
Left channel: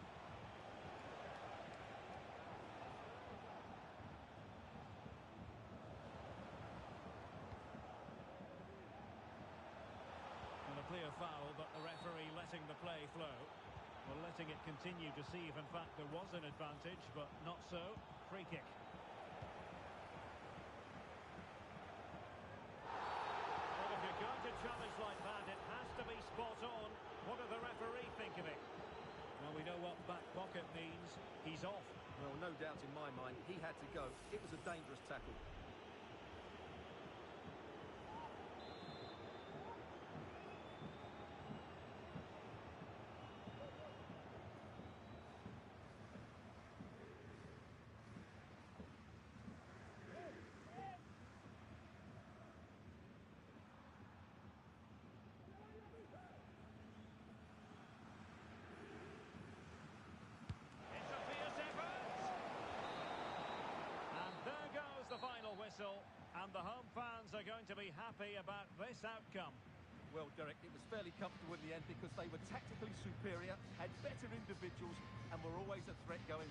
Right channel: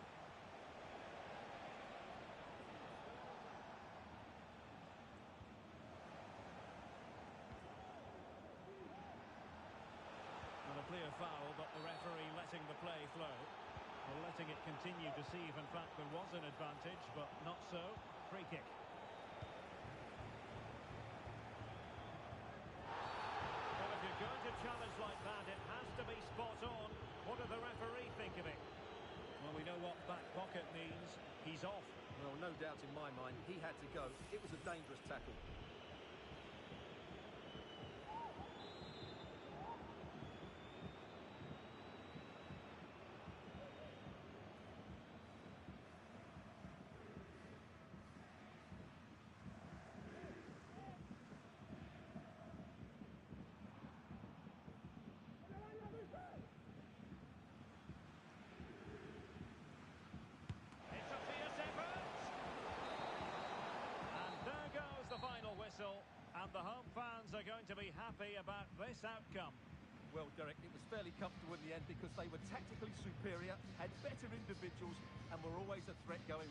Well, a clear foul, but the referee letting the play flow. Well, letting it continue to see if, in fact, there was an advantage, but not so. Free kick. Well, if you're going to challenge like that, it has to be spot on. What does the referee think of it? Well, we know what back pocket means. He's off. Well, no doubt in my mind, he had to go. It was a dangerous tackle. The final whistle, and the home fans are going to be happy about this outcome. Well, Derek, it was fairly comfortable in the end because they were tactically superior, had better individuals, and were always a threat going